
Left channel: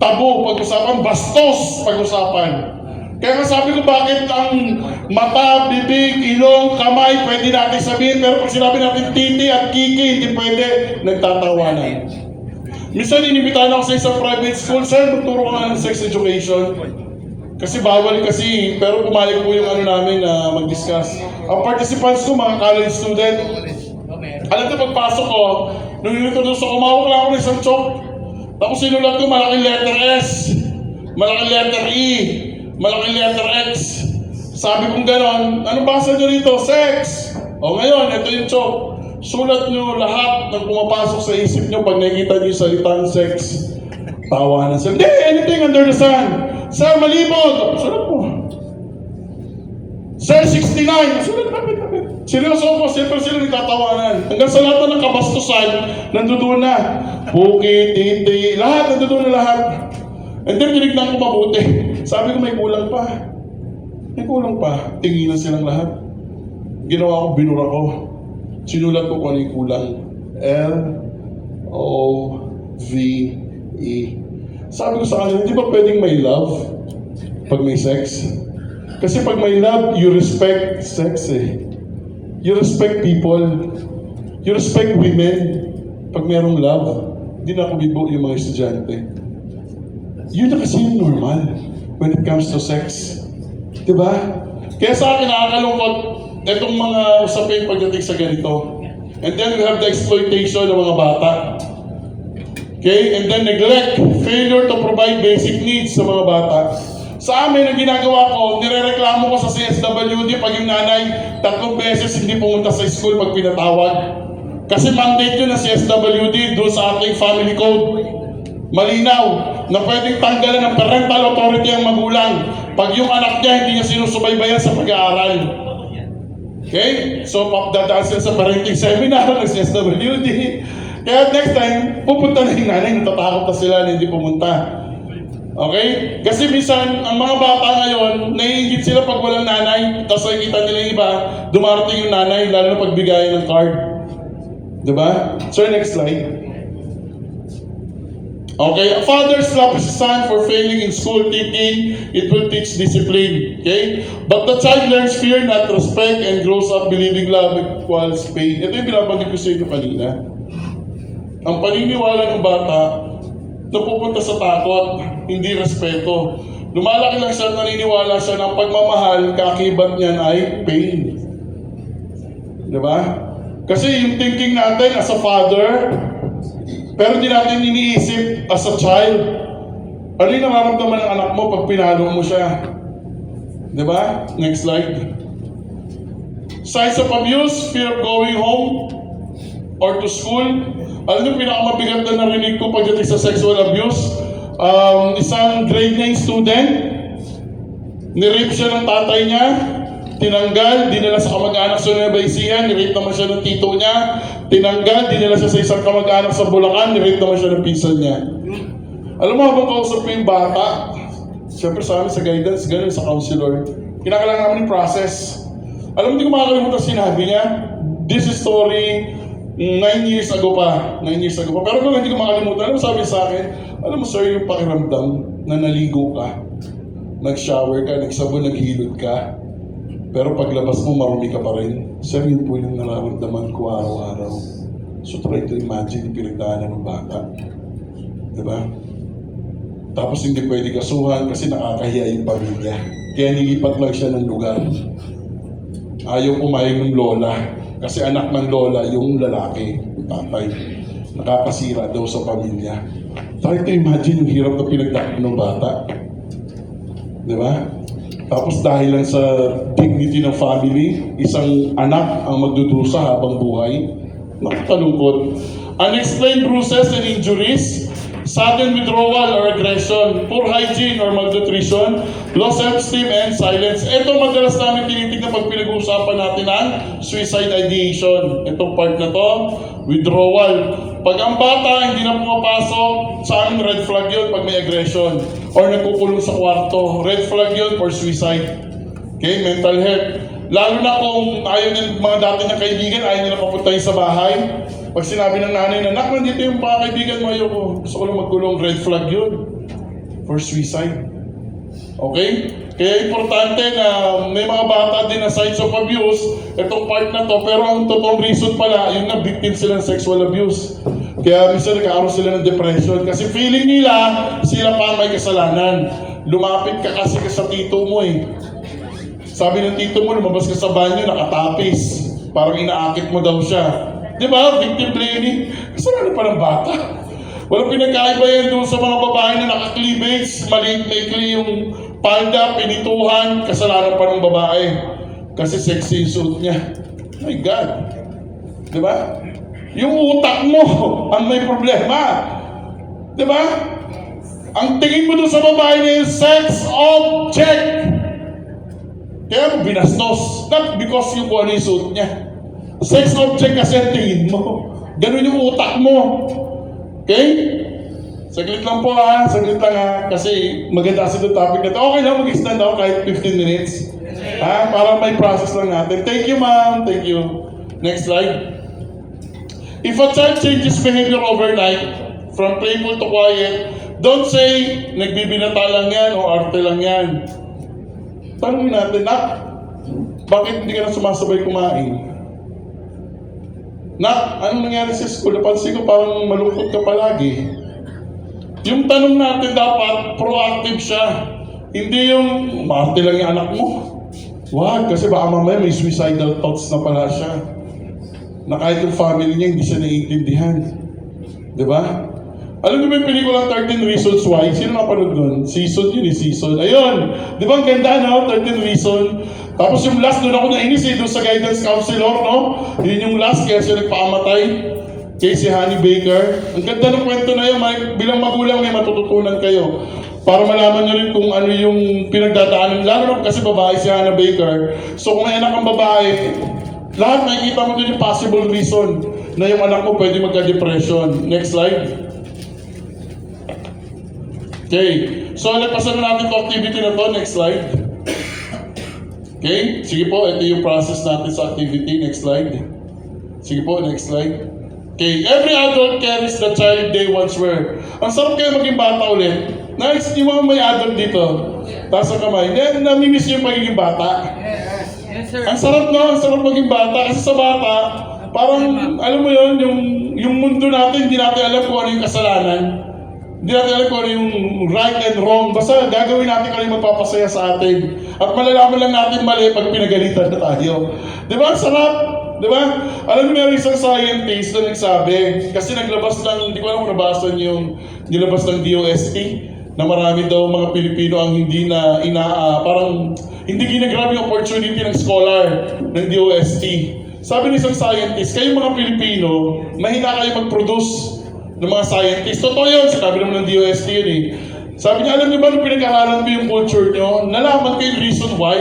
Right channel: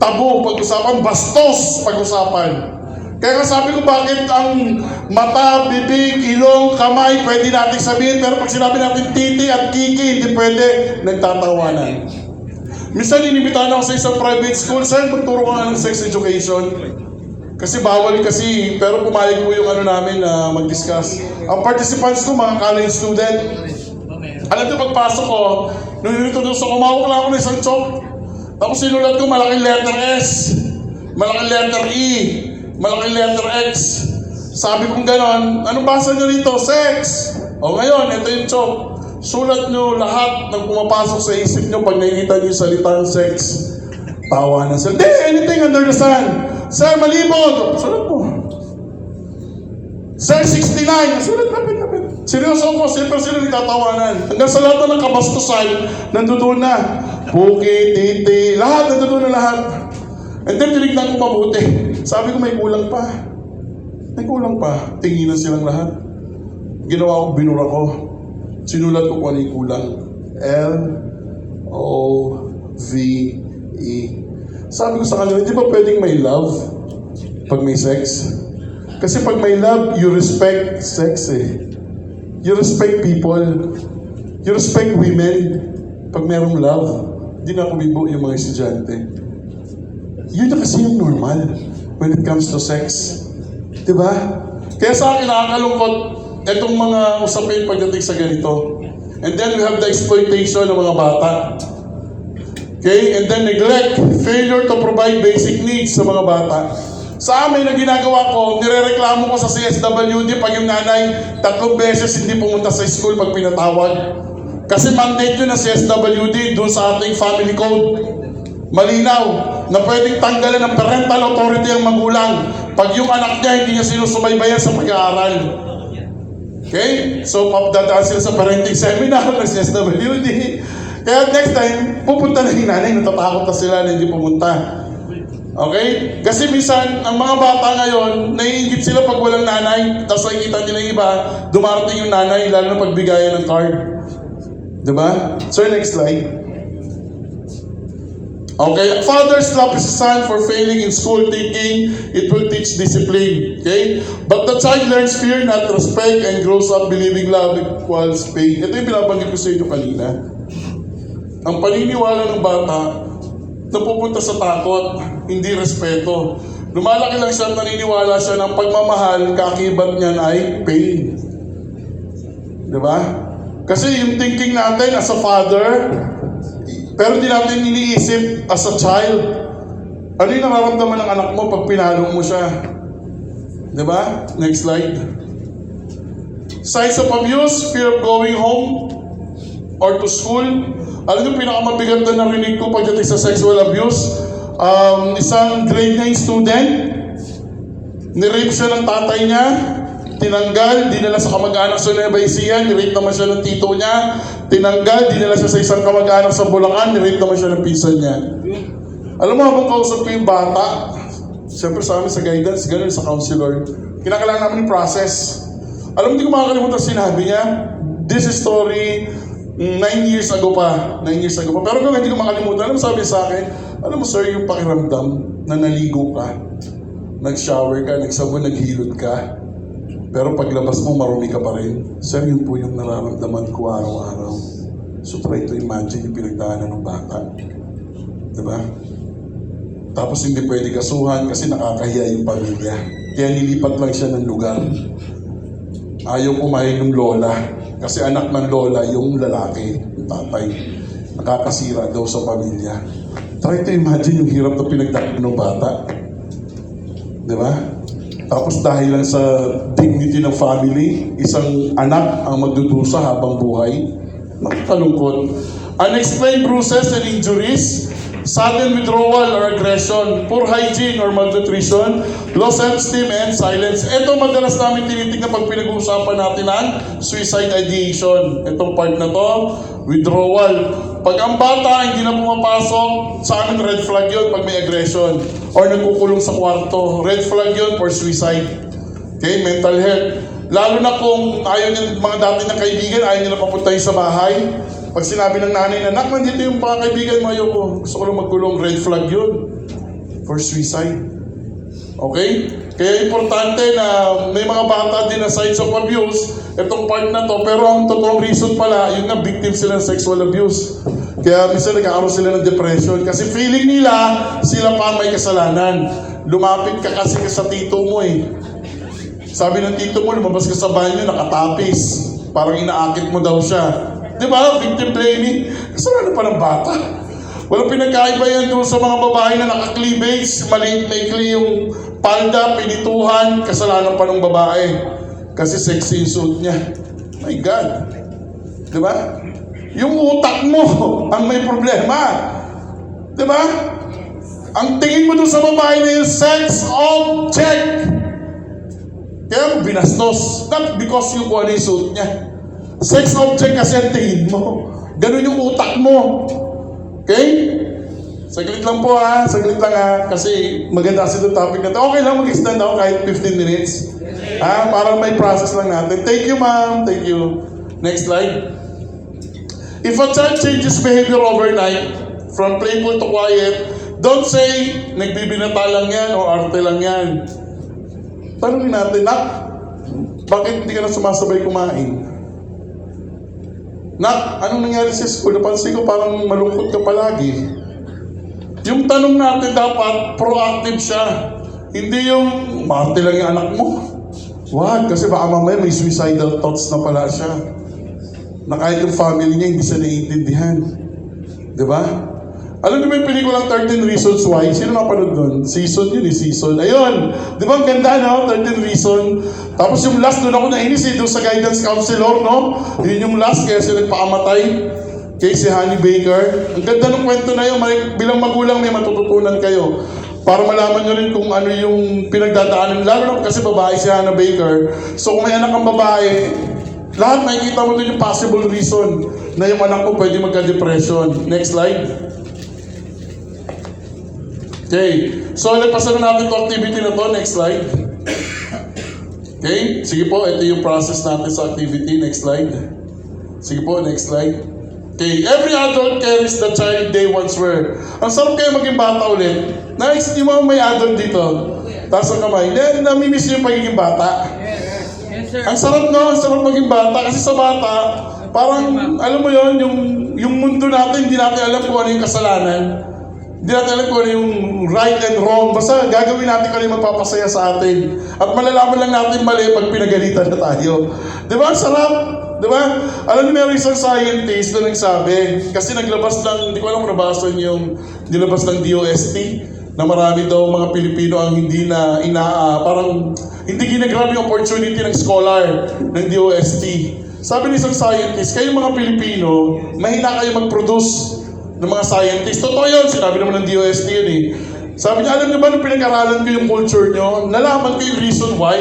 Tabu, pag-usapan, bastos, pag-usapan. Kaya nga sabi ko bakit ang mata, bibig, ilong, kamay, pwede natin sabihin, pero pag sinabi natin titi at kiki, hindi pwede, nagtatawanan. Minsan inimbitahan ako sa isang private school, sir, magturo ka nga ng sex education. Kasi bawal kasi, pero pumayag po yung namin na mag-discuss. Ang participants ko, mga college student. Alam niyo, pagpasok ko, nung introduce ako, umawak lang ako ng isang chalk. Tapos sinulat ko, malaking letter S, malaking letter E, malaking letter X. Sabi kong ganon, anong basa nyo rito? Sex! O ngayon, ito yung chalk. Sulat nyo lahat ng pumapasok sa isip nyo pag nakikita nyo yung salitang sex. Tawa na sila. Hindi, anything under the sun. Sir, malibog! Sulat mo. Sir, 69! Sulat, lapit. Seryoso ko, siyempre sila nagtatawanan. Hanggang sa lahat ng kabastusan, nandoon na. Buki, titi, lahat, nandoon na lahat. And then, tinignan ko mabuti. Sabi ko, may kulang pa. May kulang pa. Tinginan silang lahat. Ginawa ko, binura ko. Sinulat ko kung ano yung kulang. L-O-V-E. Sabi ko sa kanila, di ba pwedeng may love pag may sex? Kasi pag may love, you respect sex eh. You respect people. You respect women. Pag mayroong love, di na kumibo yung mga estudyante. Yun na kasi yung normal when it comes to sex. Diba? Kaya sa akin nakakalungkot itong mga usapin pagdating sa ganito. And then we have the exploitation ng mga bata. Okay? And then neglect, failure to provide basic needs sa mga bata. Sa amin, ang ginagawa ko, nirereklamo ko sa CSWD pag yung nanay 3 beses hindi pumunta sa school pag pinatawag. Kasi mandate yun ng CSWD doon sa ating family code. Malinaw na pwedeng tanggalan ng parental authority ang magulang pag yung anak niya hindi niya sinusubaybayan sa pag-aaral. Okay? So, dadaan sila sa parenting seminar ng CSWD. Kaya next time, pupunta na yung nanay, natatakot na sila na hindi pumunta. Okay? Kasi minsan, ang mga bata ngayon, naiingit sila pag walang nanay, tapos nakikita nila yung iba, dumarating yung nanay, lalo na pagbigayan ng card. Diba? So, next slide. Okay, a father slaps his son for failing in school thinking it will teach discipline. Okay? But the child learns fear, not respect, and grows up believing love equals pain. Ito yung binabanggit ko sa inyo kanina. Ang paniniwala ng bata, napupunta sa takot, hindi respeto. Lumalaki lang siya, naniniwala siya ng pagmamahal, kakibat niyan ay pain. Diba? Kasi yung thinking natin as a father, pero hindi natin iniisip as a child. Ano yung nararamdaman ng anak mo pag pinalo mo siya? Diba? Next slide. Signs of abuse, fear of going home or to school. Alam niyo, pinakamabigat na narinig ko pagdating sa sexual abuse. Isang grade 9 student, nirape siya ng tatay niya, tinanggal, dinala sa kamag-anak sa Nueva Ecija, nirape naman siya ng tito niya, tinanggal, dinala siya sa isang kamag-anak sa Bulacan, nirape naman siya ng pinsan niya. Alam mo, habang kausap ko yung bata, siyempre sa amin sa guidance, ganun sa counselor, Kinakailangan namin yung process. Alam mo, hindi ko makakalimutan sinabi niya, this is story 9 years ago pa. 9 years ago pa. Pero kung hindi ko makalimutan, alam mo sabi niya sa akin, alam mo sir, yung pakiramdam na naligo ka, nag-shower ka, nagsabon, naghilot ka, pero paglabas mo, marumi ka pa rin. Sir, yun po yung nararamdaman ko araw-araw. So try to imagine yung pinagdaanan ng bata. Diba? Tapos hindi pwede kasuhan kasi nakakahiya yung pamilya. Kaya nilipat lang siya ng lugar. Ayaw pumayag ng lola. Kasi anak ng lola yung lalaki, yung tatay. Nakakasira daw sa pamilya. Try to imagine yung hirap na pinagdaanan ng bata. Diba? Tapos dahil lang sa dignity ng family, isang anak ang magdudusa habang buhay. Nakakalungkot. Unexplained bruises and injuries, sudden withdrawal or aggression, poor hygiene or malnutrition, low self-esteem and silence. Ito madalas namin tinitignan pag pinag-uusapan natin ang suicide ideation. Itong part na to, withdrawal. Pag ang bata hindi na pumapasok, sa amin red flag yun pag may aggression. Or nagkukulong sa kwarto, red flag yun for suicide. Okay, mental health. Lalo na kung ayaw ng mga dati na kaibigan, ayaw nila papuntahin sa bahay. Pag sinabi ng nanay na, nak, nandito yung mga kaibigan mo, ayoko. Gusto ko lang magkulong, red flag yun. For suicide. Okay? Kaya importante na may mga bata din na signs of abuse, itong part na to, pero ang totoong reason pala, yun na victim sila ng sexual abuse. Kaya minsan nagkakaroon sila ng depression kasi feeling nila sila pa may kasalanan. Lumapit ka kasi sa tito mo eh. Sabi ng tito mo, lumabas ka sa banyo, nakatapis. Parang inaakit mo daw siya. Di ba? Victim blaming. Kasalanan pa ng bata. Walang pinagkaiba yan doon sa mga babae na naka-cleavage, maliit maikli yung palda, pinituhan, kasalanan pa ng babae. Kasi sexy yung suit niya. My God. Di ba? Yung utak mo ang may problema. Di ba? Ang tingin mo doon sa babae na yung sex object. Kaya mo binastos. Not because yung kung ano yung suit niya. Sex object kasi ang tingin mo. Ganun yung utak mo. Okay? Saglit lang po ha. Saglit lang ha. Kasi maganda kasi itong topic natin. Okay lang mag-extend ako kahit 15 minutes. Ha? Para may process lang natin. Thank you ma'am. Thank you. Next slide. If a child changes behavior overnight, from playful to quiet, don't say, nagbibinata lang yan o arte lang yan. Tanungin natin, nak, bakit hindi ka na sumasabay kumain? Nak, anong nangyari sa school? Napansin ko parang malungkot ka palagi. Yung tanong natin dapat, proactive siya. Hindi yung, maarte lang yung anak mo. Wag, kasi baka mamaya may suicidal thoughts na pala siya. Na kahit yung family niya, hindi siya naiintindihan. Diba? Alam niyo ba yung pelikulang 13 Reasons Why? Sino napanood nun? Season yun eh, season. Ayun! Di ba ang ganda, no? 13 Reasons. Tapos yung last, doon ako nainis eh, doon sa guidance counselor, no? Yun yung last, kaya siya nagpakamatay. Kay si Honey Baker. Ang ganda ng kwento na yun, bilang magulang may matututunan kayo. Para malaman nyo rin kung ano yung pinagdadaanan. Lalo na kasi babae si Hannah Baker. So kung may anak ang babae, lahat makikita mo din yung possible reason na yung anak ko pwede magka-depression. Next slide. Okay. So, nagpasan na natin itong activity na to. Next slide. Okay. Sige po, ito yung process natin sa activity. Next slide. Sige po, next slide. Okay. Every adult carries the child they once were. Ang sarap kayo maging bata ulit. Nice, di mo may adult dito. Taas ang kamay. Namimiss yung pagiging bata. Yes, sir. Ang sarap no, ang sarap maging bata. Kasi sa bata, parang, alam mo yon yung mundo natin, hindi natin alam kung ano yung kasalanan. Hindi natin alam kung ano yung right and wrong. Basta gagawin natin kung ano yung magpapasaya sa atin. At malalaman lang natin mali pag pinagalitan na tayo. Di ba? Ang sarap. Di ba? Alam niyo, meron isang scientist na nagsabi, kasi naglabas ng, hindi ko alam kung nabasa niyo yung nilabas ng DOST, na marami daw mga Pilipino ang hindi na parang hindi ginagrab yung opportunity ng scholar ng DOST. Sabi ng isang scientist, kayong mga Pilipino, mahina kayo mag-produce ng mga scientist. Totoo yun, sinabi naman ng DOST yun eh. Sabi niya, alam niyo ba nung pinag-aralan ko yung culture niyo, nalaman ko yung reason why,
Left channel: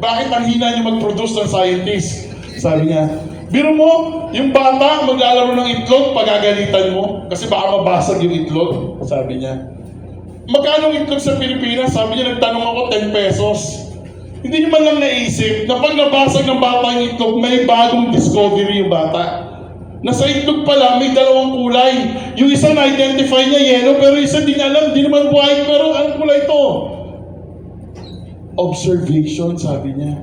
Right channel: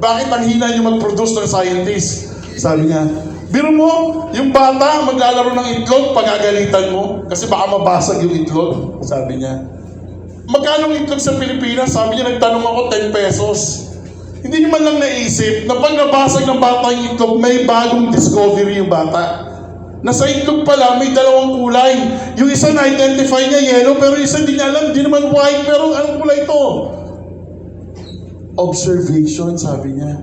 bakit ang hina niyo mag-produce ng scientist. Sabi niya, biro mo, yung bata maglalaro ng itlog, pagagalitan mo, kasi baka mabasag yung itlog. Sabi niya, magkano ang itlog sa Pilipinas? Sabi niya, nagtanong ako, 10 pesos. Hindi nyo man lang naisip na pag nabasag ng bata yung itlog, may bagong discovery yung bata. Nasa itlog pala, may dalawang kulay. Yung isa na-identify niya yellow, pero isa hindi niya alam, di naman white, pero anong kulay ito? Observation, sabi niya.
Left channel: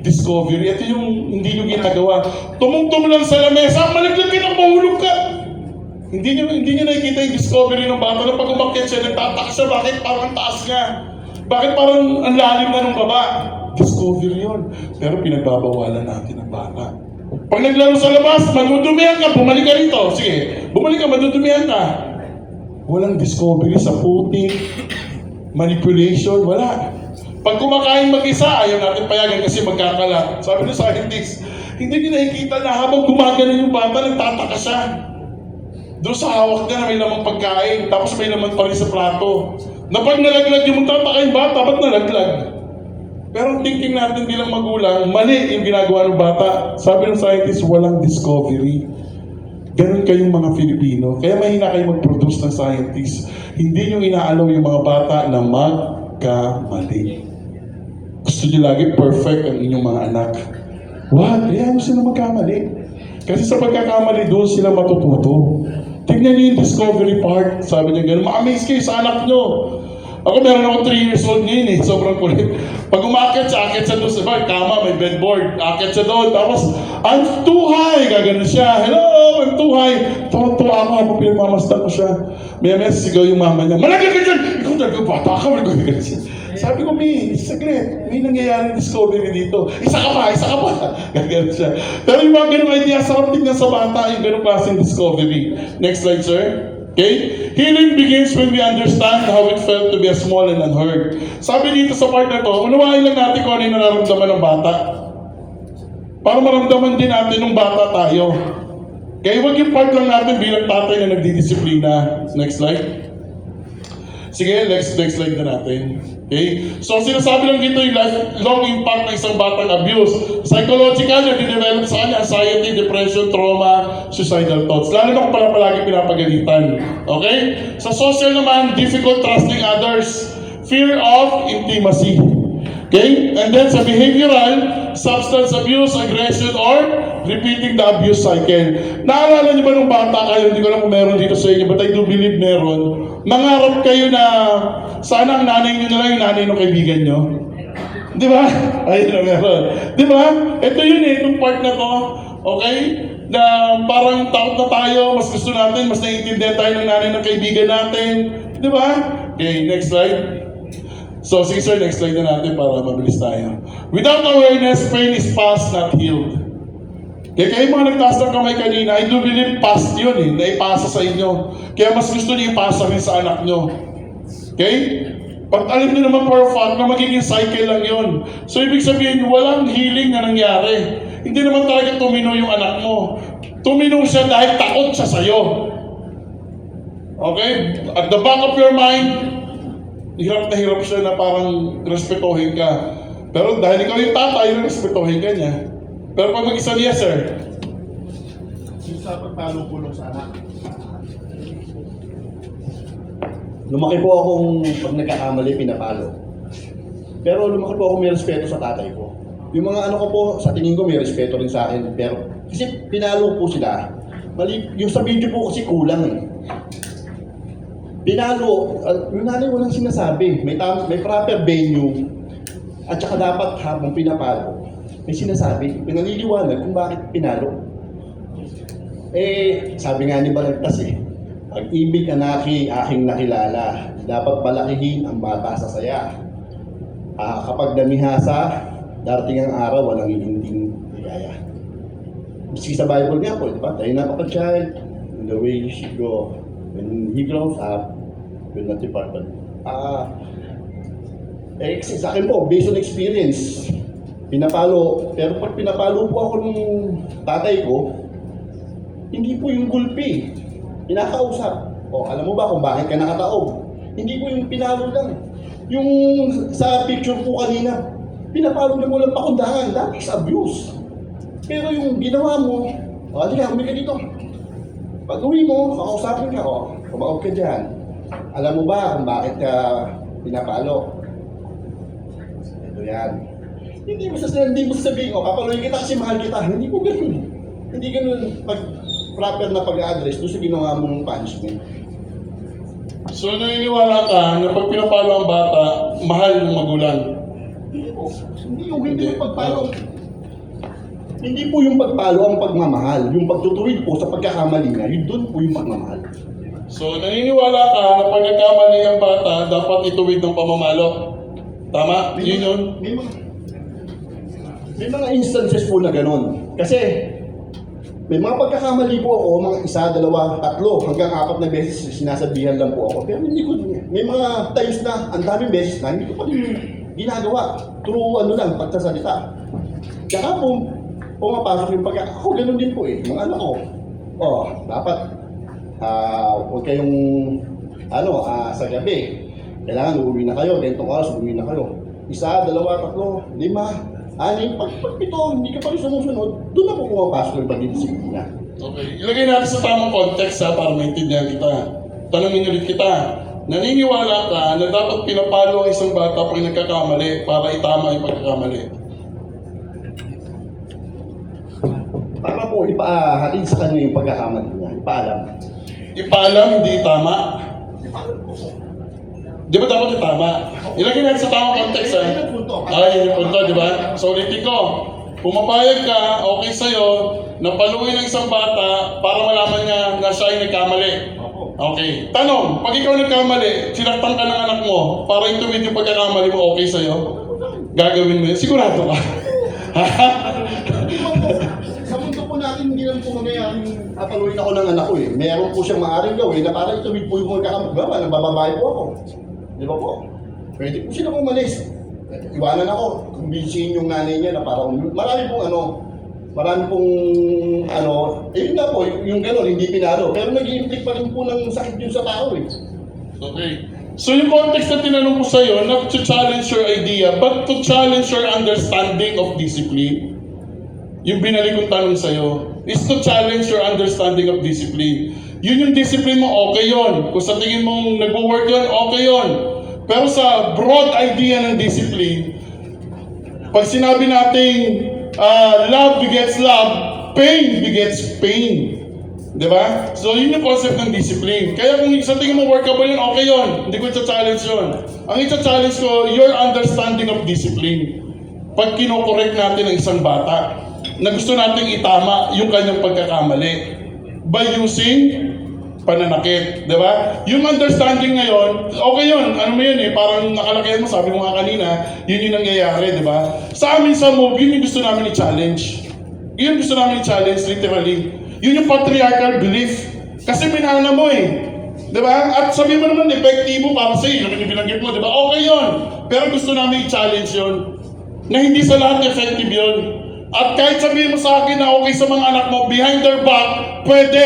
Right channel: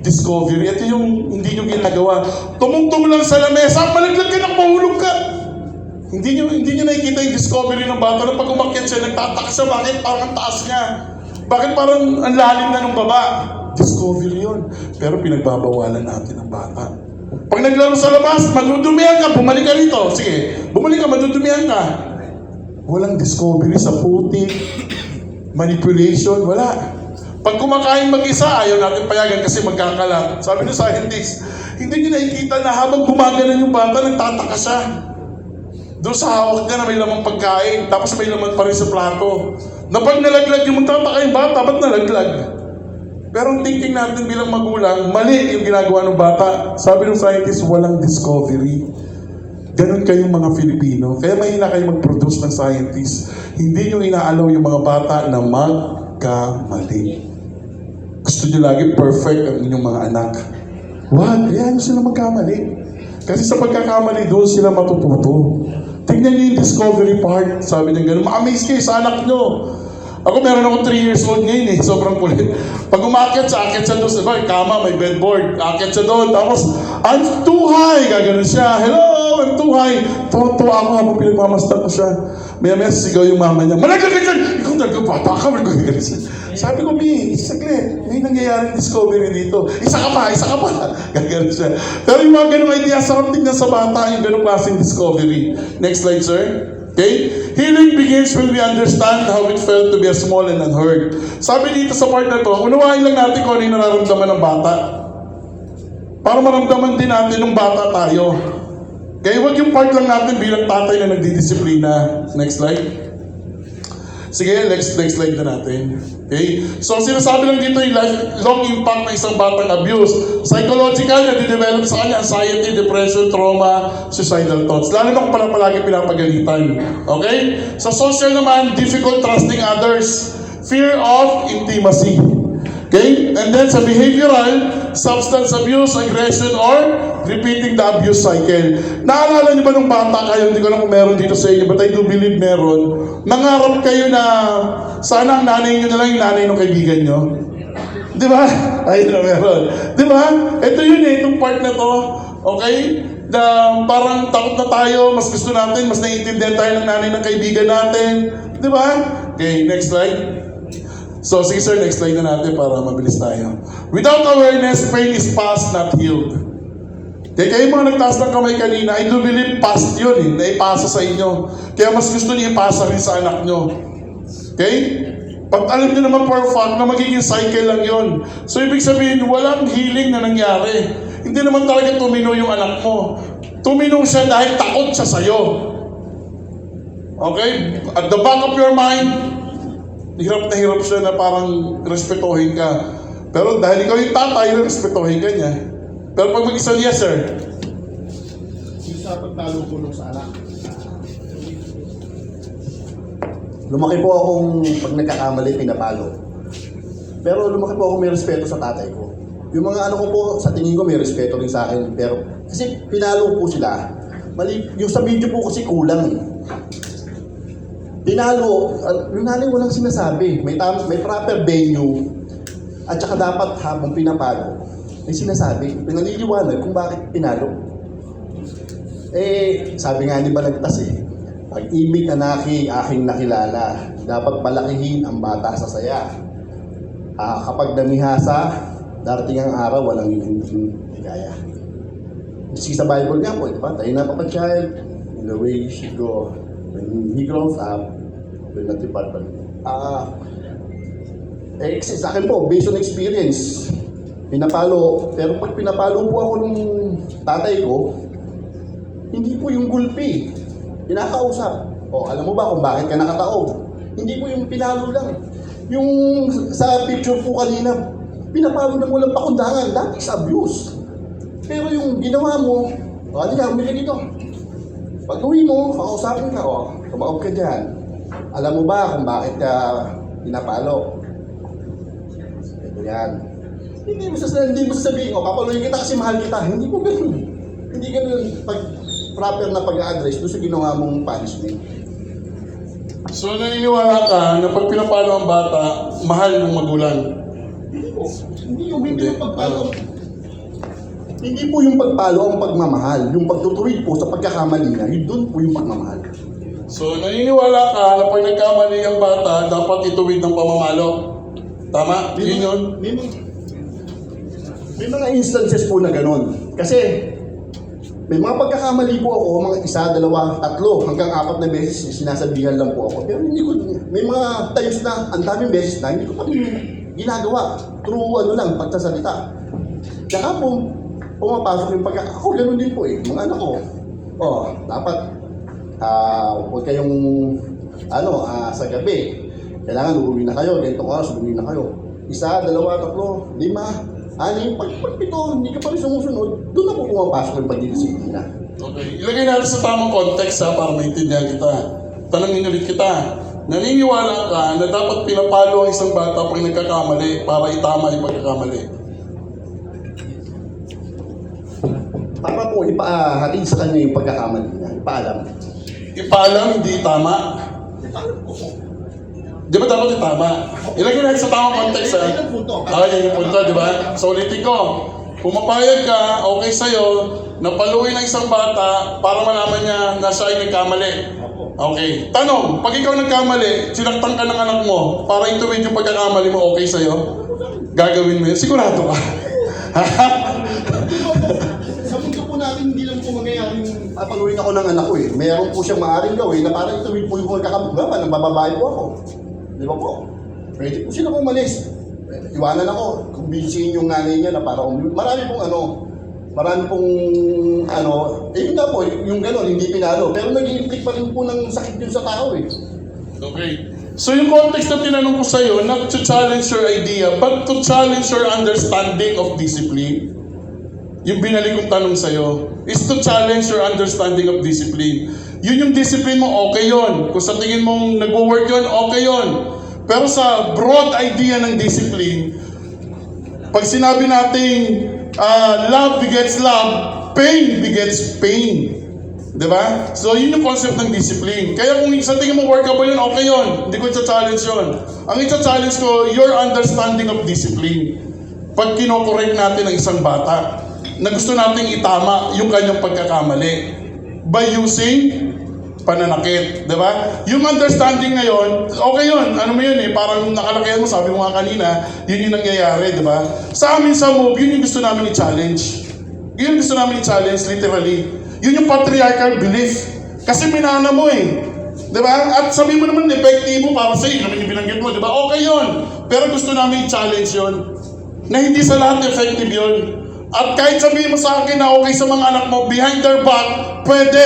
Discovery. Ito yung hindi nyo ginagawa. Tumungtong lang sa lamesa, malaglag ka nang mahulog ka. Hindi nyo nakikita yung discovery ng bata na pag umakyat siya, nagtataka siya, bakit parang taas niya? Bakit parang ang lalim na ng baba? Discovery yun. Pero pinagbabawalan natin ang bata. Pag naglaro sa labas, madudumihan ka, bumalik ka rito. Sige, bumalik ka, madudumihan ka. Walang discovery sa putik, manipulation, wala. Pag kumakain mag-isa, ayaw natin payagan kasi magkakalat. Sabi ng scientist, hindi nyo nakikita na habang gumagana yung bata, nagtataka siya. Doon sa hawak niya na may lamang pagkain, tapos may laman pa rin sa plato. Na pag nalaglag yung magtataka yung bata, ba't nalaglag? Pero ang thinking natin bilang magulang, mali yung ginagawa ng bata. Sabi ng scientist, walang discovery. Ganun kayong mga Filipino. Kaya mahina kayo mag-produce ng scientist. Hindi nyo inaalaw yung mga bata na magkamali. Gusto nyo lagi perfect ang inyong mga anak. What? Hayaan nyo sila magkamali. Kasi sa pagkakamali, doon sila matututo. Tignan nyo yung discovery part. Sabi niya gano'n, ma-amaze kayo sa anak nyo. Ako meron ako 3 years old ngayon eh. Sobrang kulit. Pag umakyat siya doon sa kama, may bedboard. Akyat siya doon. Tapos, I'm too high. Gaganon siya. Hello, I'm too high. Tuwa ako habang pinagmamasdan ko siya. Maya-maya sisigaw yung mama niya. Malaglag ka dyan! Ikaw talaga bata ka. Malaglag siya. Sabi ko, Mi, saglit. May nangyayaring discovery dito. Isa ka pa. Gaganon siya. Pero yung mga ganong idea, sarap tignan sa bata yung ganong klaseng discovery. Next slide, sir. Okay? Healing begins when we understand how it felt to be a small and unheard. Sabi dito sa part na to, unawain lang natin kung ano yung nararamdaman ng bata. Para maramdaman din natin ng bata tayo. Kaya huwag yung part lang natin bilang tatay na nagdidisiplina. Next slide. Sige, next slide na natin. Okay? So, sinasabi lang dito yung lifelong impact ng isang batang abuse. Psychological, nadidevelop sa kanya anxiety, depression, trauma, suicidal thoughts. Lalo na kung pala palagi pinapagalitan. Okay? Sa social naman, difficult trusting others. Fear of intimacy. Okay? And then sa behavioral, substance abuse, aggression, or repeating the abuse cycle. Naalala niyo ba nung bata kayo, hindi ko alam kung meron dito sa inyo, but I do believe meron. Nangarap kayo na sana ang nanay niyo na lang yung nanay ng kaibigan niyo. Di ba? Ayun na meron. Di ba? Ito yun eh, itong part na to. Okay? Na parang takot na tayo, mas gusto natin, mas naiintindihan tayo ng nanay ng kaibigan natin. Di ba? Okay, next slide. So, sige sir, next slide na natin para mabilis tayo. Without awareness, pain is past, not healed. Kaya kayo mga nagtaas ng kamay kanina, I do believe past yun eh, na ipasa sa inyo. Kaya mas gusto niyo ipasa rin sa anak nyo. Okay? Pag alam niyo naman for a fact na magiging cycle lang yun. So, ibig sabihin, walang healing na nangyari. Hindi naman talaga tumino yung anak mo. Tumino siya dahil takot siya sa'yo. Okay? At the back of your mind, hirap na hirap siya na parang respetuhin ka. Pero dahil ikaw yung tatay, respetuhin ka niya. Pero pag mag-isa niya, sir. Yung sa pagtalo-pulong sa anak. Lumaki po akong pag nagkakamali, pinapalo. Pero lumaki po ako may respeto sa tatay ko. Yung mga ano ko po, sa tingin ko may respeto rin sa akin. Pero kasi pinalo po sila. Mali, yung sa video po kasi kulang eh. Pinalo, yung nanay walang sinasabi. May proper venue. At saka dapat habang pinapalo, may sinasabi. Pinaliliwanag kung bakit pinalo. Eh, sabi nga ni Balagtas eh, pag-ibig aking nakilala, dapat palakihin ang bata sa saya. Kapag namihasa, darating ang araw, walang hihinding ligaya. Kasi sa Bible nga po, diba? Tayo na pa child, in the way you should go. When he grows up, will not depart from kasi sa akin po, based on experience, pinapalo. Pero pag pinapalo po ako ng tatay ko, hindi po yung gulpi. Pinakausap. O, alam mo ba kung bakit ka nakataob? Hindi po yung pinalo lang. Yung sa picture po kanina, pinapalo lang walang pakundangan. That is abuse. Pero yung ginawa mo, halika, umika dito. Pag uwi mo, kakausapin ka, kumaob ka dyan. Alam mo ba kung bakit ka pinapalo? Ito yan. Hindi mo sasabihin, papaluin kita kasi mahal kita. Hindi po ganun. Hindi ganun pag proper na pag-a-address doon sa ginawa mong punishment. So naniniwala ka na pag pinapalo ang bata, mahal ng magulang? Hindi yung pagpalo. Hindi po yung pagpalo ang pagmamahal. Yung pagtutuwid po sa pagkakamali niya, yun doon po yung pagmamahal. So naniniwala ka na pag nagkamali ang bata, dapat ituwid ng pamamalo? Tama? Yun yun? May mga instances po na ganun. Kasi may mga pagkakamali po ako, mga 1, 2, 3, hanggang 4 na beses sinasabihan lang po ako. Pero hindi ko, may mga times na, ang daming beses na, hindi ko pa rin ginagawa. Through pagsasalita. Tsaka po, pumapasok yung ako ganun din po mga anak ko. Dapat, huwag kayong, sa gabi, kailangan uuwi na kayo, ganitong oras uuwi na kayo. 1, 2, 3, 5, 6, pag 7, hindi ka pa rin sumusunod, doon na po pumapasok yung pagdidisiplina. Okay. Ilagay natin sa tamang context para maintindihan kita. Tanungin ulit kita. Naniniwala ka na dapat pinapalo ang isang bata pag nagkakamali para itama yung pagkakamali? Para po ipahatid sa kanya yung pagkakamali niya, ipaalam. Ipaalam, hindi itama? Ipaalam po. Di ba dapat itama? Ilagay natin sa tamang context, ha? Ayun ang punto. Yun yung punto, di ba? So ulitin ko, pumapayag ka, okay sa'yo, na paluin ng isang bata para malaman niya na siya ay nagkamali. Okay. Tanong, pag ikaw nagkamali, sinaktan ka ng anak mo para ituwid yung pagkakamali mo, okay sa'yo? Gagawin mo yun? Sigurado ka? Sa mundo po natin, hindi lang po mangyayaring papaluin ako ng anak ko Meron po siyang maaaring gawin na para ituwid po yung pagkakamali. Nagbababae po ako. Di ba po? Pwede po sila umalis. Iwanan ako. Kumbinsihin yung nanay niya na para marami pong yun nga po, yung gano'n, hindi pinalo. Pero nag-i-inflict pa rin po ng sakit yun sa tao Okay. So yung context na tinanong ko sa'yo, not to challenge your idea, but to challenge your understanding of discipline. Yung binalik kong tanong sa'yo, is to challenge your understanding of discipline. Yun yung discipline mo, okay yun. Kung sa tingin mong nag-work yun, okay yun. Pero sa broad idea ng discipline, pag sinabi nating love begets love, pain begets pain. Diba? So yun yung concept ng discipline. Kaya kung sa tingin mo workable yun, okay yun. Hindi ko i-challenge yun. Ang i-challenge ko, your understanding of discipline. Pag kinokorek natin ang isang bata, na gusto nating itama yung kanyang pagkakamali by using pananakit, di ba? Yung understanding na yun, okay yun. Ano mo yun parang nakalakyan mo, sabi mo nga kanina, yun yung nangyayari, di ba? Sa amin sa MOVE, yun yung gusto namin i-challenge. Yun yung gusto namin i-challenge, literally. Yun yung patriarchal belief. Kasi minana mo di ba? At sabi mo naman, epektibo para sa'yo, naman yung binanggit mo, di ba? Okay yun. Pero gusto namin i-challenge yun. Na hindi sa lahat effective yun. At kahit sabihin mo sa akin na okay sa mga anak mo, behind their back, pwede.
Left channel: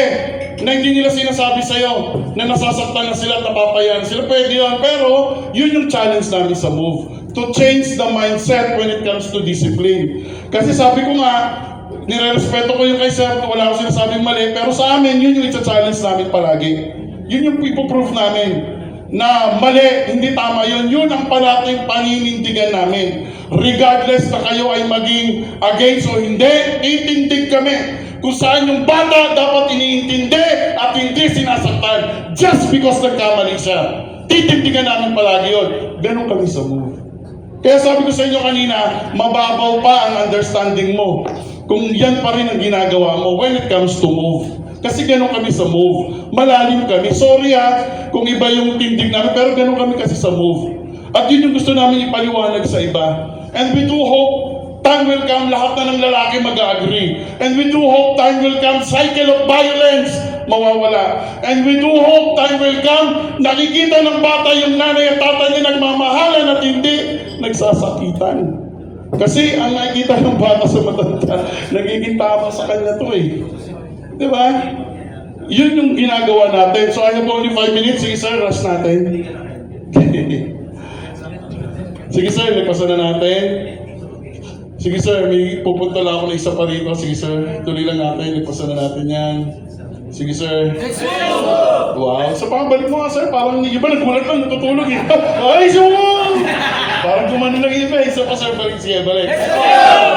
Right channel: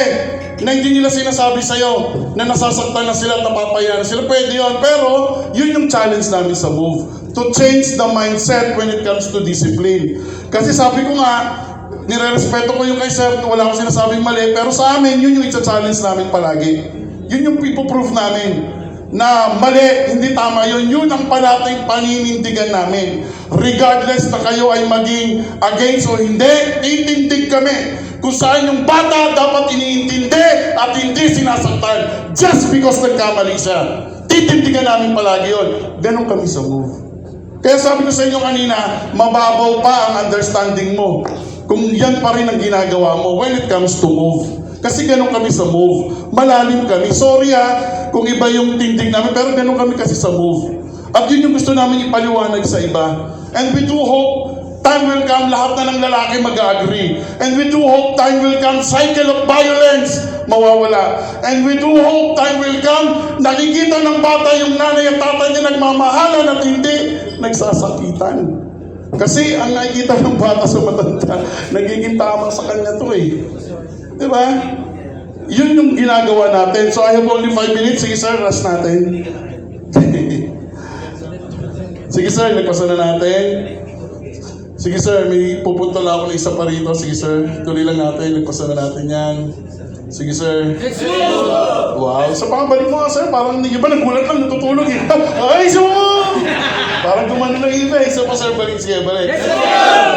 Na hindi nila sinasabi sa'yo na nasasaktan na sila at napapayan sila. Pwede yun. Pero yun yung challenge namin sa MOVE. To change the mindset when it comes to discipline. Kasi sabi ko nga, nire-respeto ko yung kay Sir, wala akong sinasabing mali. Pero sa amin, yun yung i-challenge namin palagi. Yun yung ipoprove namin. Na mali, hindi tama yun. Yun ang parating paninindigan namin. Regardless na kayo ay maging against o hindi, itindig kami kung saan yung bata dapat iniintindi at hindi sinasaktan just because nagkamali siya. Titindigan namin palagi yun. Ganon kami sa MOVE. Kaya sabi ko sa inyo kanina, mababaw pa ang understanding mo kung yan pa rin ang ginagawa mo when it comes to MOVE. Kasi ganon kami sa MOVE. Malalim kami. Sorry kung iba yung tindig namin, pero ganon kami kasi sa MOVE. At yun yung gusto namin ipaliwanag sa iba. And we do hope time will come, lahat na ng lalaki mag-agree. And we do hope time will come, cycle of violence mawawala. And we do hope time will come, nakikita ng bata yung nanay at tatay niya nagmamahalan at hindi nagsasakitan. Kasi ang nakikita ng bata sa matanda, nagiging tama sa kanya to Di ba? Yun yung ginagawa natin. So I have only 5 minutes. Sige sir, rush natin. Sige sir, nagpasa na natin. Sige sir, may pupunta lang ako na isa pa rito. Sige sir, tuloy lang natin. Nagpasa na natin yan. Sige sir. Wow. So pakabalik mo nga sir, parang hindi ba nagulat lang, natutulog Ay, so! Parang gumano ng iba. Isa pa sir, balik. Sige, balik.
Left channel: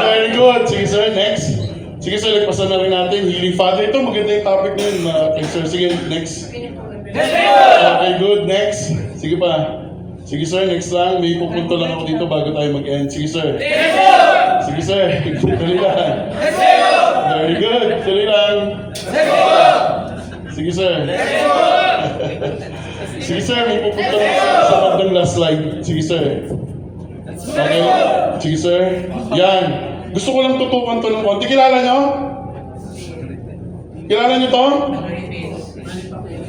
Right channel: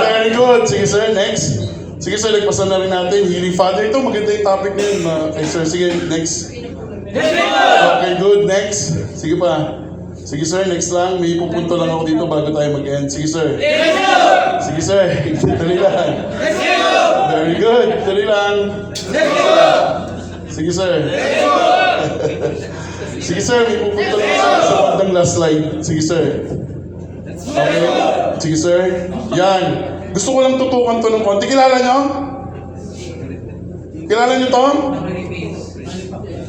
Very good. Sige sir, next. Sige sir, lagpasan na rin natin. Healing Father. Ito, maganda yung topic na yun. Kay sir, sige, next. Okay, good. Next. Sige pa. Sige sir, next lang. May pupunto lang ako dito bago tayo mag-end. Sige sir. Sige sir. Tuloy lang. Very good. Tuloy lang. Sige sir. Sige sir, may pupunta lang ako sa bandang last slide. Sige sir. Okay. Sige sir. Yan. Gusto ko lang tutukan to ng konti. Kilala nyo? Kilala nyo to?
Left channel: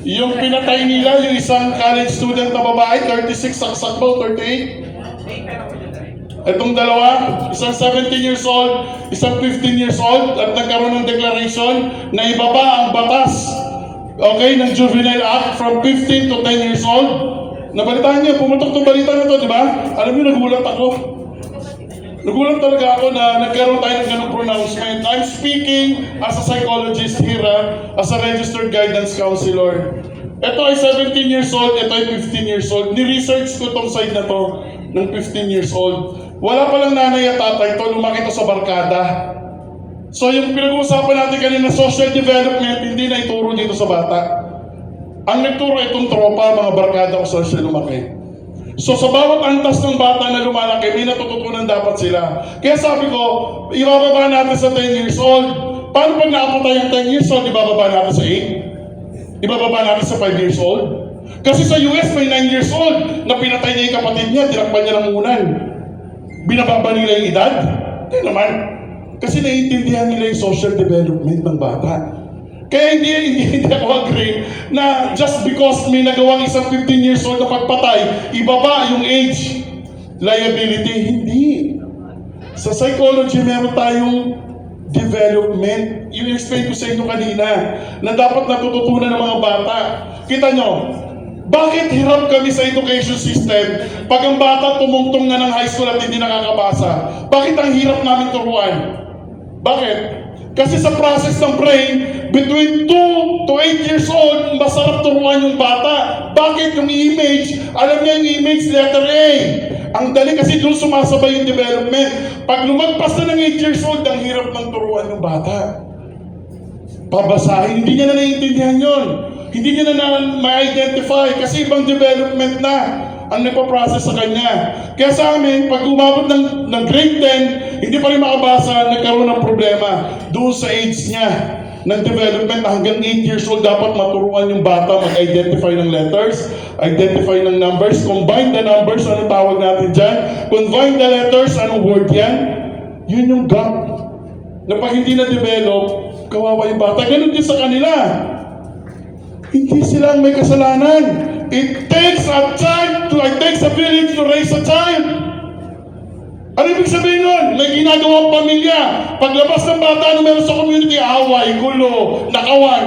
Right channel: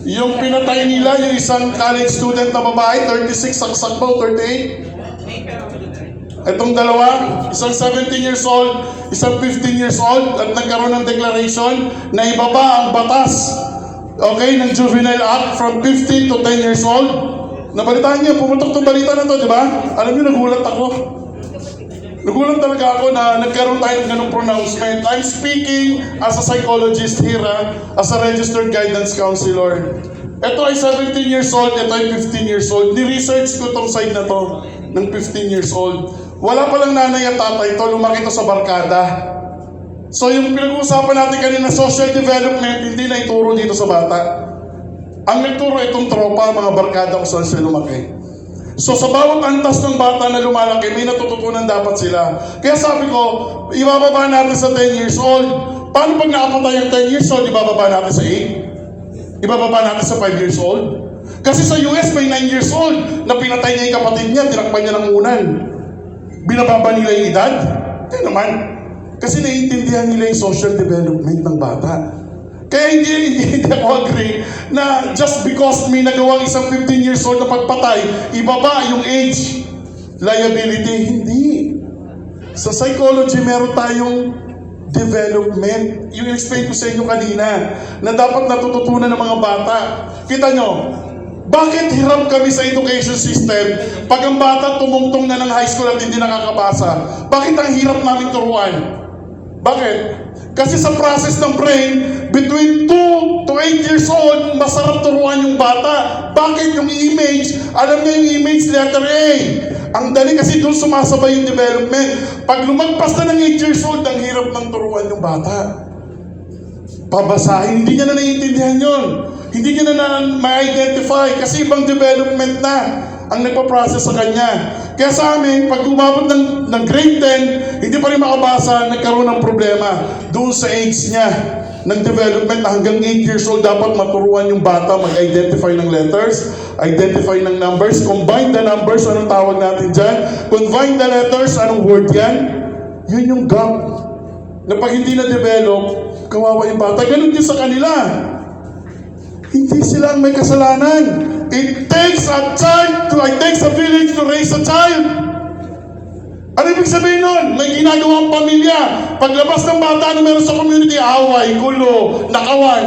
Yung pinatay nila, yung isang college student na babae, 36, saksak ba o 38? Itong dalawa, isang 17 years old, isang 15 years old, at nagkaroon ng declaration na ibaba ang batas, okay, ng Juvenile Act from 15 to 10 years old. Nabalitaan niyo, pumutok itong balita na to, di ba? Alam niyo, nagulat ako. Nagulat talaga ako na nagkaroon tayo ng ganung pronouncement. I'm speaking as a psychologist here, as a registered guidance counselor. Ito ay 17 years old, ito ay 15 years old. Ni-research ko tong side na to ng 15 years old. Wala palang nanay at tatay to, lumaki to sa barkada. So yung pinag-uusapan natin kanina, social development, hindi na ituro dito sa bata. Ang nagturo itong tropa, mga barkada kung saan siya lumaki. So sa bawat antas ng bata na lumalaki, may natututunan dapat sila. Kaya sabi ko, ibababa natin sa 10 years old. Paano pag nakapatay yung 10 years old, ibababa natin sa 8? Ibababa natin sa 5 years old? Kasi sa US may 9 years old na pinatay niya yung kapatid niya, tinakpan niya ng unan. Binababa nila yung edad? Hindi naman. Kasi naiintindihan nila yung social development ng bata. Kaya hindi ako agree na just because may nagawang isang 15 years old na pagpatay, ibaba yung age liability. Hindi. Sa psychology, meron tayong development. Yung explain ko sa inyo kanina na dapat natututunan ng mga bata. Kita nyo, bakit hirap kami sa education system pag ang bata tumungtong na ng high school at hindi nakakabasa? Bakit ang hirap namin turuan? Bakit? Kasi sa process ng brain, between 2 to 8 years old, masarap turuan yung bata. Bakit? Yung image, alam niya yung image, letter A. Ang dali kasi doon sumasabay yung development. Pag lumagpas na ng 8 years old, ang hirap ng turuan yung bata. Pabasahin, hindi niya na naiintindihan yun. Hindi niya na ma-identify kasi ibang development na ang nagpa-process sa kanya. Kaya sa amin, pag umabot ng grade 10, hindi pa rin makabasa, nagkaroon ng problema doon sa age niya ng development na hanggang 8 years old dapat maturuan yung bata mag-identify ng letters, identify ng numbers, combine the numbers, anong tawag natin dyan, combine the letters, anong word yan? Yun yung gap. Na pag hindi na-develop, kawawa yung bata. Ganun din sa kanila. Hindi sila ang may kasalanan. It takes a village to raise a child. Ano ibig sabihin nun? May ginagawang pamilya. Paglabas ng bata na meron sa community, away, gulo, nakawan.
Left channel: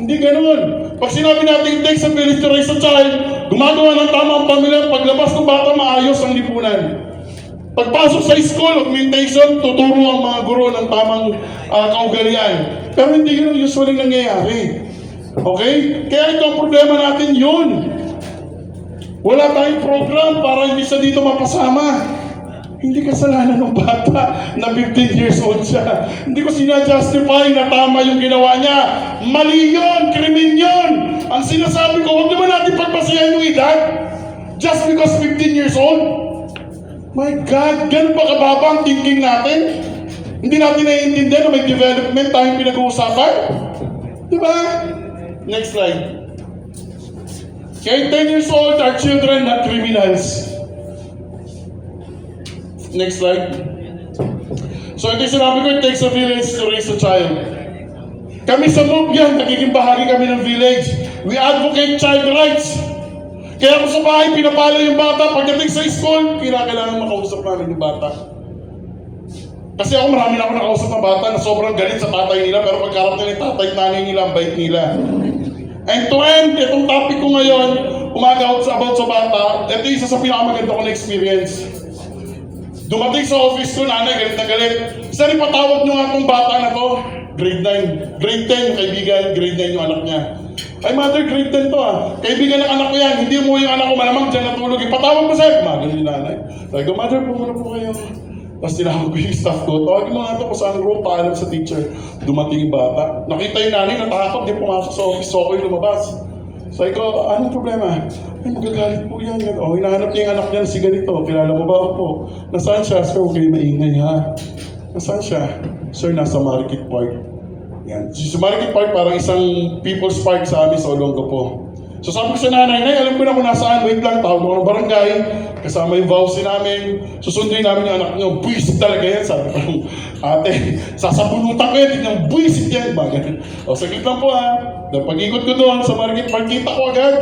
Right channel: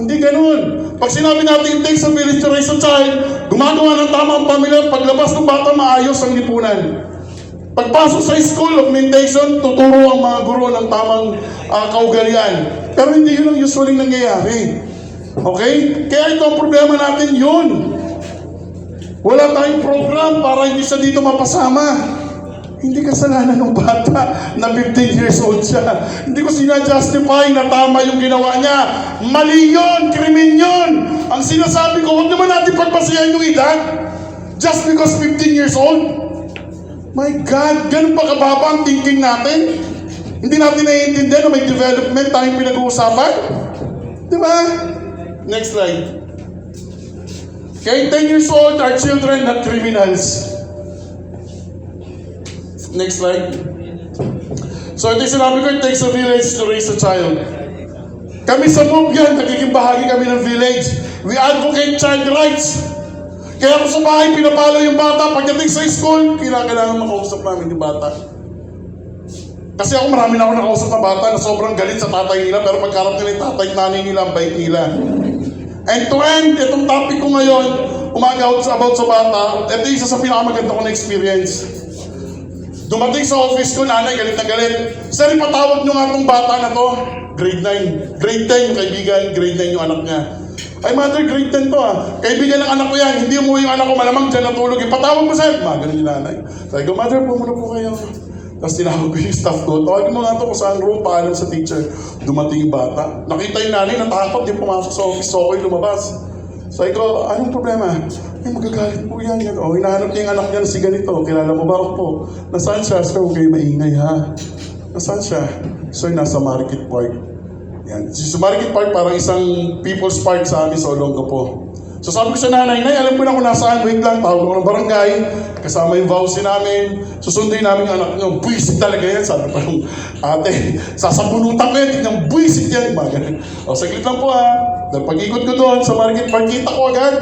Hindi ganun. Pag sinabi natin it takes a village to raise a child, gumagawa ng tamang pamilya. Paglabas ng bata, maayos ang lipunan. Pagpasok sa school, augmentation, tuturo ang mga guro ng tamang kaugalian. Pero hindi yun ang usually nangyayari. Okay? Kaya ito ang problema natin yun. Wala tayong program para hindi siya dito mapasama. Hindi kasalanan ng bata na 15 years old siya. Hindi ko sinajustify na tama yung ginawa niya. Mali yun, krimen yun. Ang sinasabi ko, huwag naman natin pagpasihan yung edad. Just because 15 years old. My God, ganun ba kababa ang thinking natin? Hindi natin naiintindihan na may development tayong pinag-uusapan? Diba? Next slide. Okay, 10 years old are children, not criminals. Next slide. So ito yung sinabi ko, it takes a village to raise a child. Kami sa MOVE yan, nagiging bahagi kami ng village. We advocate child rights. Kaya kung sa bahay, pinapalo yung bata. Pagdating sa school, kailangan makausap namin yung bata. Kasi ako marami na ako nakausap na bata na sobrang galit sa tatay nila, pero pagkarap nila yung tatay, nanay nila, ang bait nila. And to end, itong topic ko ngayon, about sa bata, ito yung isa sa pinakamaganda ko na experience. Dumating sa office ko, nanay, galit na galit. Sir, ipatawag nyo nga itong bata na to. Grade 9. Grade 10 yung kaibigan, grade 9 yung anak niya. Ay, mother, grade 10 to Kaibigan ng anak ko yan. Hindi umuwi yung anak ko. Malamang dyan natulog. Ipatawag mo sir. Mga ganun yung nanay. Sabi ko, mother, muna po kayo. Tapos tinawag ko yung staff ko. Tawagin mo nga ito kung saan room. Paalam sa teacher. Dumating yung bata. Nakita yung nanay, natakot. Di pumasok sa office. So ako yung lumabas. Sabi ko, anong problema? Ay, magagalit po yan. O, hinahanap niya yung anak niya na si ganito. Kilala mo ba ako po? Nasaan siya? Sir, huwag kayo maingay ha. Nasaan siya? Sir, nasa Market Park. Yan. Sa Market Park, parang isang people's park sa amin sa Olongapo. So sabi ko sa nanay, Nay, alam ko na kung nasaan. Wait lang, tawag ko ng barangay. Kasama yung vowsy namin. Susunduin namin yung anak niyo. Buisit talaga yan. Sabi ko yung ate, sasabunutan ko yan. Tignan, buisit yan. O, saglit lang po Dahil pag-ikot ko doon sa Market Park, kita ko agad.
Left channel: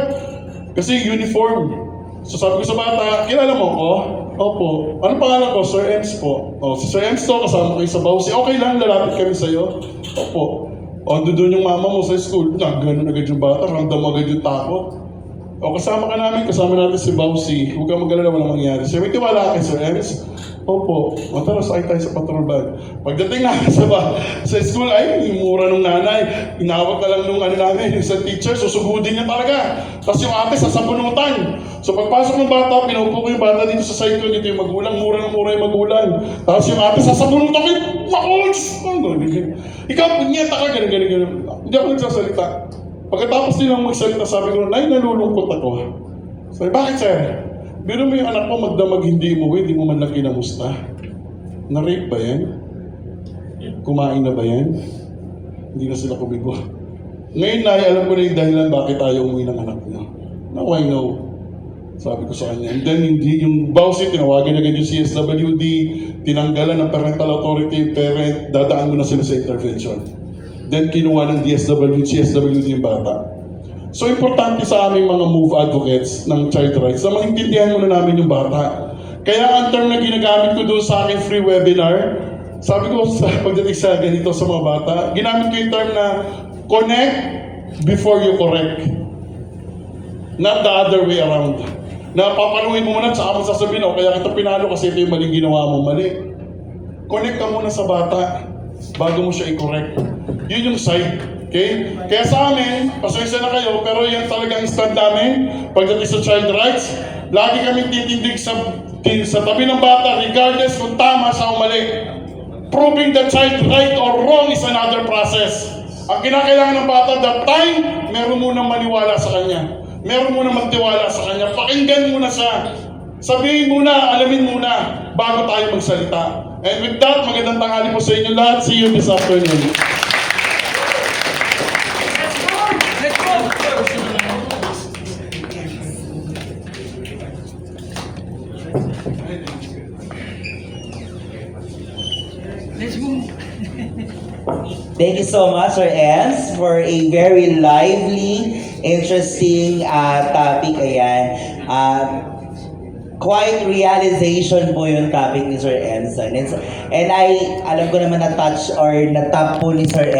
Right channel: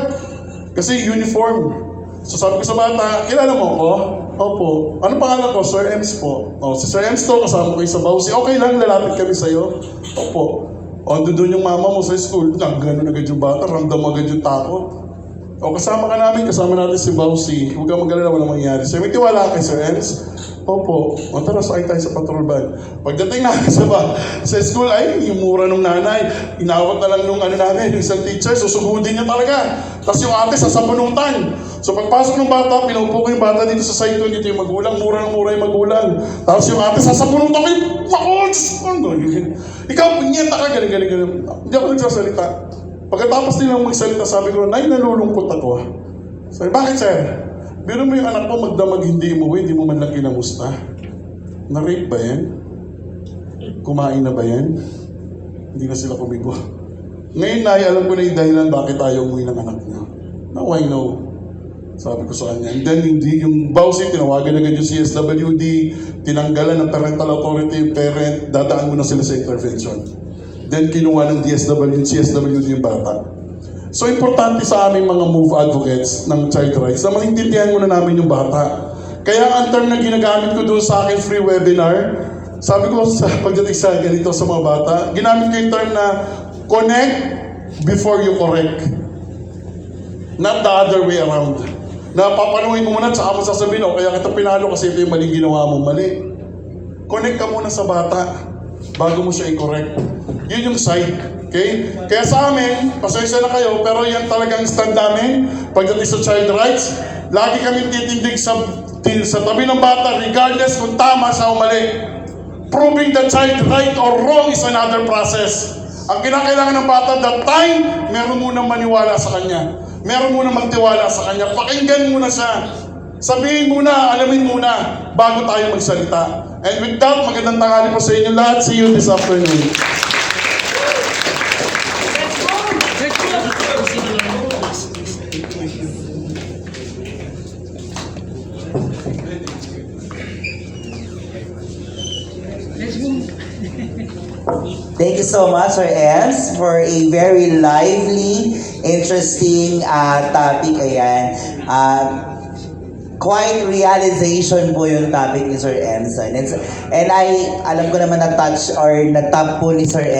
Kasi uniform. So sabi ko sa bata, kilala mo ko? Opo. Ano pangalan ko? Sir Ems po. O, si Sir Ems to, kasama ko yung sa vowsy. Okay lang, lalapit kami sa'yo. Opo. O, doon yung mama mo sa school. Ganun agad yung bata, ramdam mo agad yung takot. O, kasama ka namin, kasama natin si Bausi. Huwag kang mag-alala, walang mangyari. Sir, may tiwala ka kay Sir Ems? Opo. O, tara, sakay tayo sa patrol van. Pagdating namin sa school, ay, yung mura nung nanay. Inawat na lang nung namin, yung isang teacher, susugudin niya talaga. Tapos yung ate, sasabunutan. So pagpasok ng bata, pinupo ko yung bata dito sa side ko, dito yung magulang, mura ng mura yung magulang. Tapos yung ate, sasabunutan ko yung makuls! Ikaw, punyeta ka, ganun. Hindi ako nagsasalita. Pagkatapos nilang magsalita, sabi ko, Nay, nalulungkot ako. Sabi, bakit sir? Biro mo yung anak mo magdamag hindi umuwi, hindi mo man lang kinamusta. Na-rape ba yan? Kumain na ba yan? Hindi na sila kumibo. Ngayon, Nay, alam ko na yung dahilan bakit ayaw umuwi ng anak niyo. Now I know. Sabi ko sa kanya. And then, hindi yung Bausi, tinawagan agad yung CSWD, tinanggalan ng parental authority yung parent, dadaan mo na sila sa intervention. Then, kinuha ng CSWD yung bata. So, importante sa aming mga MOVE advocates ng child rights na maintindihan muna namin yung bata. Kaya ang term na ginagamit ko doon sa aking free webinar, sabi ko sa pagdating sa ganito sa mga bata, ginamit ko yung term na connect before you correct. Not the other way around. Na papanuhin mo muna at saka mo sasabihin, kaya kita pinalo kasi ito yung maling ginawa mo, mali. Connect ka muna sa bata bago mo siya i-correct. Yun yung side. Okay? Kaya sa amin, pasensya na kayo, pero yan talagang stand namin pagdating sa child rights. Lagi kami titindig sa tabi ng bata regardless kung tama siya o mali. Proving the child right or wrong is another process. Ang kinakailangan ng bata that time, meron munang maniwala sa kanya. Meron muna magtiwala sa kanya. Pakinggan muna siya. Sabihin muna, alamin muna, bago tayo magsalita. And with that, magandang tanghali po sa inyo lahat. See you this afternoon. Thank you so much, Sir Ems, for a very lively, interesting topic. Ayan. Quite realization po yung topic ni Sir Ems. And alam ko naman na-touch or na-tap po ni Sir Ems